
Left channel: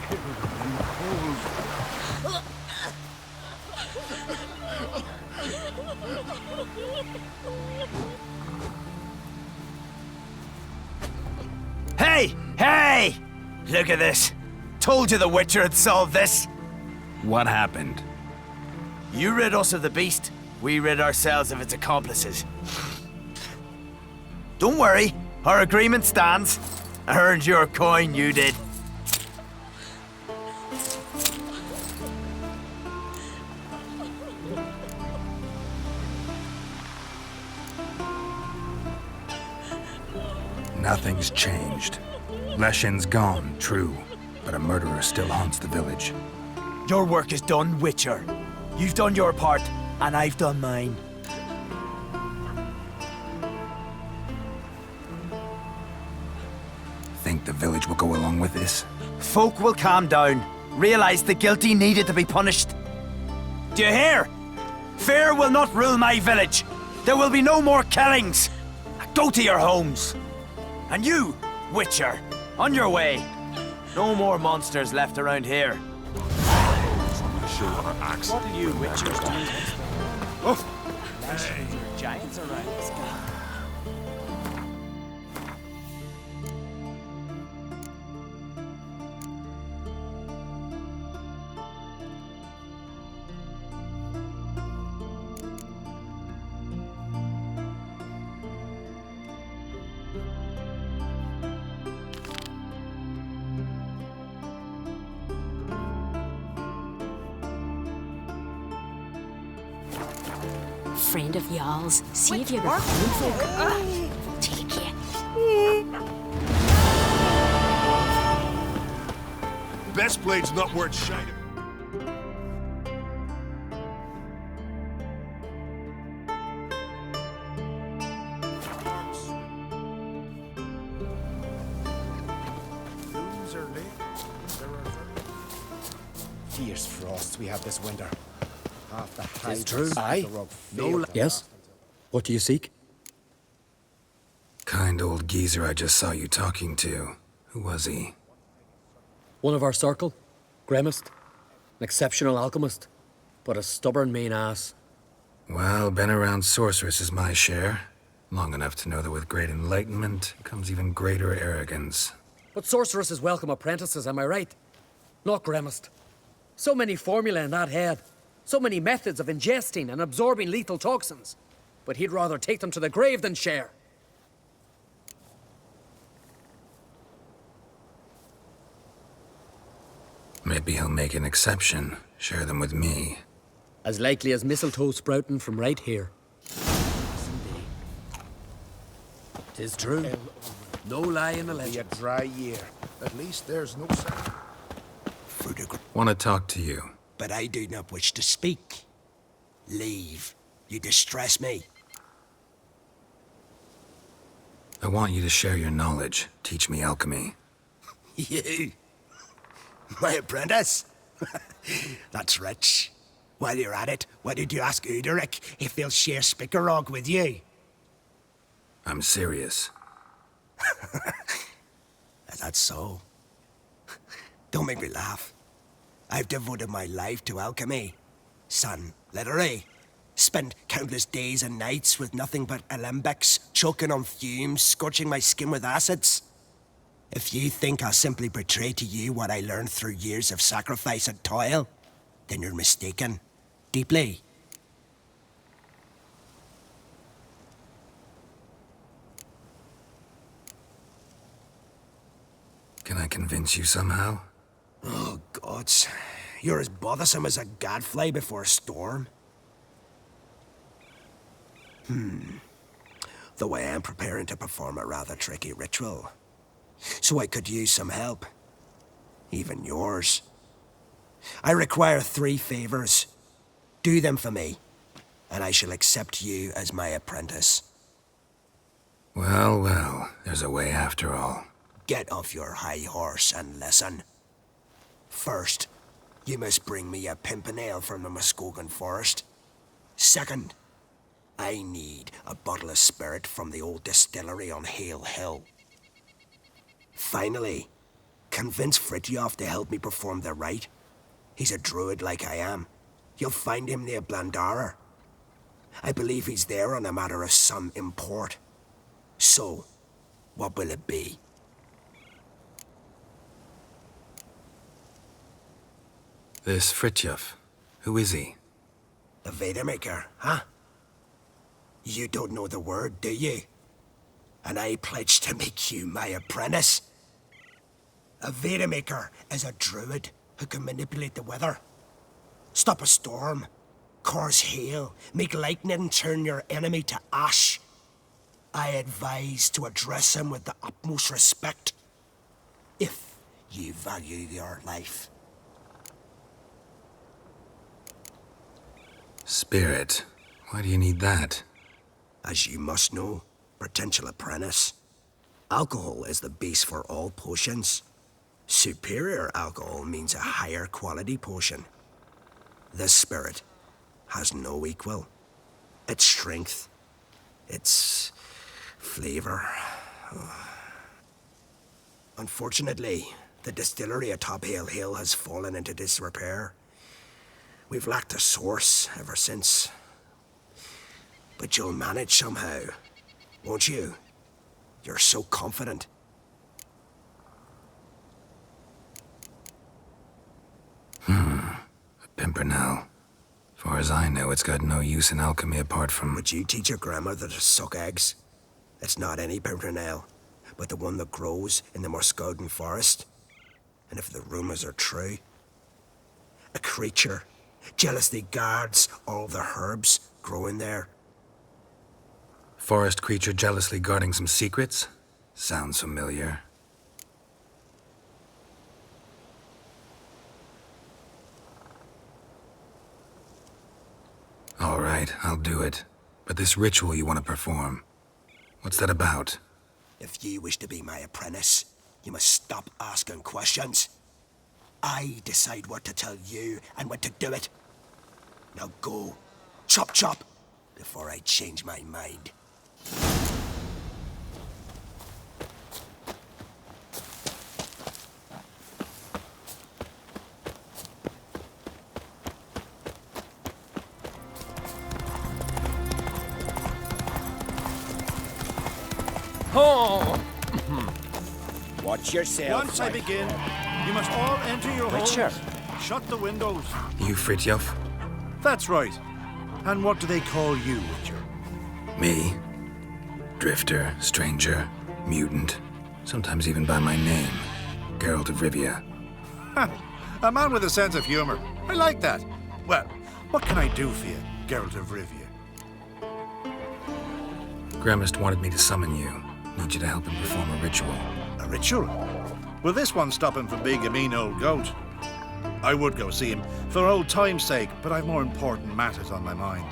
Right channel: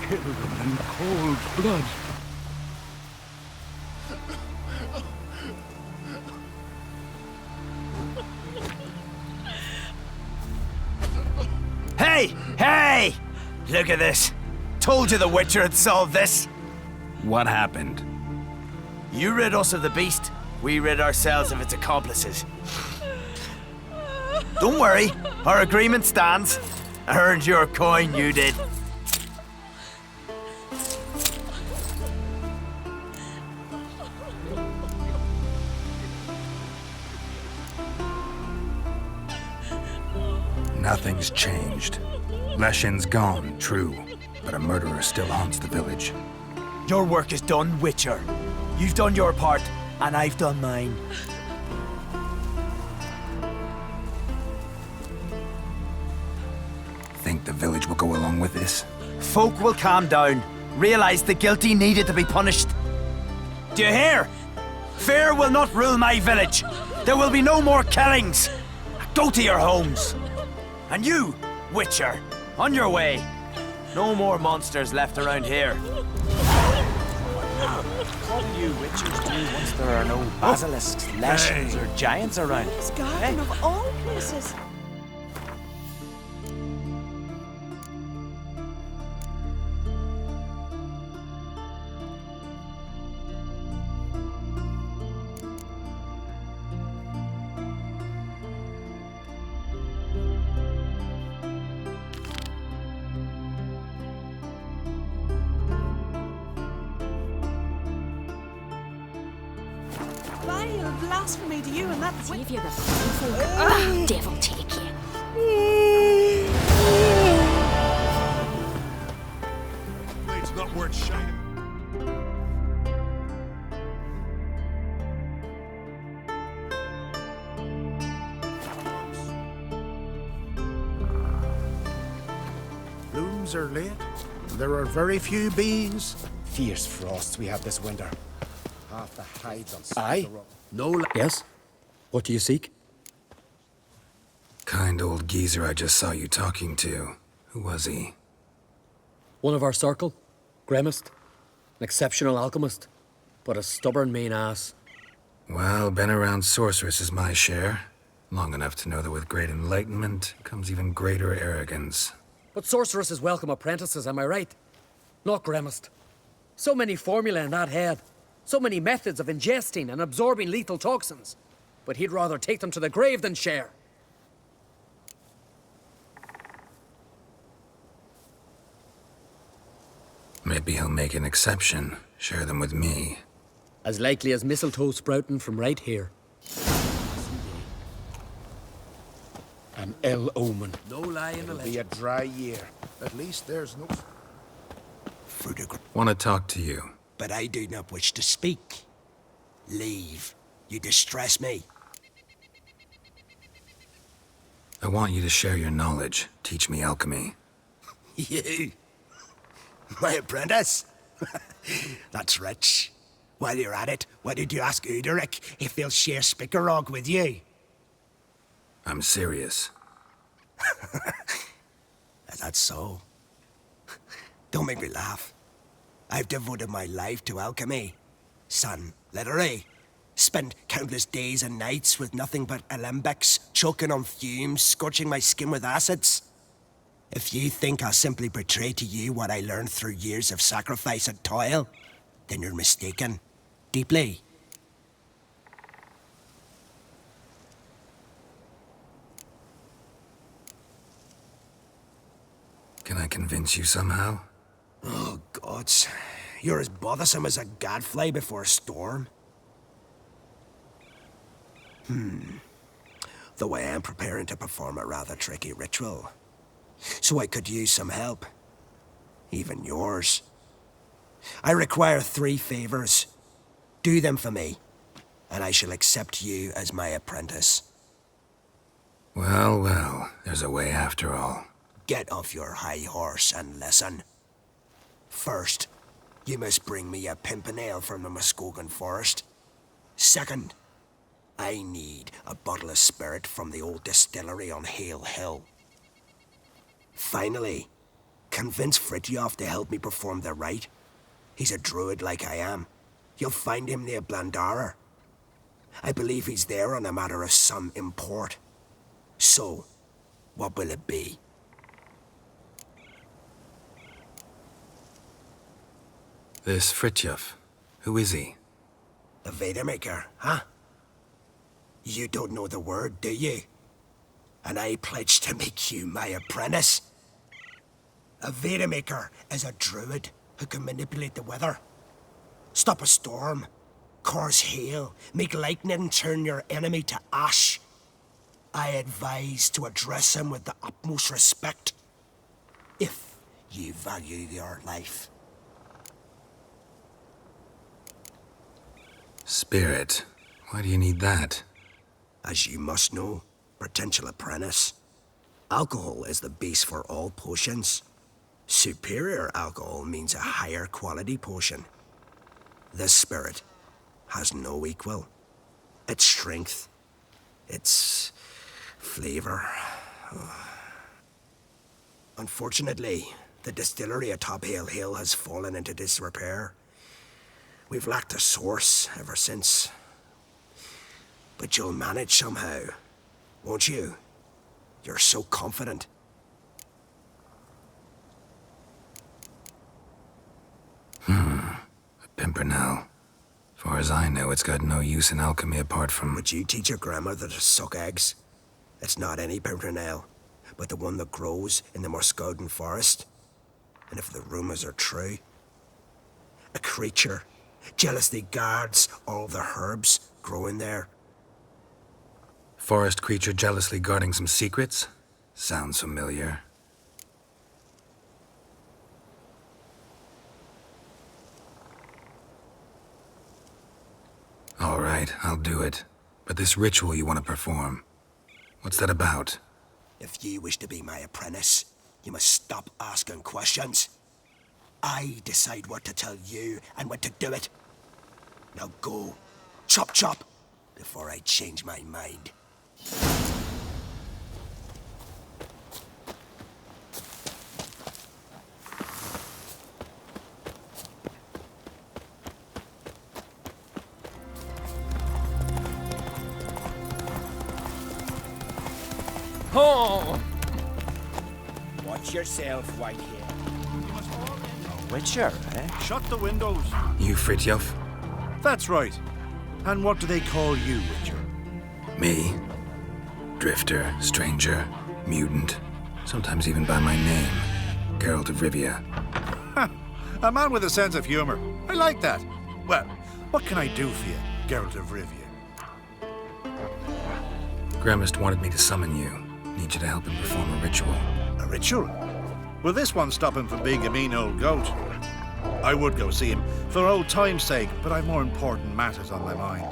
Killed them in cold blood. Hey! Hey! Look at this. Told you the Witcher had solved this. What happened? You rid us of the beast, we rid ourselves of its accomplices. Don't worry, our agreement stands. I earned your coin, you did. Nothing's changed. Leshin's gone, true, but a murderer still haunts the village. Your work is done, Witcher. You've done your part, and I've done mine. Think the village will go along with this? Folk will calm down, realize the guilty needed to be punished. Do you hear? Fear will not rule my village. There will be no more killings. Go to your homes. And you, Witcher, on your way. No more monsters left around here. What do you Witchers do once there are no basilisks, lashings, or giants around? This garden of all places. Friend of ours, see if you're common folk. Ugh, devil take you. Best blade's not worth shining. Blooms are late. There are very few bees. Fierce frosts we had this winter. Half the hydras. Aye. No. Yes? What do you seek? Kind old geezer I just saw you talking to. Who was he? One of our circle. Grimmest. An exceptional alchemist. But a stubborn mean ass. Well, been around sorceresses my share. Long enough to know that with great enlightenment comes even greater arrogance. But sorceresses welcome apprentices, am I right? Not grimmest. So many formulae in that head. So many methods of ingesting and absorbing lethal toxins. But he'd rather take them to the grave than share. Maybe he'll make an exception. Share them with me. As likely as mistletoe sprouting from right here. Tis true. An ill omen. No lie in the It'll be a legend. dry year. At least there's no... Want to talk to you. But I do not wish to speak. Leave. You distress me. I want you to share your knowledge. Teach me alchemy. You? My apprentice? That's rich. While you're at it, why don't you ask Uderic if they'll share Spickerog with you? I'm serious. That's so. Don't make me laugh. I've devoted my life to alchemy. Son, literally. Spent countless days and nights with nothing but alembics, choking on fumes, scorching my skin with acids. If you think I'll simply betray to you what I learned through years of sacrifice and toil, then you're mistaken. Deeply. Can I convince you somehow? Oh, gods. You're as bothersome as a gadfly before a storm. Though I am preparing to perform a rather tricky ritual. So I could use some help. Even yours. I require 3 favors. Do them for me, and I shall accept you as my apprentice. Well, well, there's a way after all. Get off your high horse and listen. First, you must bring me a pimpernel from the Muskogan forest. Second, I need a bottle of spirit from the old distillery on Hale Hill. Finally, convince Fritjof to help me perform the rite. He's a druid like I am. You'll find him near Blandara. I believe he's there on a matter of some import. So, what will it be? This Fritjof, who is he? A Vadermaker, huh? You don't know the word, do you? And I pledge to make you my apprentice. A Vadermaker is a druid who can manipulate the weather. Stop a storm, cause hail, make lightning turn your enemy to ash. I advise to address him with the utmost respect, if you value your life. Spirit. Why do you need that? As you must know, potential apprentice, alcohol is the base for all potions. Superior alcohol means a higher quality potion. This spirit has no equal. Its strength, its flavor. Unfortunately, the distillery atop Hale Hill has fallen into disrepair. We've lacked a source ever since. But you'll manage somehow, won't you? You're so confident. A pimpernel. Far as I know, it's got no use in alchemy apart from... Would you teach your grandmother to suck eggs? It's not any pimpernel, but the one that grows in the Morskoden forest. And if the rumors are true, a creature jealously guards all the herbs growing there. Forest creature jealously guarding some secrets? Sounds familiar. All right, I'll do it. But this ritual you want to perform, what's that about? If you wish to be my apprentice, you must stop asking questions. I decide what to tell you and when to do it. Now go, chop chop, before I change my mind. Oh! Watch yourself. Once I begin, you must all enter your Witcher, homes. Shut the windows. You Fritjof? That's right. And what do they call you, Witcher? Me? Drifter, stranger, mutant, sometimes even by my name, Geralt of Rivia. A man with a sense of humor. I like that. Well, what can I do for you, Geralt of Rivia? Gremist wanted me to summon you. Need you to help him perform a ritual. A ritual? Will this one stop him from being a mean old goat? I would go see him for old time's sake, but I've more important matters on my mind.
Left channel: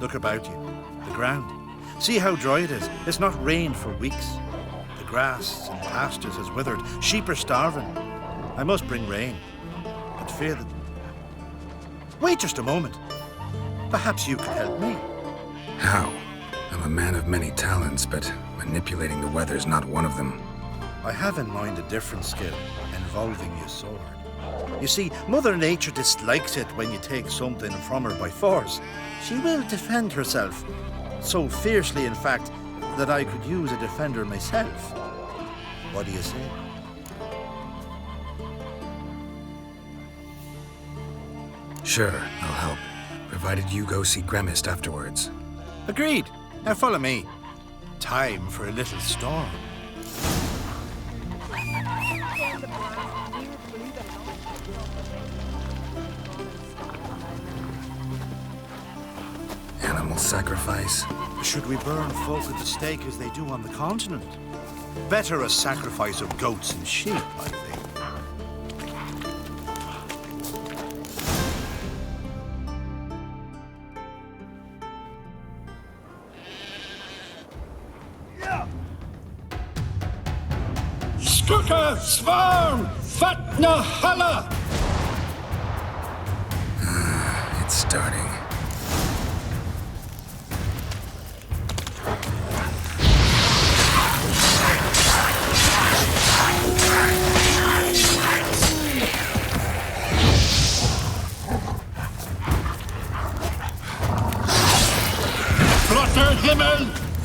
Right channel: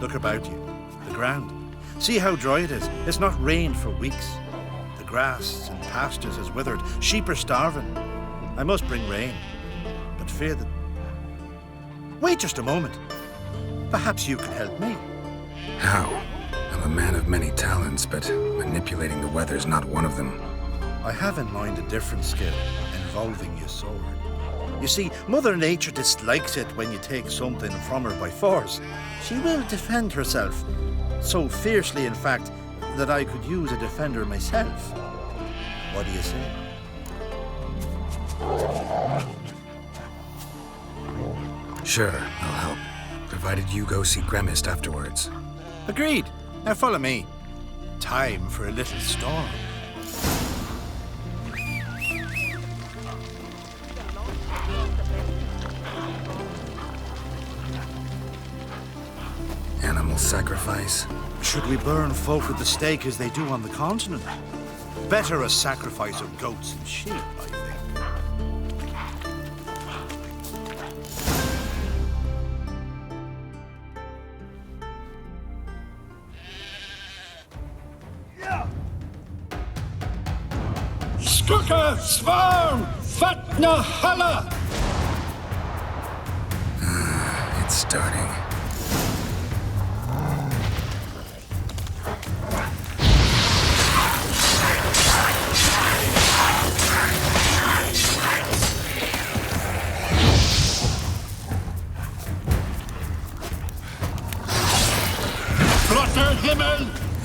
Look about you. The ground. See how dry it is. It's not rained for weeks. The grass and pastures has withered. Sheep are starving. I must bring rain, but fear that... Wait just a moment. Perhaps you could help me. How? I'm a man of many talents, but manipulating the weather's not one of them. I have in mind a different skill, involving your sword. You see, Mother Nature dislikes it when you take something from her by force. She will defend herself. So fiercely, in fact, that I could use a defender myself. What do you say? Sure, I'll help. Provided you go see Gremist afterwards. Agreed. Now follow me. Time for a little storm. Animal sacrifice? Should we burn folk at the stake as they do on the continent? Better a sacrifice of goats and sheep, I think. Skuka Svarm Fatna Hala! It's starting.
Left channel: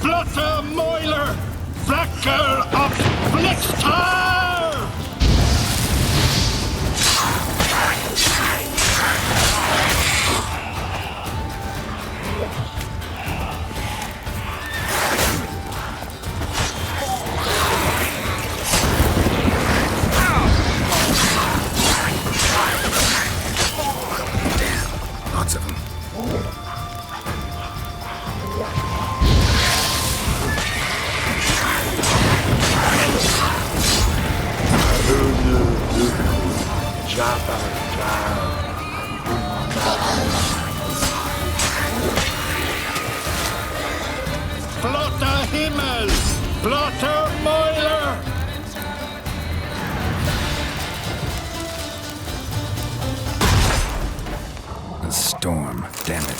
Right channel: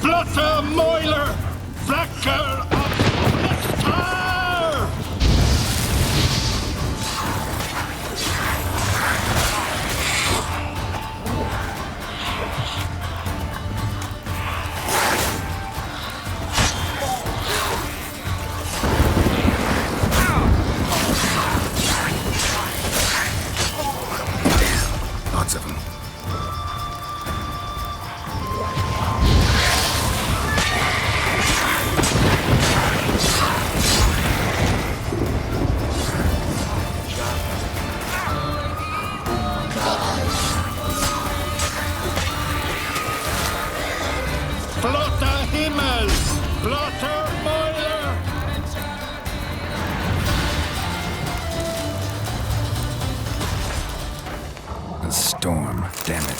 Flutter Moiler! Flacker of Flixtar! Lots of them. Flotter Himmel! Flotter Moiler! A storm, damn it.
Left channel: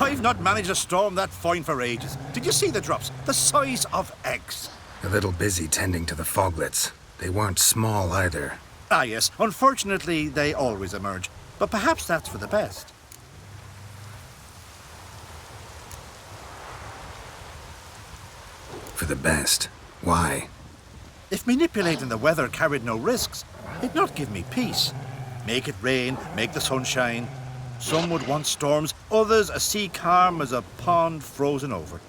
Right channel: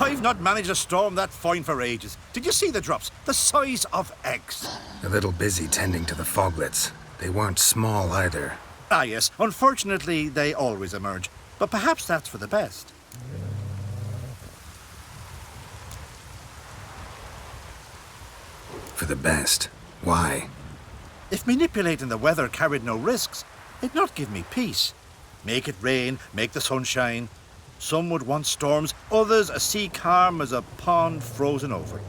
I've not managed a storm that fine for ages. Did you see the drops? The size of eggs. A little busy tending to the foglets. They weren't small either. Ah, yes. Unfortunately, they always emerge. But perhaps that's for the best. For the best. Why? If manipulating the weather carried no risks, it'd not give me peace. Make it rain, make the sun shine. Some would want storms, others a sea calm as a pond frozen over.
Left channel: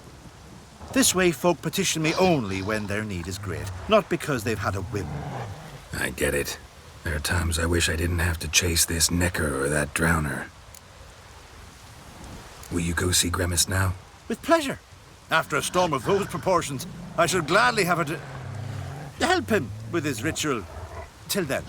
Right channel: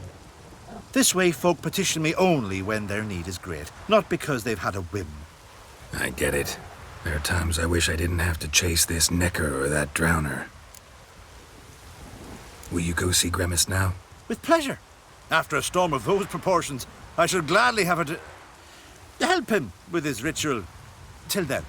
This way folk petition me only when their need is great, not because they've had a whim. I get it. There are times I wish I didn't have to chase this necker or that drowner. Will you go see Grimace now? With pleasure. After a storm of those proportions, I shall gladly have her to help him with his ritual. Till then.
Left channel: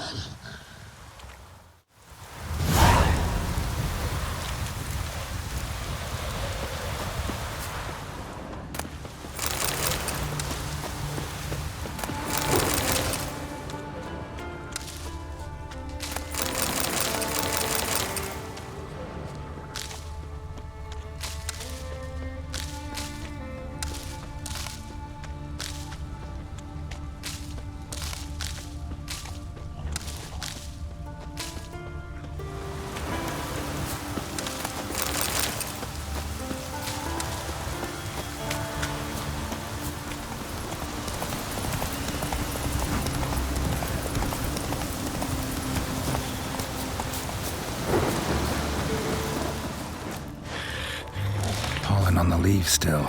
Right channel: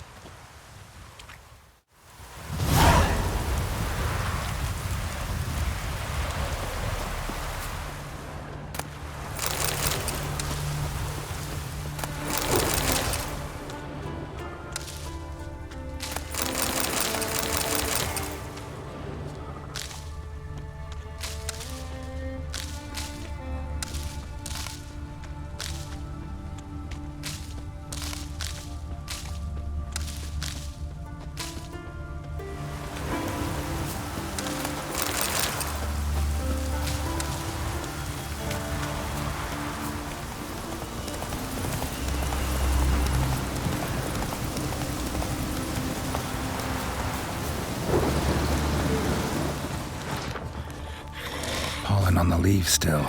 Pollen on the leaves still.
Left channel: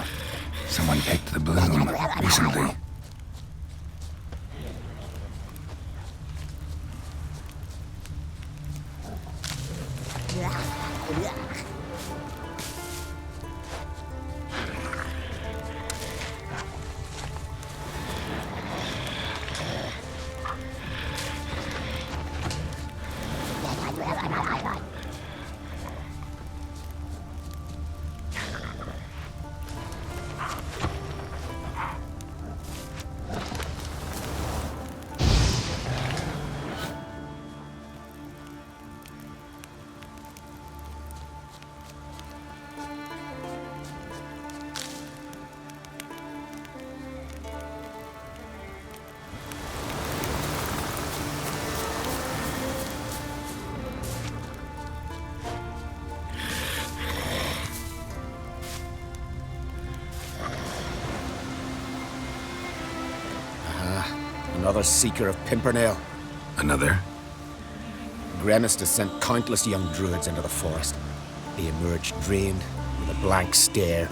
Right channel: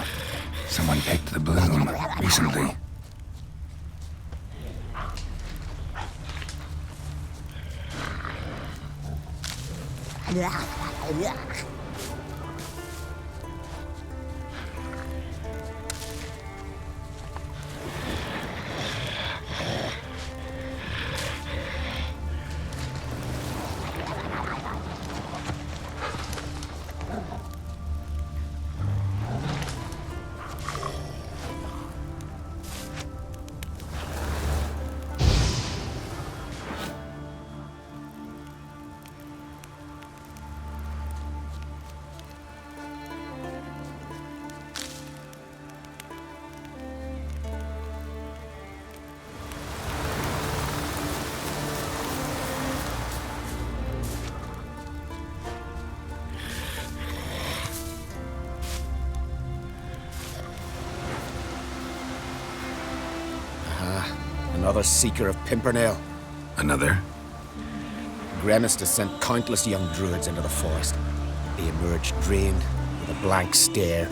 Someone picked the bloom recently. Another seeker of Pimpernel. Another? Grimace has sent countless young druids into the forest. They emerge drained, with a blank stare,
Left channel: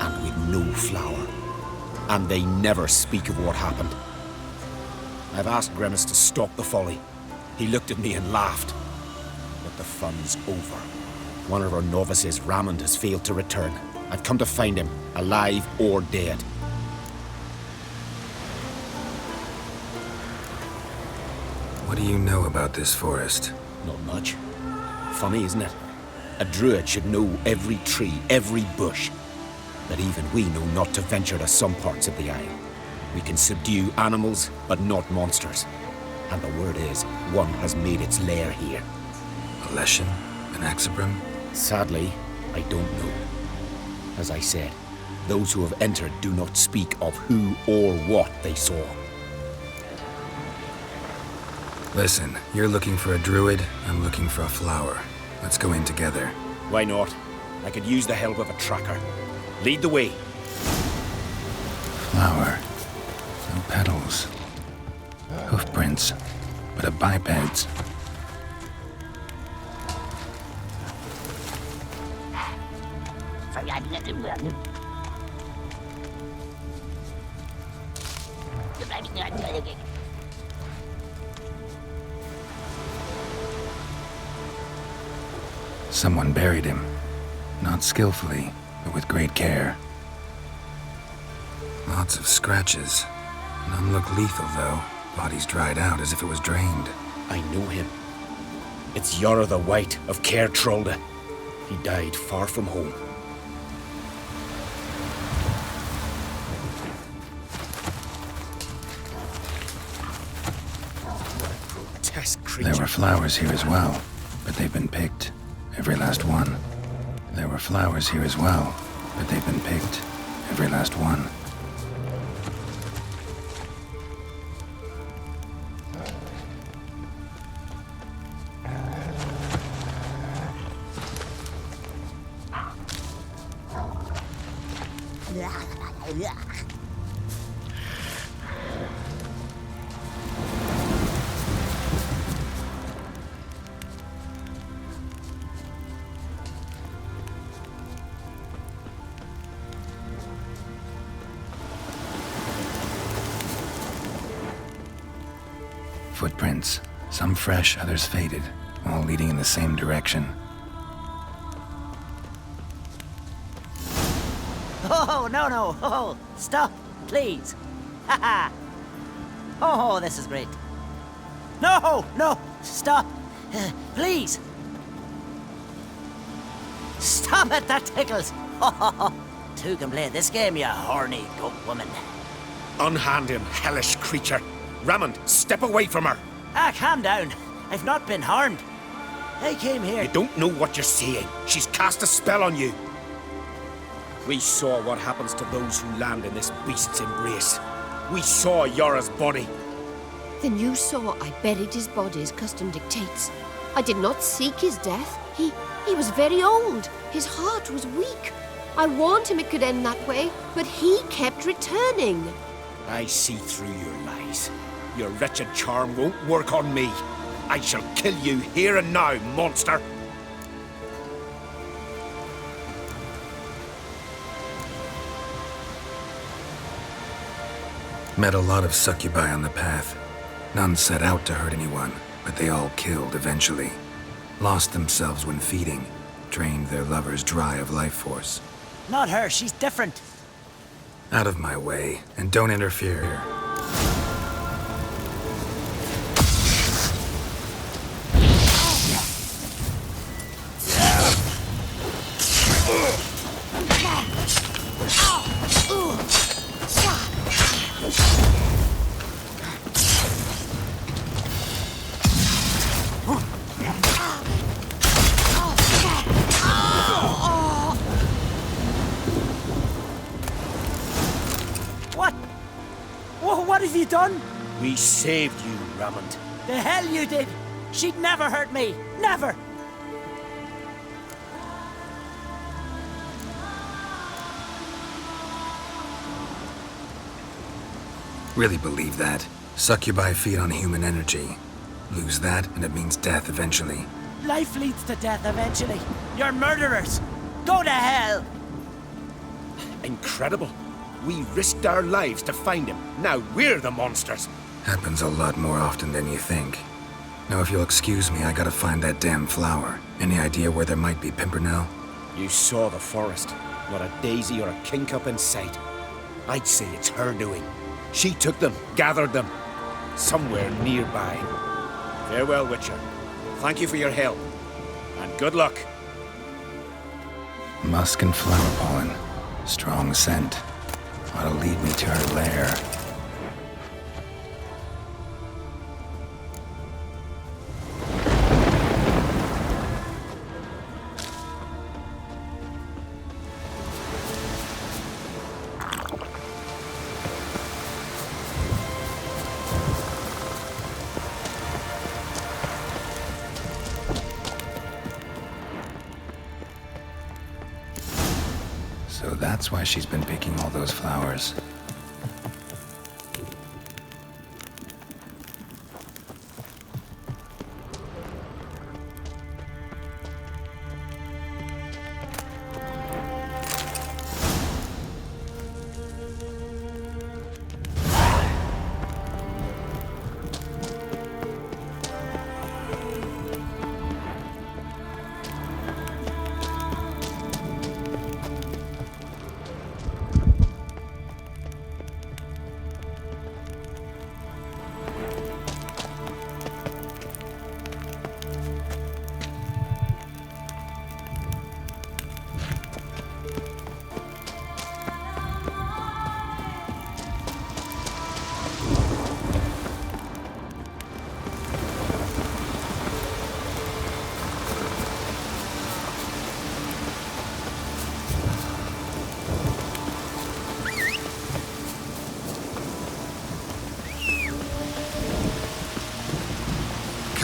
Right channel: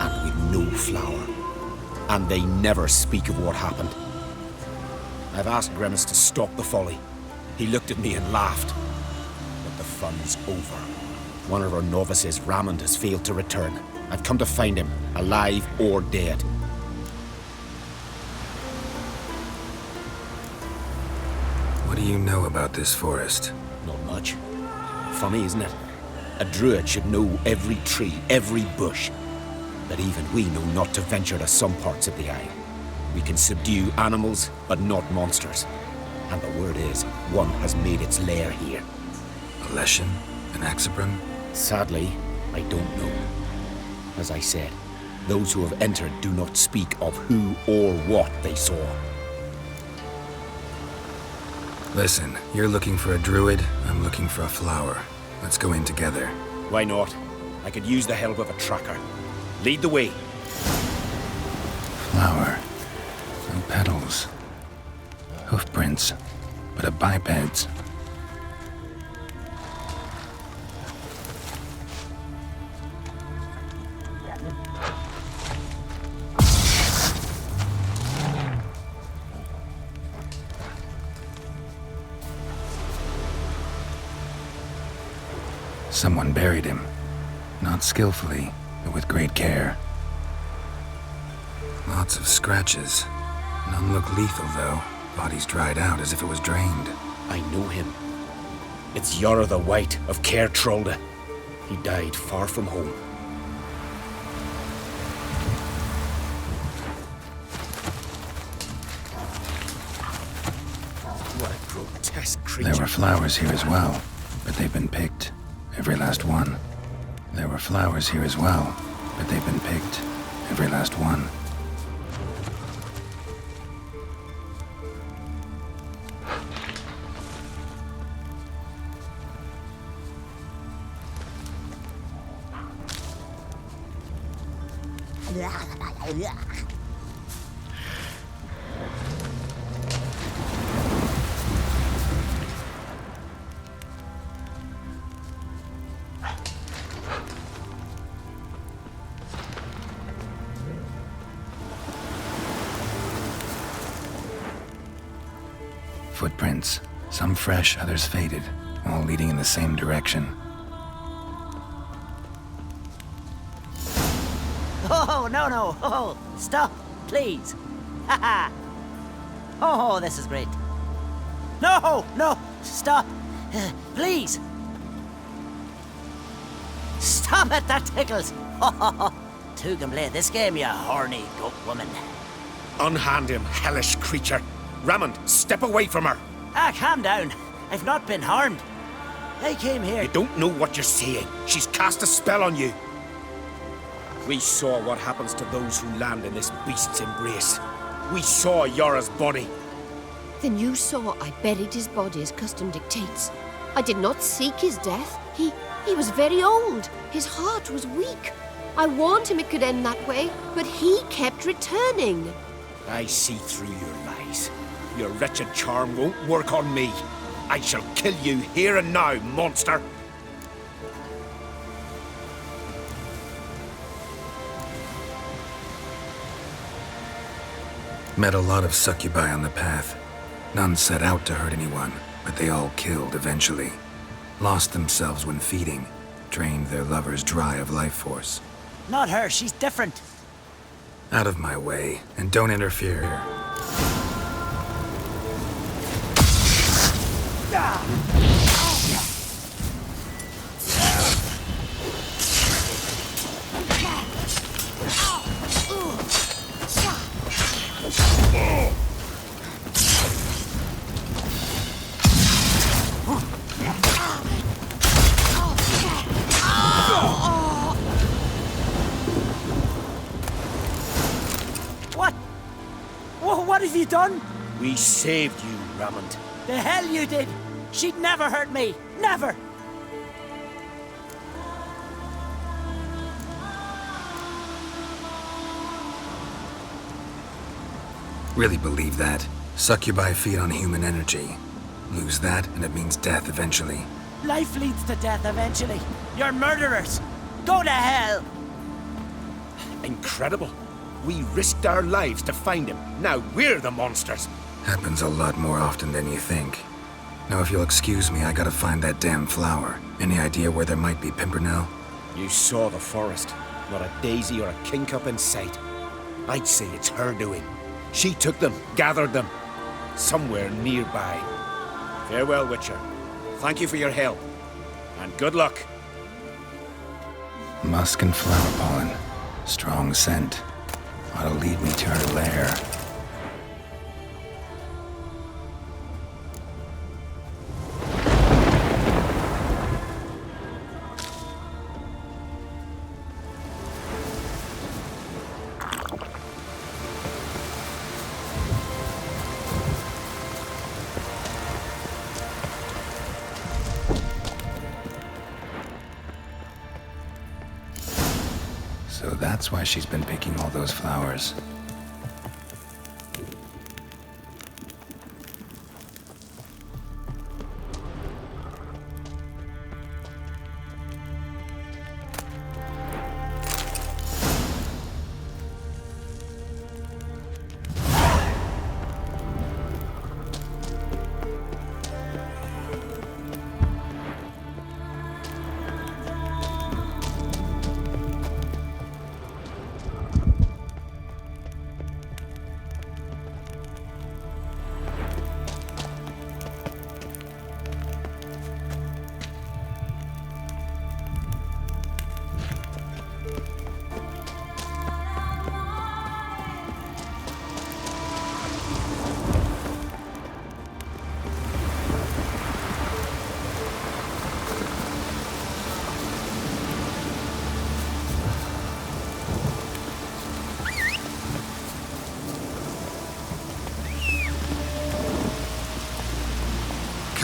and with no flower. And they never speak of what happened. I've asked Grimace to stop the folly. He looked at me and laughed. But the fun's over. One of our novices, Ramond, has failed to return. I've come to find him, alive or dead. What do you know about this forest? Not much. Funny, isn't it? A druid should know every tree, every bush. But even we know not to venture to some parts of the isle. We can subdue animals, but not monsters. And the word is, one has made its lair here. A Leshen? An Axabrum? Sadly, I don't know. As I said, those who have entered do not speak of who or what they saw. Listen, you're looking for a druid, I'm looking for a flower. Let's go in together. Why not? I could use the help of a tracker. Lead the way. flower. No petals. Hoofprints, but a biped's. Someone buried him. Not skillfully, but with great care. Lots of scratches. None look lethal, though. Body's dried out as if it was drained. I know him. It's Yara the White of Caer Trolda. He died far from home. What a grotesque creature. There were flowers here as well, but they've been picked. Every last one. There were flowers here as well, but they've been picked. Every last one. Footprints, some fresh, others faded, all leading in the same direction. Oh, no. Oh, stop, please. Haha. Oh, this is great. No, stop. Please. Stop it, that tickles. Two can play this game, you horny goat woman. Unhand him, hellish creature. Rammond, step away from her. Calm down. I've not been harmed. I came here... You don't know what you're saying. She's cast a spell on you. We saw what happens to those who land in this beast's embrace. We saw Yara's body. Then you saw I buried his body as custom dictates. I did not seek his death. He was very old. His heart was weak. I warned him it could end that way, but he kept returning. I see through your lies. Your wretched charm won't work on me. I shall kill you here and now, monster! Met a lot of succubi on the path. None set out to hurt anyone, but they all killed eventually. Lost themselves when feeding, drained their lovers dry of life force. Not her, she's different. Out of my way, and don't interfere here. What have you done? We saved you, Rammond. The hell you did! She'd never hurt me! Never! Really believe that? Succubi feed on human energy. Lose that, and it means death eventually. Life leads to death eventually. You're murderers! Go to hell! Incredible. We risked our lives to find him. Now we're the monsters. Happens a lot more often than you think. Now, if you'll excuse me, I gotta find that damn flower. Any idea where there might be Pimpernel? You saw the forest. Not a daisy or a kingcup in sight. I'd say it's her doing. She took them, gathered them. Somewhere nearby. Farewell, Witcher. Thank you for your help. And good luck. Musk and flower pollen. Strong scent. Ought to lead me to her lair. So that's why she's been picking all those flowers.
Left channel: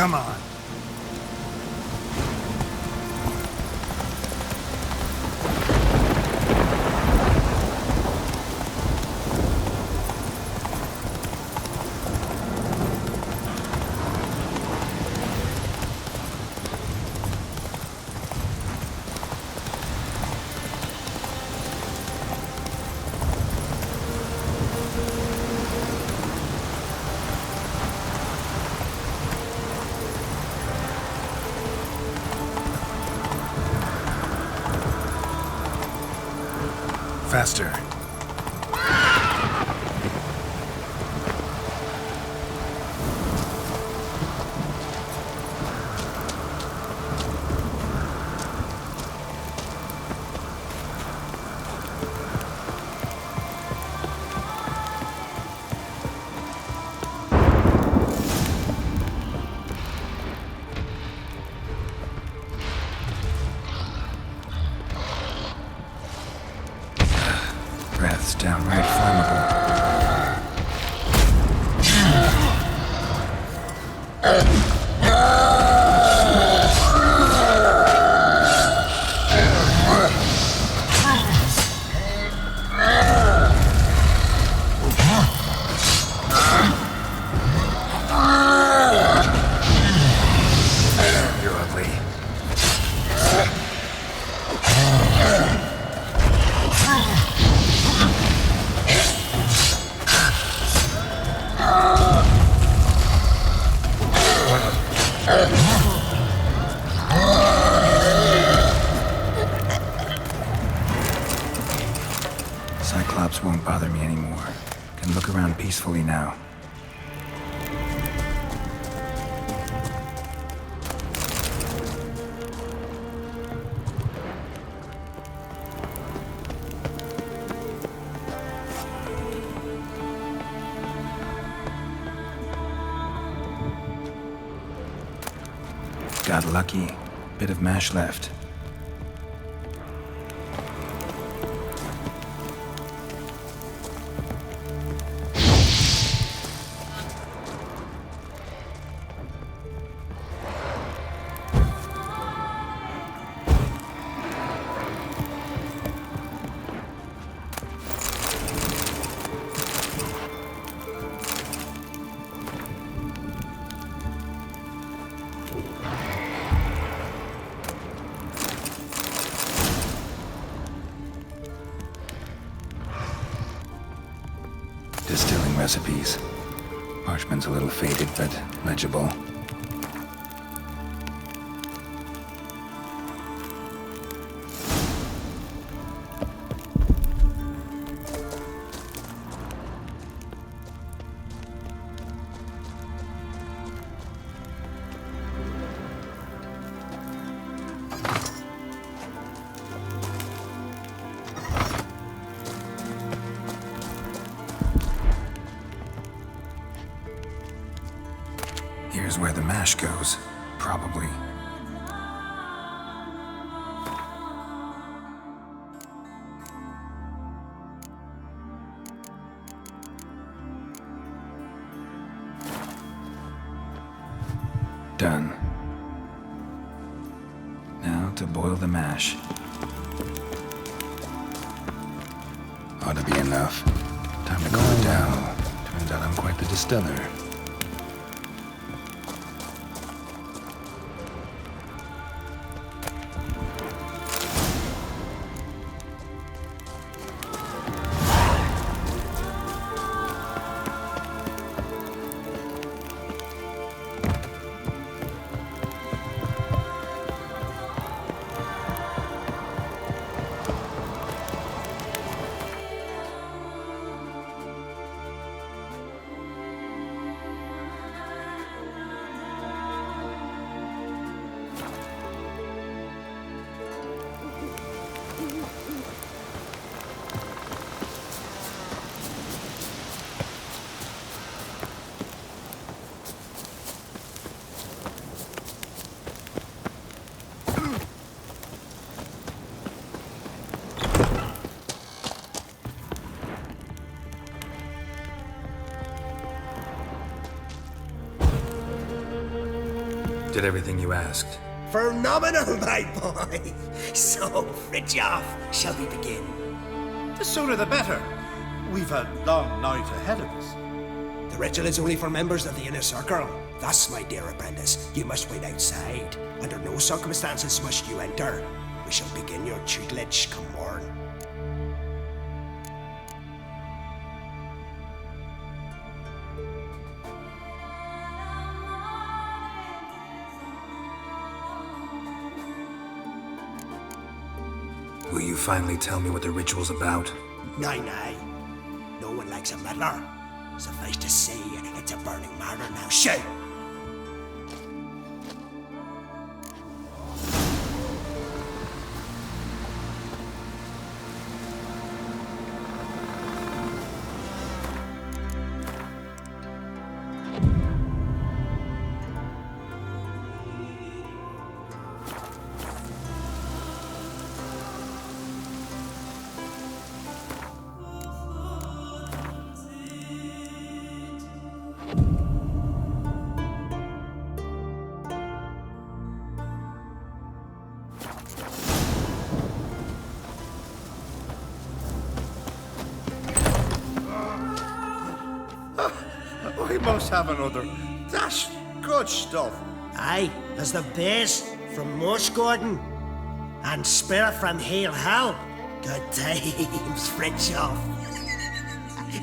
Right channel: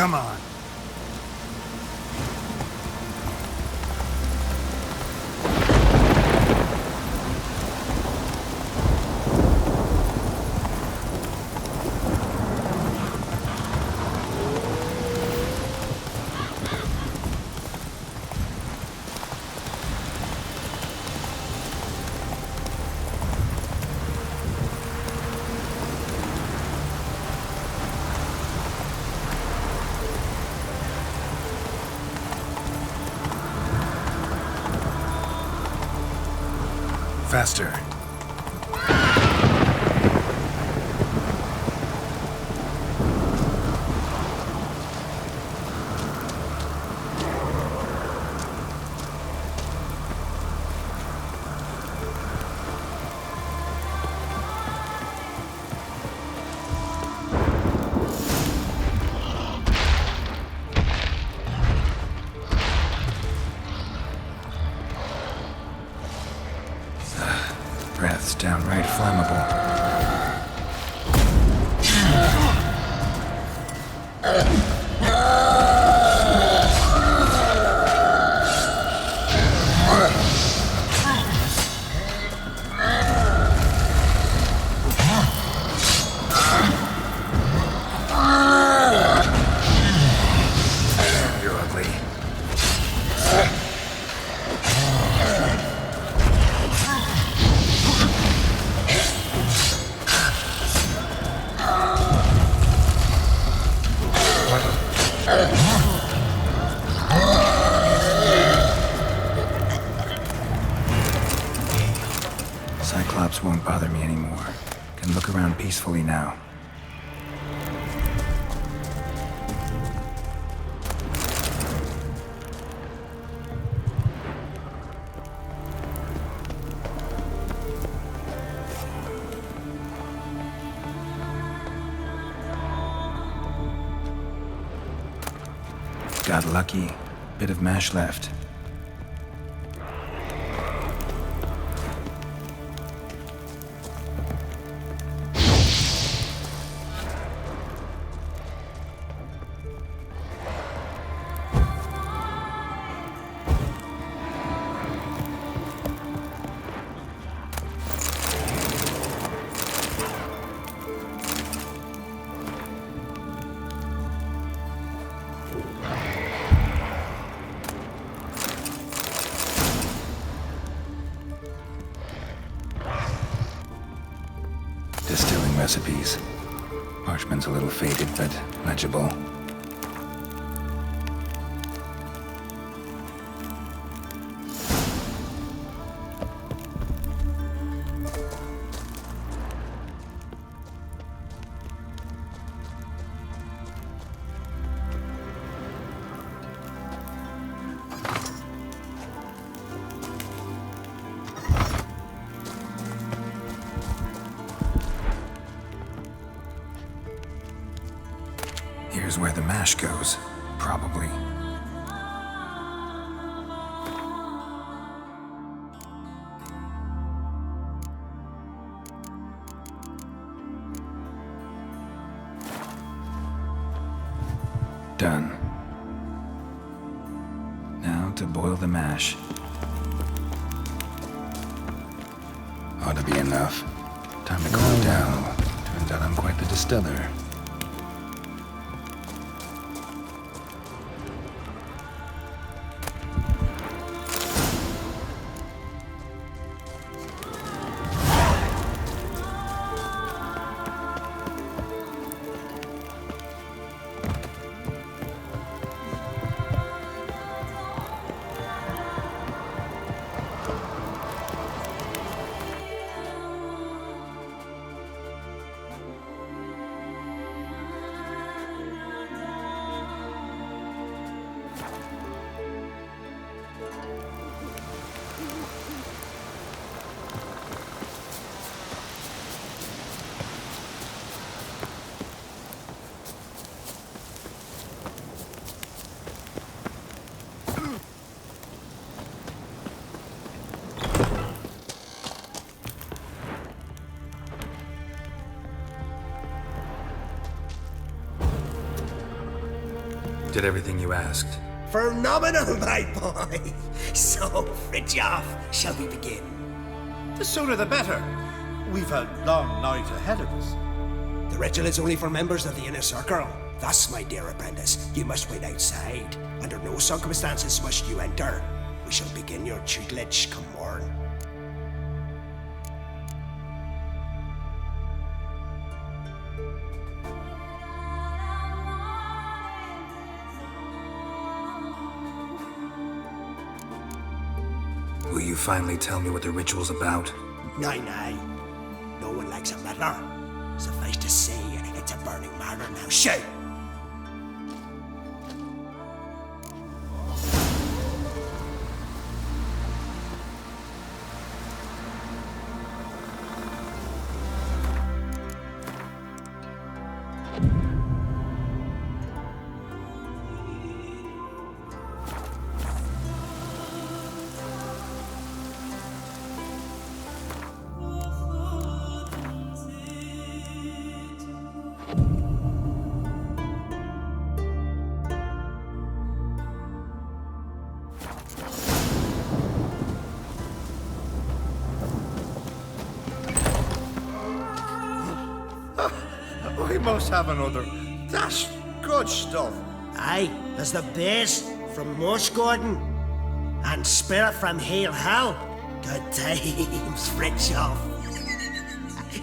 Come on. Faster. Breath's downright flammable. You're ugly. Cyclops won't bother me anymore. Can look around peacefully now. Got lucky. Bit of mash left. Distilling recipes. Parchment's a little faded, but legible. Here's where the mash goes, probably. Done. Now to boil the mash. Ought to be enough. Time to cool it down. Turns out I'm quite the distiller. Did everything you asked. Phenomenal, my boy. So, Fridtjof, shall we begin? The sooner the better. We've a long night ahead of us. The ritual is only for members of the inner circle. Thus, my dear apprentice, you must wait outside. Under no circumstances must you enter. We shall begin your tutelage come morn. Will you finally tell me what the ritual's about? Nay. No one likes a meddler. Suffice to say, it's a burning matter now. Shout! We must have another. That's good stuff. Aye, there's the bass from Morse Gordon and Spirit from Hail Hell. Good times, Fridtjof.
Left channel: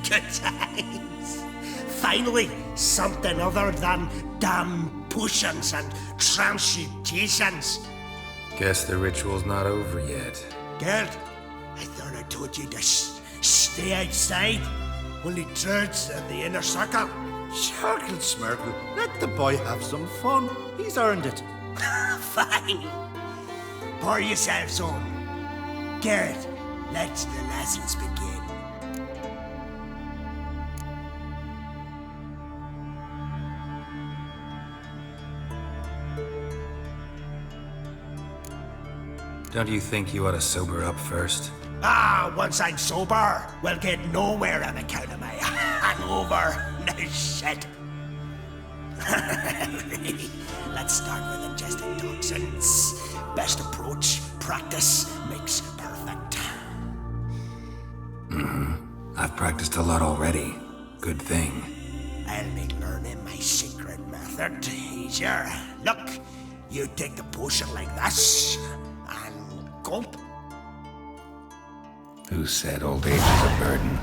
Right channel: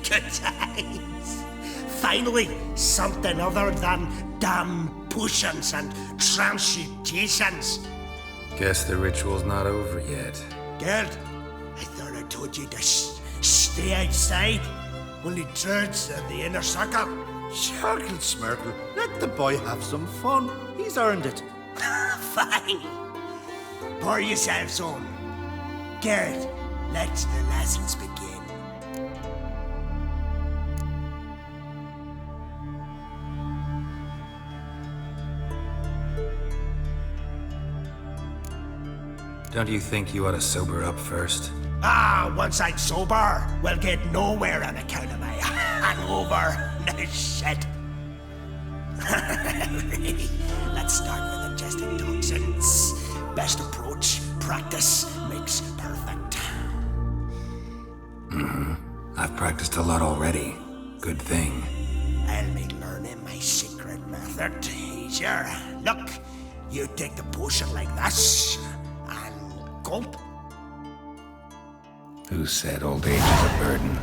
Good times. Finally, something other than damn potions and transmutations. Guess the ritual's not over yet. Good. I thought I told you to stay outside. Only druids in the inner circle. Sharkle Smirkle, let the boy have some fun. He's earned it. Fine. Pour yourselves on. Garrett, let the lessons begin. Don't you think you ought to sober up first? Once I'm sober, we'll get nowhere on account of my hangover. No shit. Let's start with ingesting toxins. Best approach, practice makes perfect. I've practiced a lot already. Good thing. I'll make learning my secret method easier. Look, you take the potion like this, and gulp. Who said old age is a burden?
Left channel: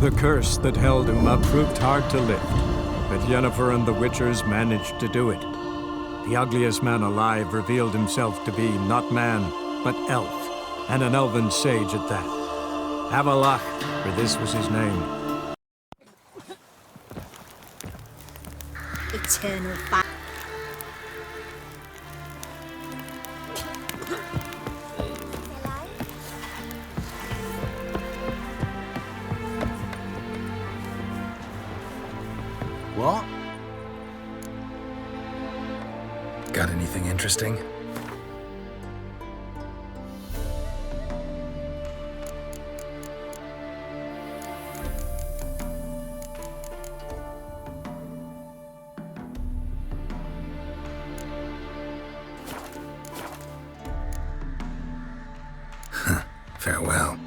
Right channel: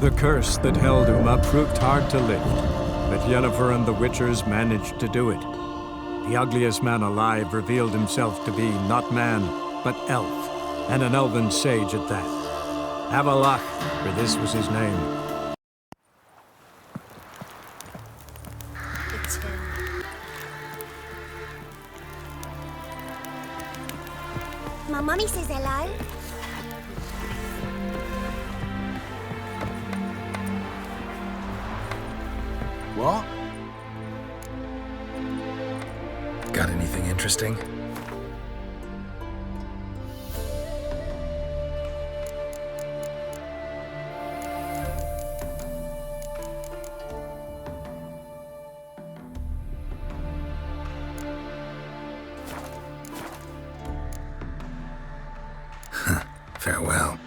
The curse that held Uma proved hard to lift, but Yennefer and the Witchers managed to do it. The ugliest man alive revealed himself to be not man, but elf, and an elven sage at that. Avalach, for this was his name. Eternal fire. My mummy says hello. What? Got anything interesting? Farewell.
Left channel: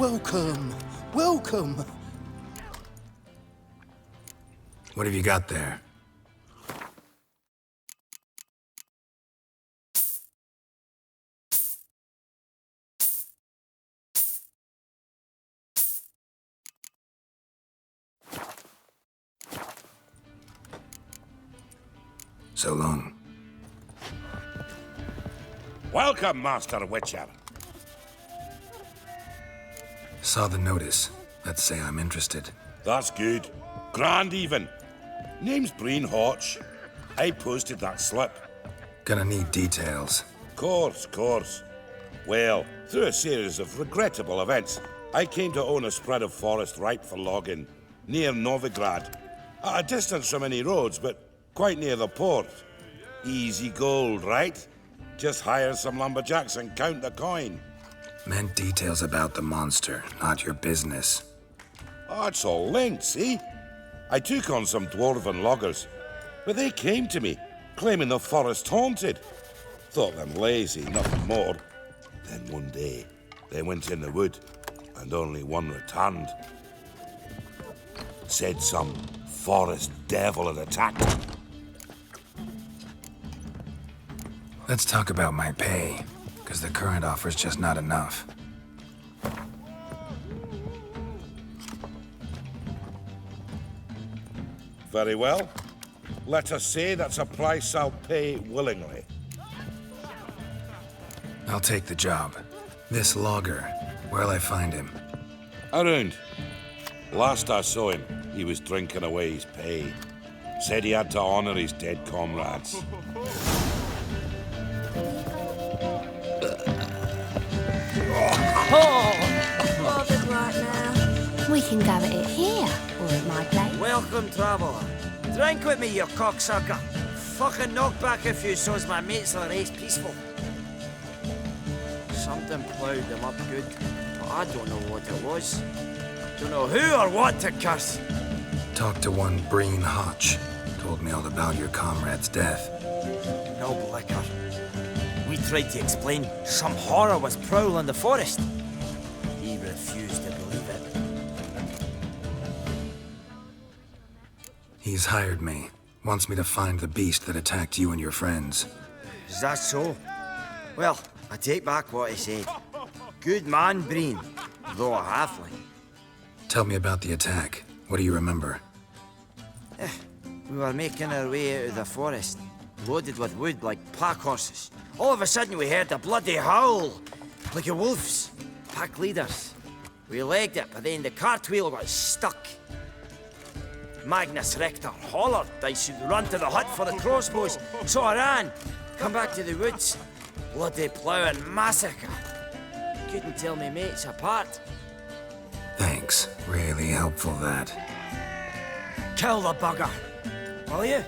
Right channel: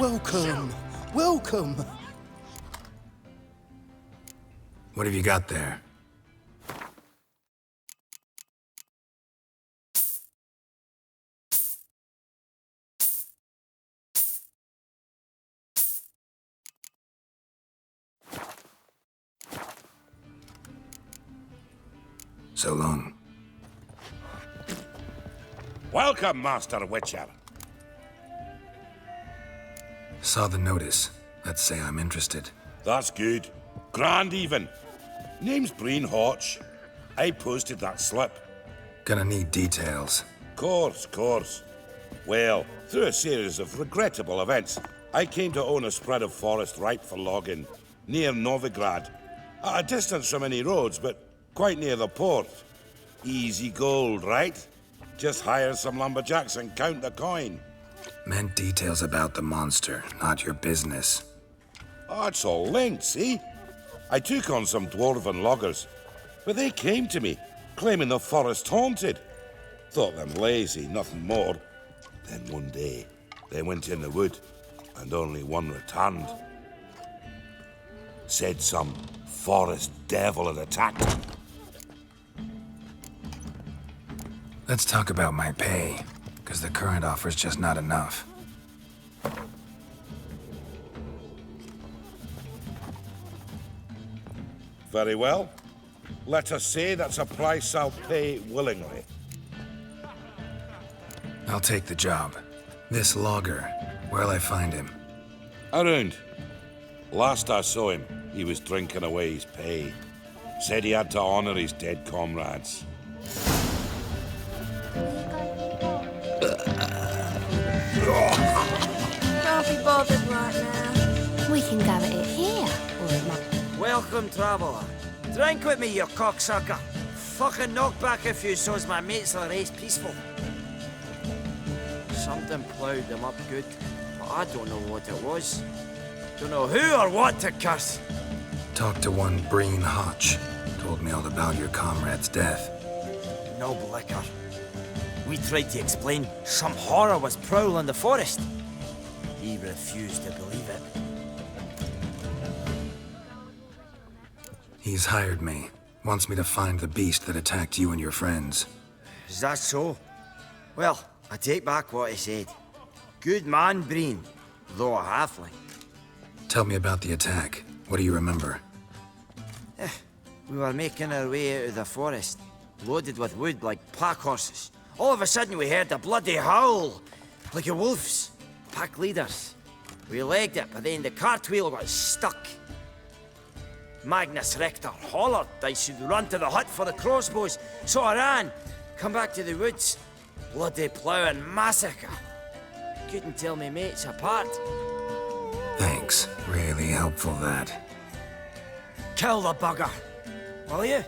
Welcome. Welcome. What have you got there? So long. Welcome, Master Witcher. Saw the notice. Let's say I'm interested. That's good. Grand even. Name's Breen Hotch. I posted that slip. Gonna need details. Course. Well, through a series of regrettable events, I came to own a spread of forest ripe for logging, near Novigrad. At a distance from any roads, but quite near the port. Easy gold, right? Just hire some lumberjacks and count the coin. Meant details about the monster, not your business. Oh, it's all linked, see? I took on some dwarven loggers, but they came to me, claiming the forest haunted. Thought them lazy, nothing more. Then one day, they went in the wood, and only one returned. Said some forest devil had attacked them. Let's talk about my pay, because the current offer's just not enough. Very well. Let us say that's a price I'll pay willingly. I'll take the job. This logger, where'll I find him? Around. Last I saw him, he was drinking away his pay. Said he had to honor his dead comrades. Bothered right now. We can go at it here, or at my place. Welcome, traveller. Drink with me, you cocksucker. Fucking knock back a few so's my mates will race peaceful. Something ploughed them up good, but I don't know what it was. Don't know who or what to curse. Talked to one Breen Hotch. Told me all about your comrade's death. No liquor. We tried to explain some horror was prowling the forest. He refused to believe it. He's hired me. Wants me to find the beast that attacked you and your friends. Is that so? Well, I take back what I said. Good man, Breen, though a halfling. Tell me about the attack. What do you remember? We were making our way out of the forest, loaded with wood like pack horses. All of a sudden we heard a bloody howl, like a wolf's. Pack leaders. We legged it, but then the cartwheel got stuck. Magnus Rector hollered I should run to the hut for the crossbows, so I ran. Come back to the woods. Bloody plough and massacre. Couldn't tell me mates apart. Thanks. Really helpful, that. Kill the bugger, will you?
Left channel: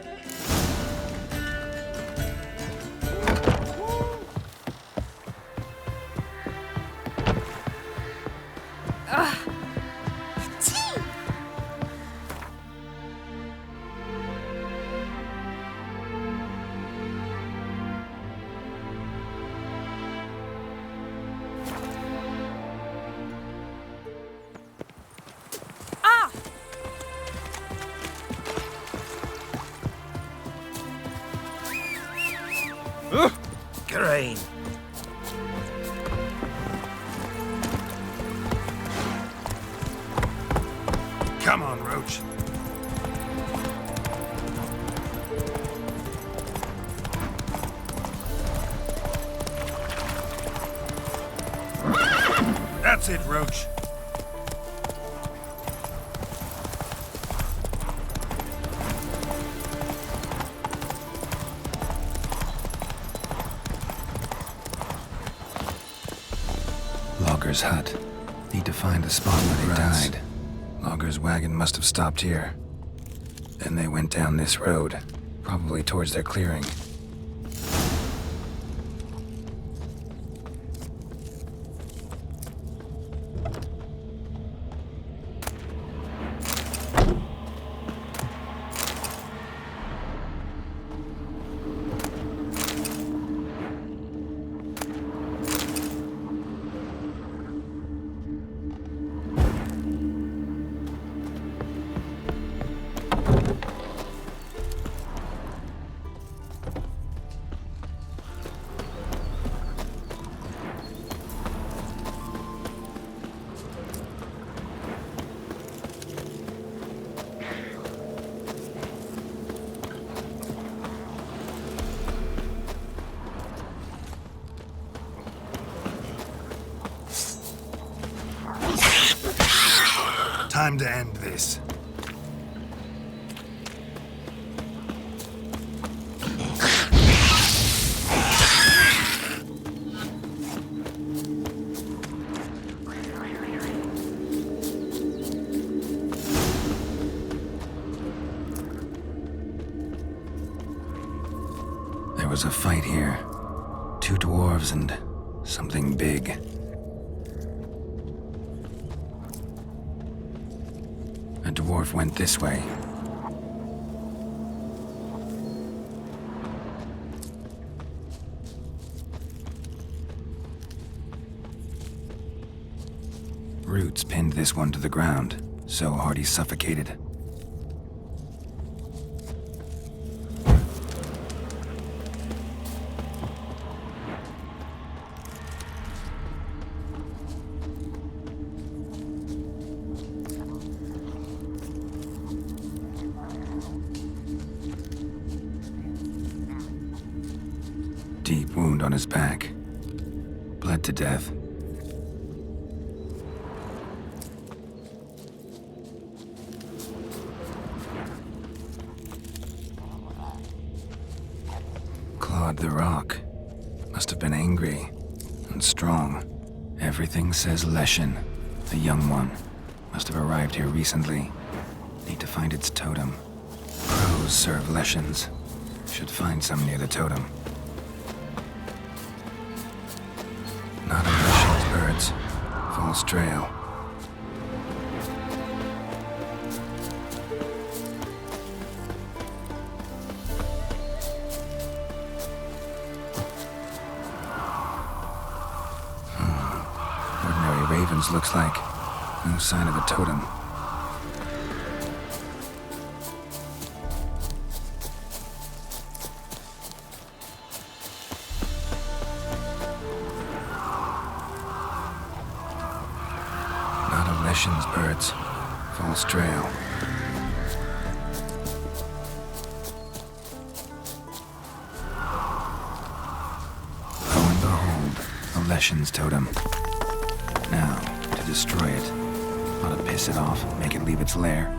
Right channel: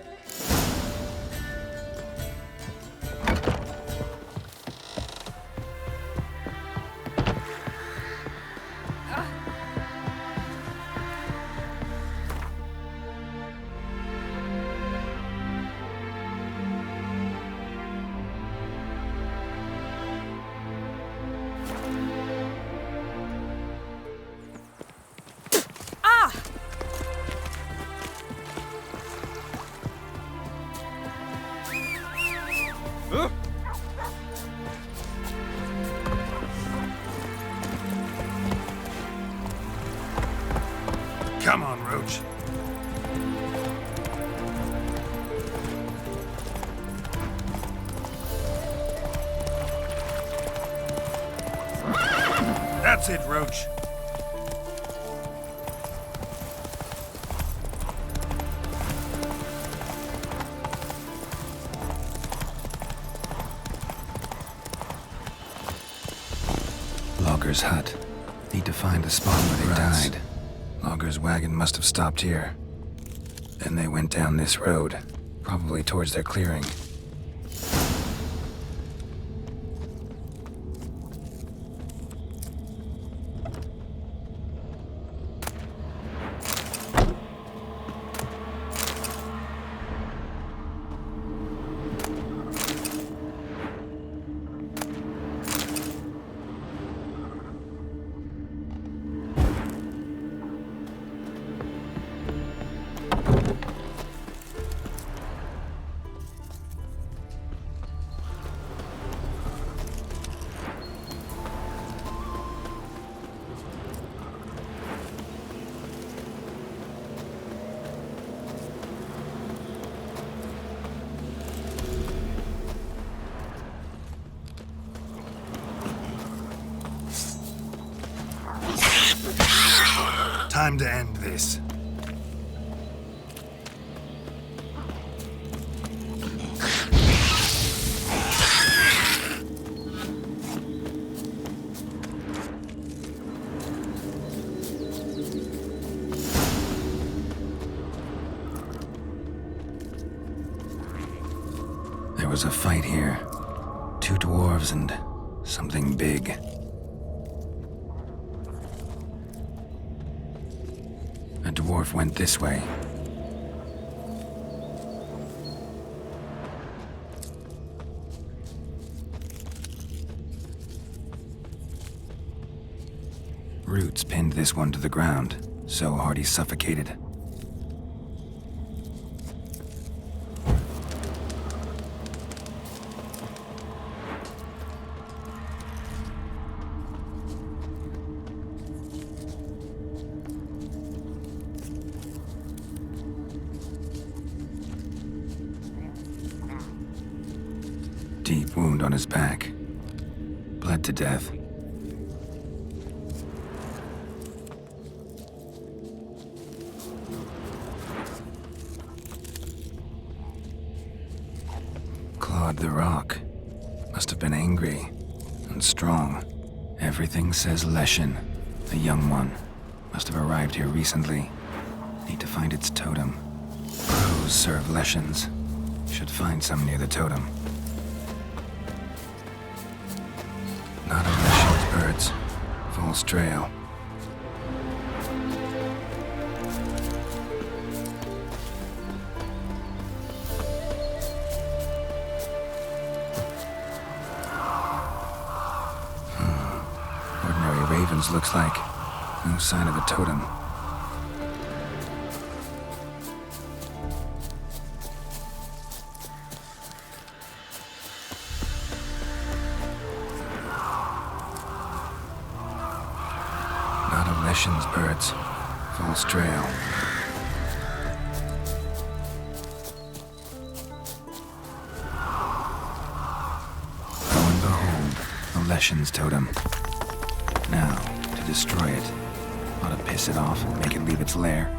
Green. Come on, Roach. That's it, Roach. Logger's hut. Need to find the spot where they died. Logger's wagon must have stopped here. Then they went down this road, probably towards their clearing. Time to end this. There was a fight here. 2 dwarves and something big. A dwarf went this way. Roots pinned this one to the ground, so hard he suffocated. Deep wound on his back. Bled to death. Clawed the rock. Must have been angry and strong. Everything says Leshen, a young one. Must have arrived here recently. Need to find its totem. Crows serve Leshens. Should find some near the totem. Not a Leshen's birds. False trail. Ordinary ravens looks like. No sign of a totem. Leshen's birds. False trail. Lo and behold, a Leshen's totem. Now, to destroy it. Ought to piss it off, make it leave its lair.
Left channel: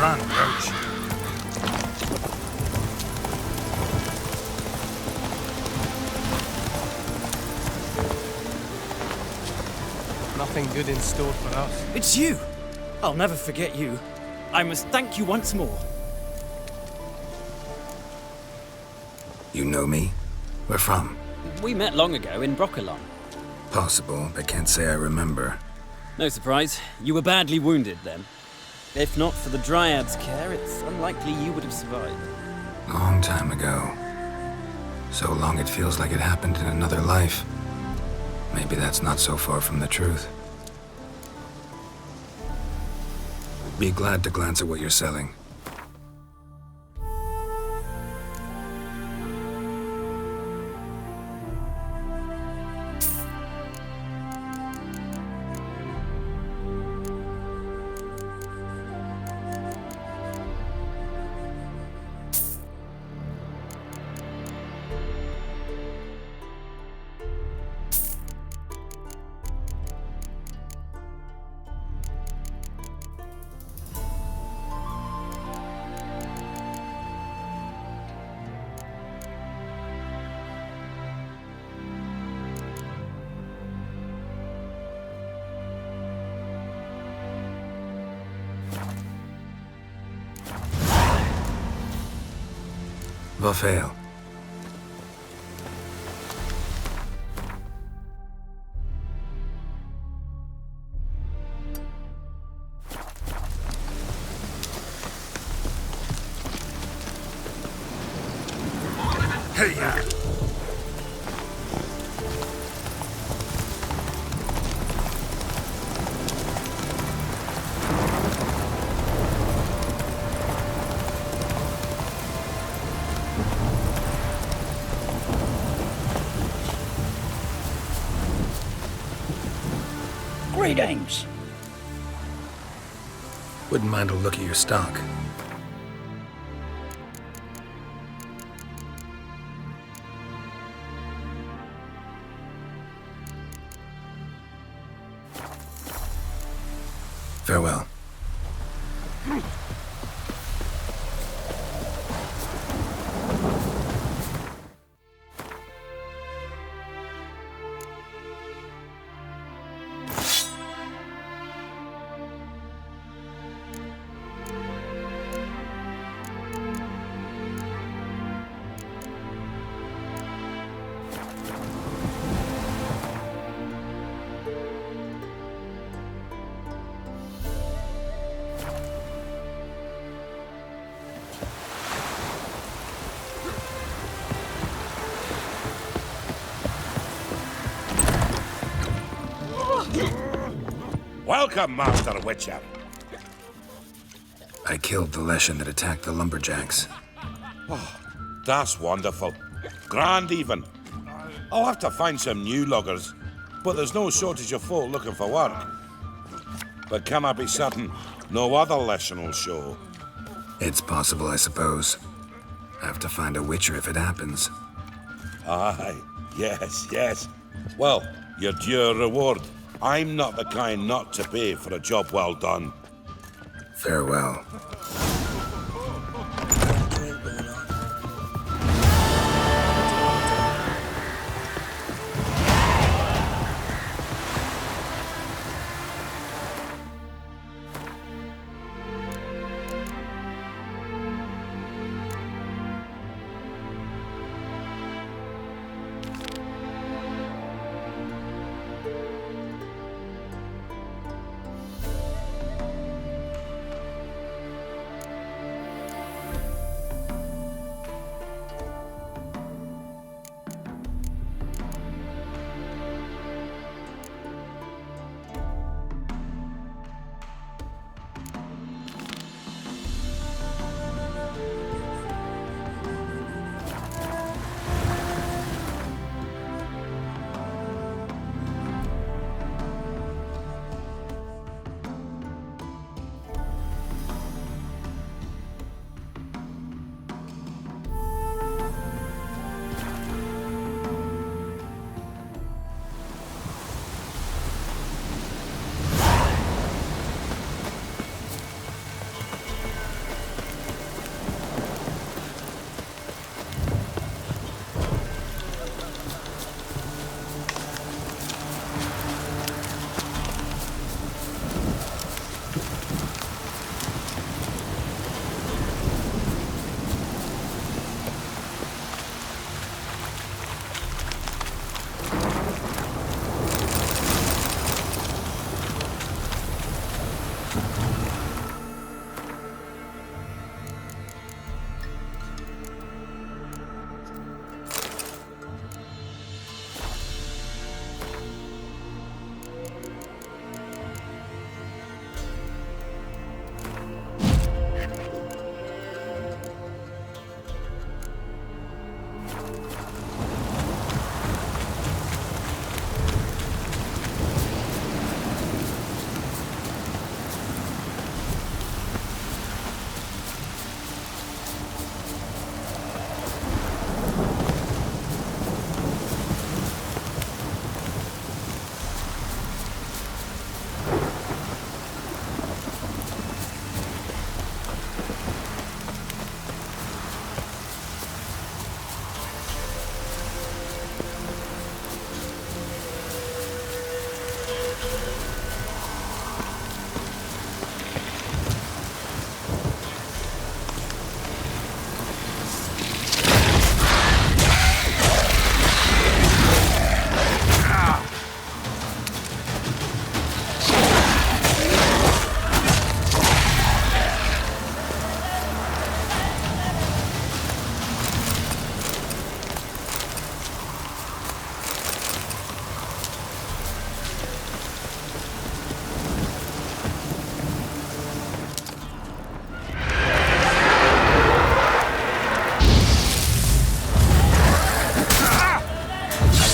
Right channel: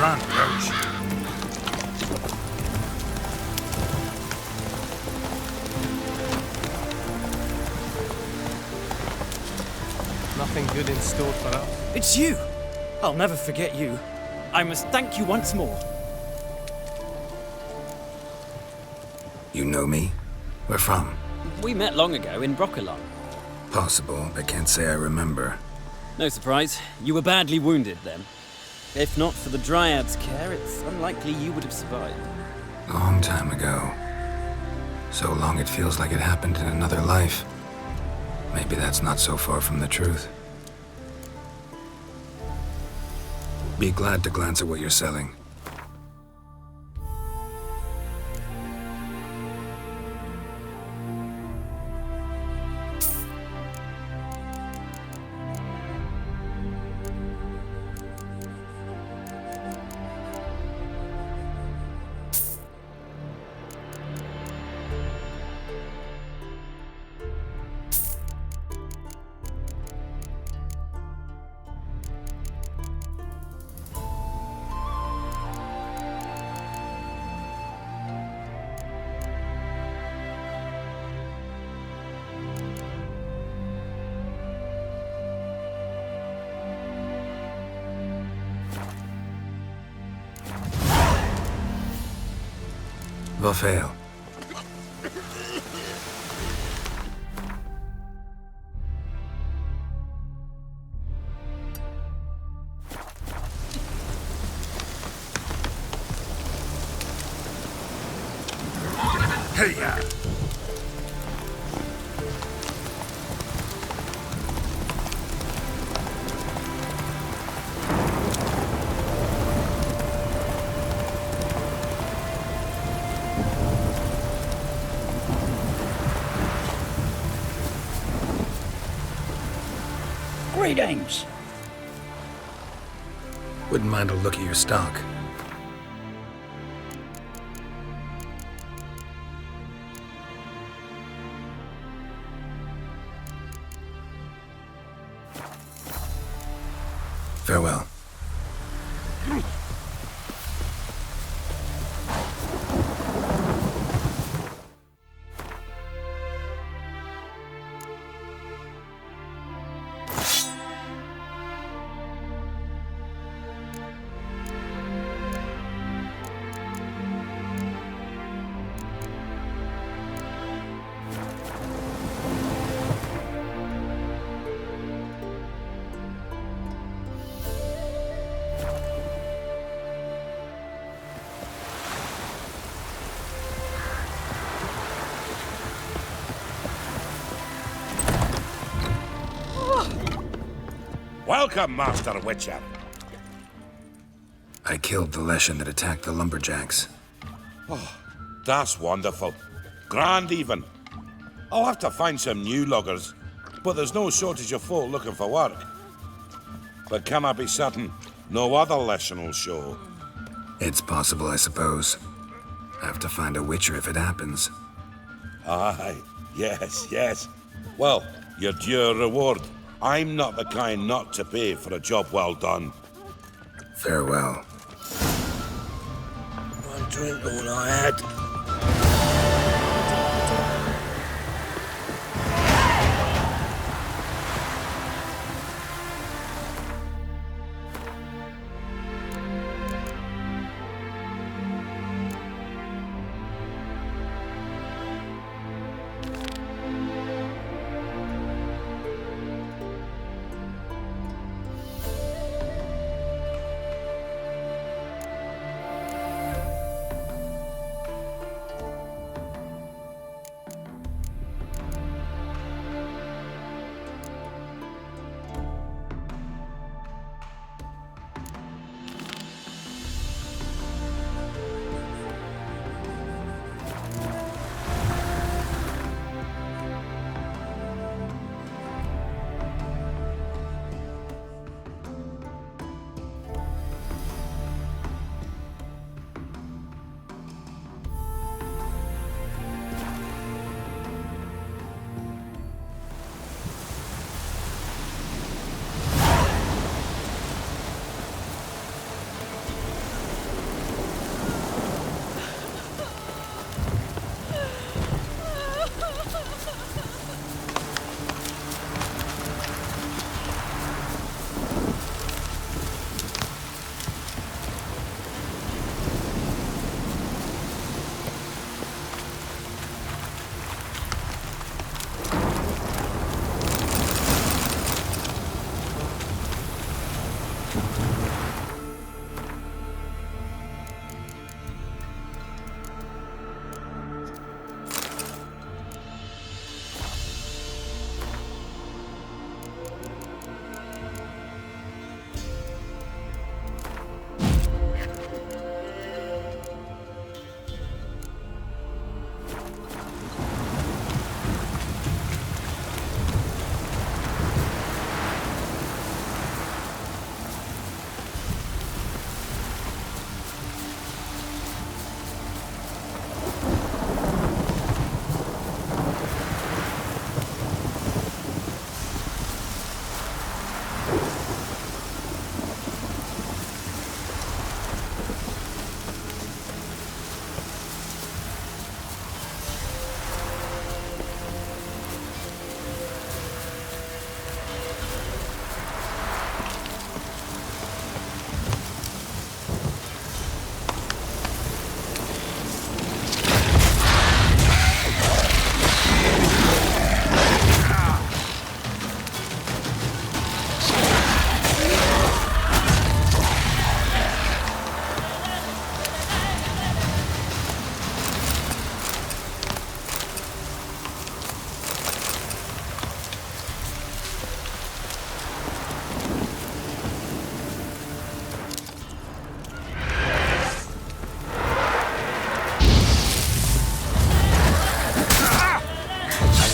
front, Roach. Nothing good in store for us. It's you! I'll never forget you. I must thank you once more. You know me? Where from? We met long ago in Broccolon. Possible, but can't say I remember. No surprise, you were badly wounded then. If not for the Dryad's care, it's unlikely you would have survived. Long time ago. So long it feels like it happened in another life. Maybe that's not so far from the truth. Be glad to glance at what you're selling. Vafail. Hey-ya! Greetings. Wouldn't mind a look at your stock. Farewell. Welcome, Master Witcher. I killed the Leshen that attacked the lumberjacks. Oh, that's wonderful. Grand even. I'll have to find some new loggers, but there's no shortage of folk looking for work. But can I be certain no other Leshen will show? It's possible, I suppose. I have to find a Witcher if it happens. Aye, yes. Well, your due reward. I'm not the kind not to pay for a job well done. Farewell. One drink all I had.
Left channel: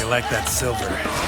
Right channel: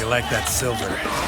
you like that silver?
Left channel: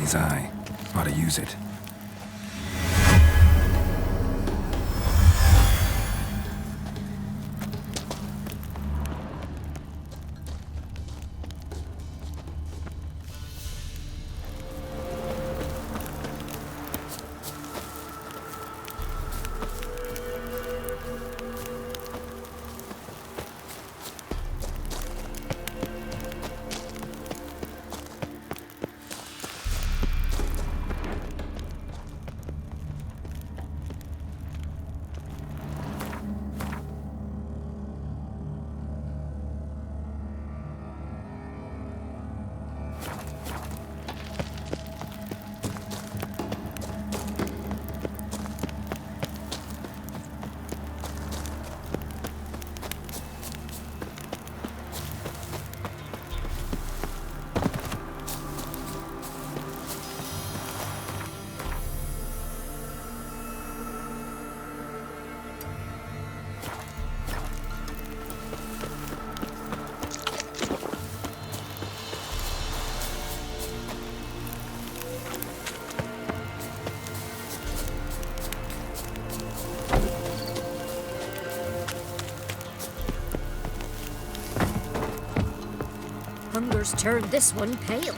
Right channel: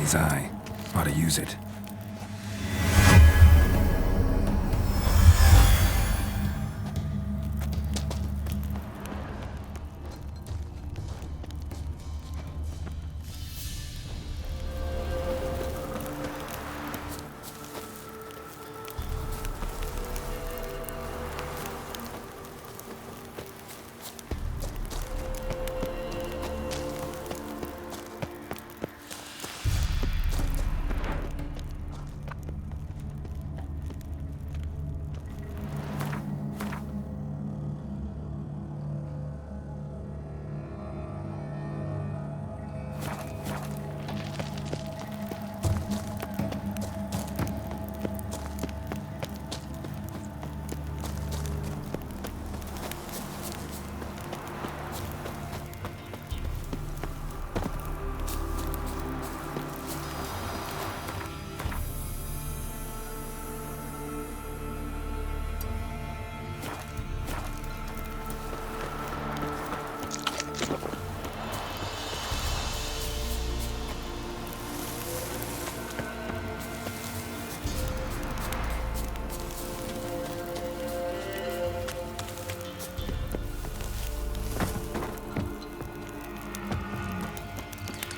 enemy's eye. Ought to use it. Turned this one pale.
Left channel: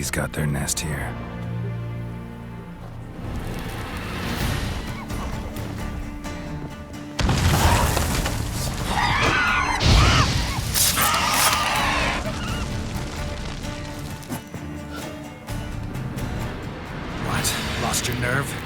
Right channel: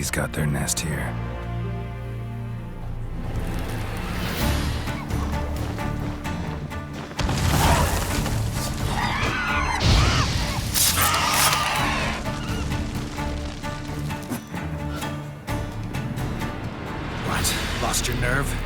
bees got their nest here. What? Lost your nerve?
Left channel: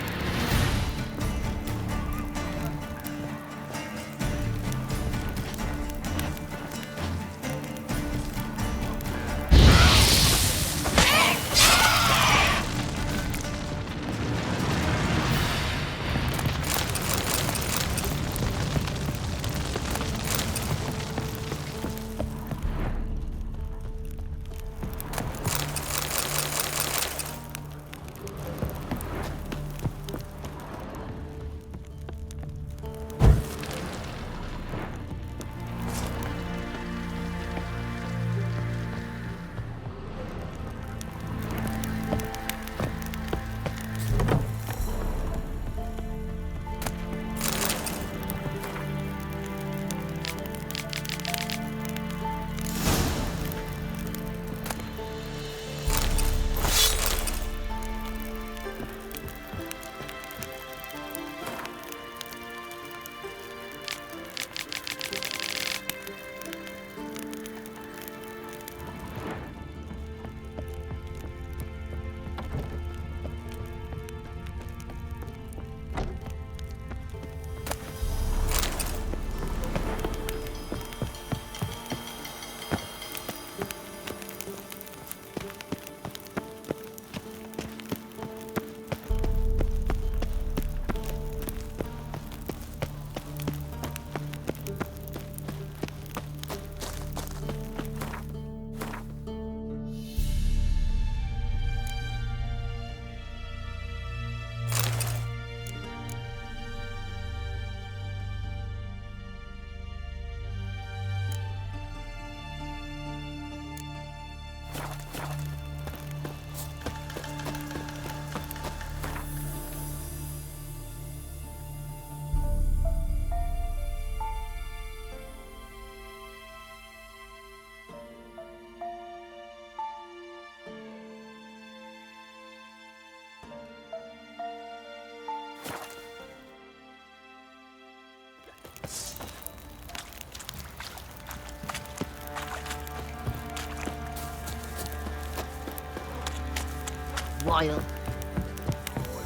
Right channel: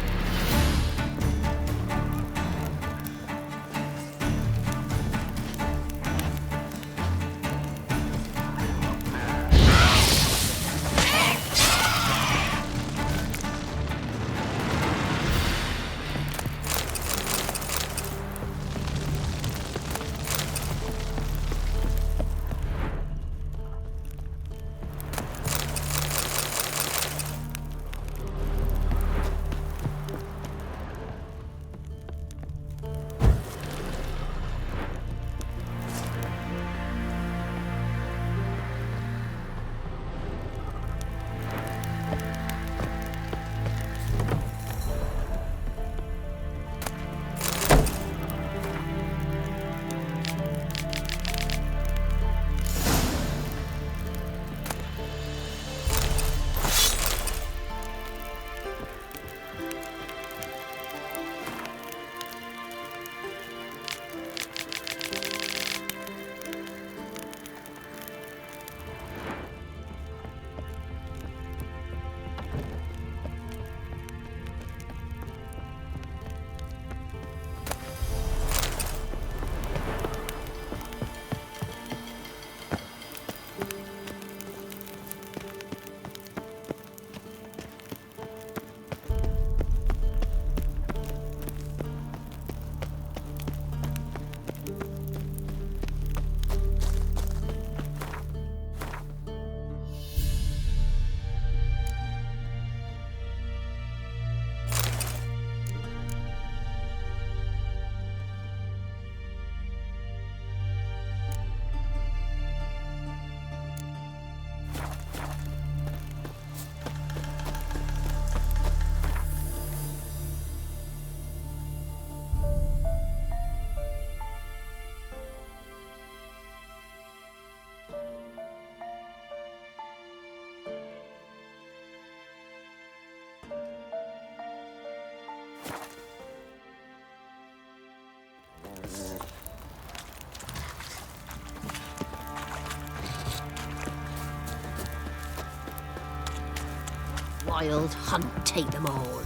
Wild hunt take them all.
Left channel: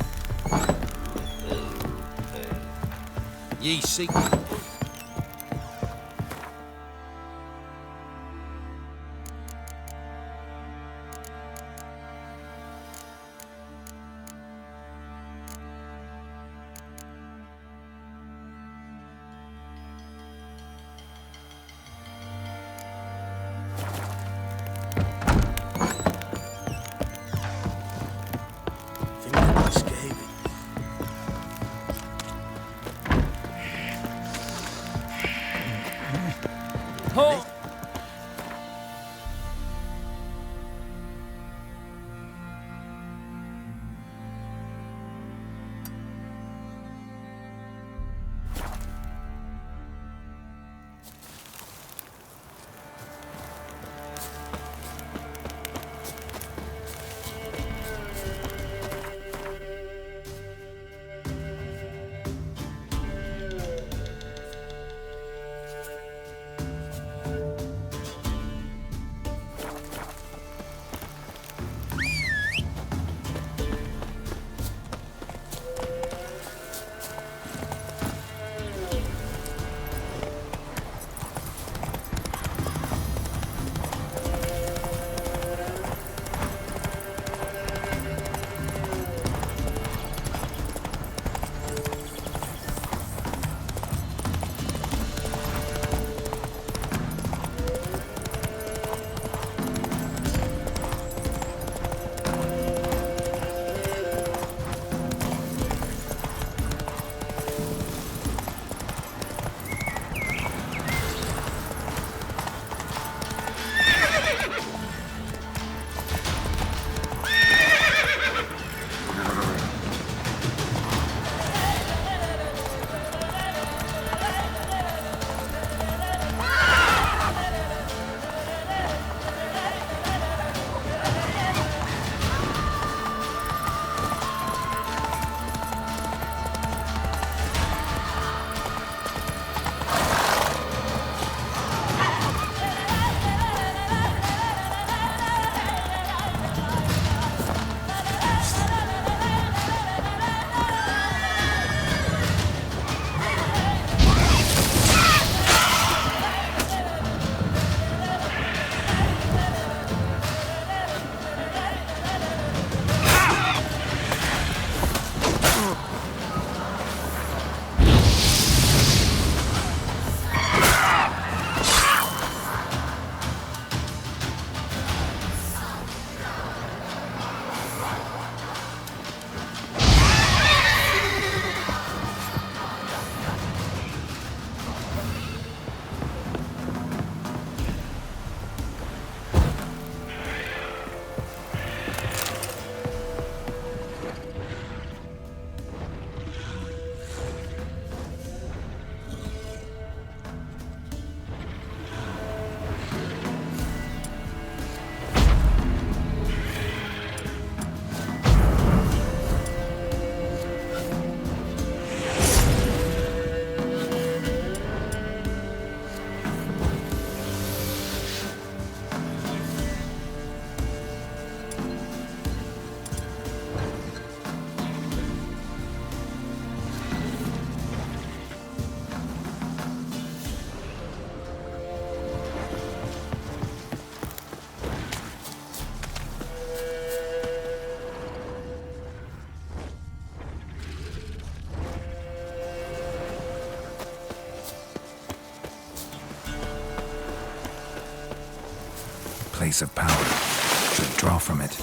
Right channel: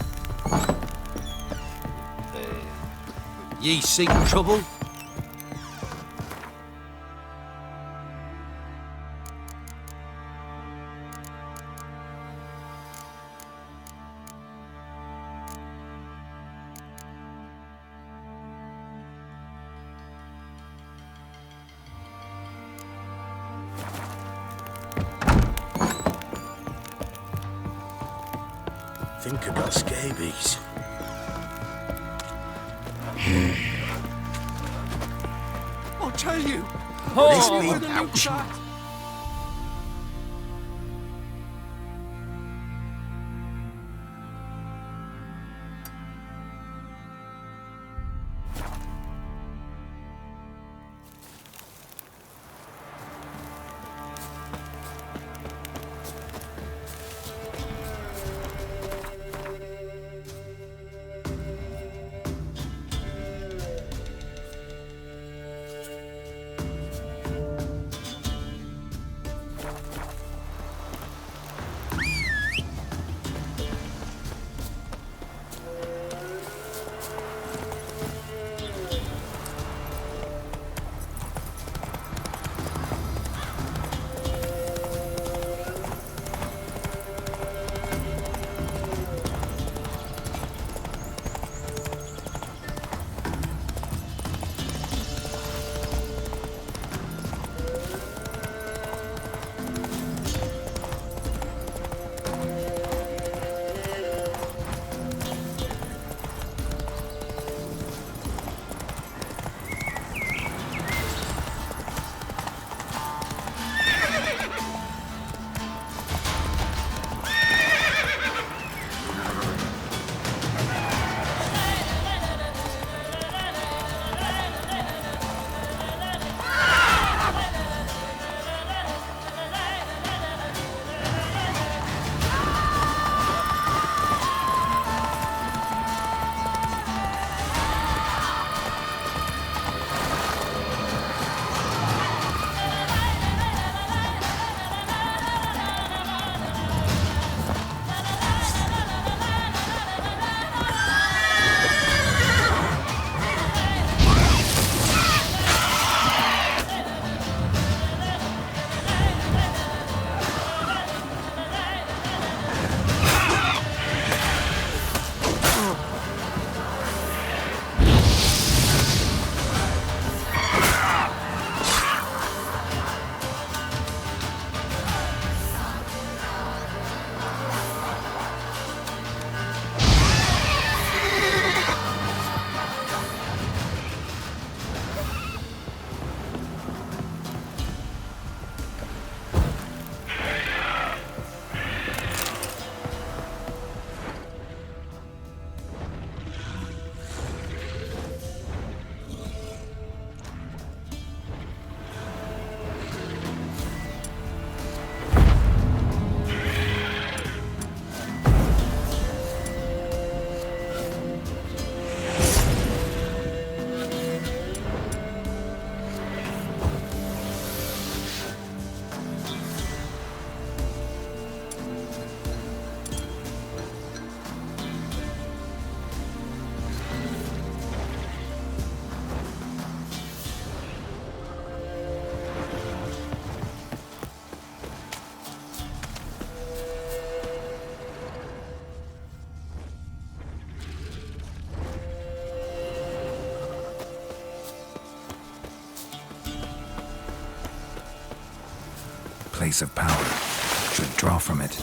Ye seek trouble? Think about scabies. I tell you. This be ouch. place of power, should draw from it.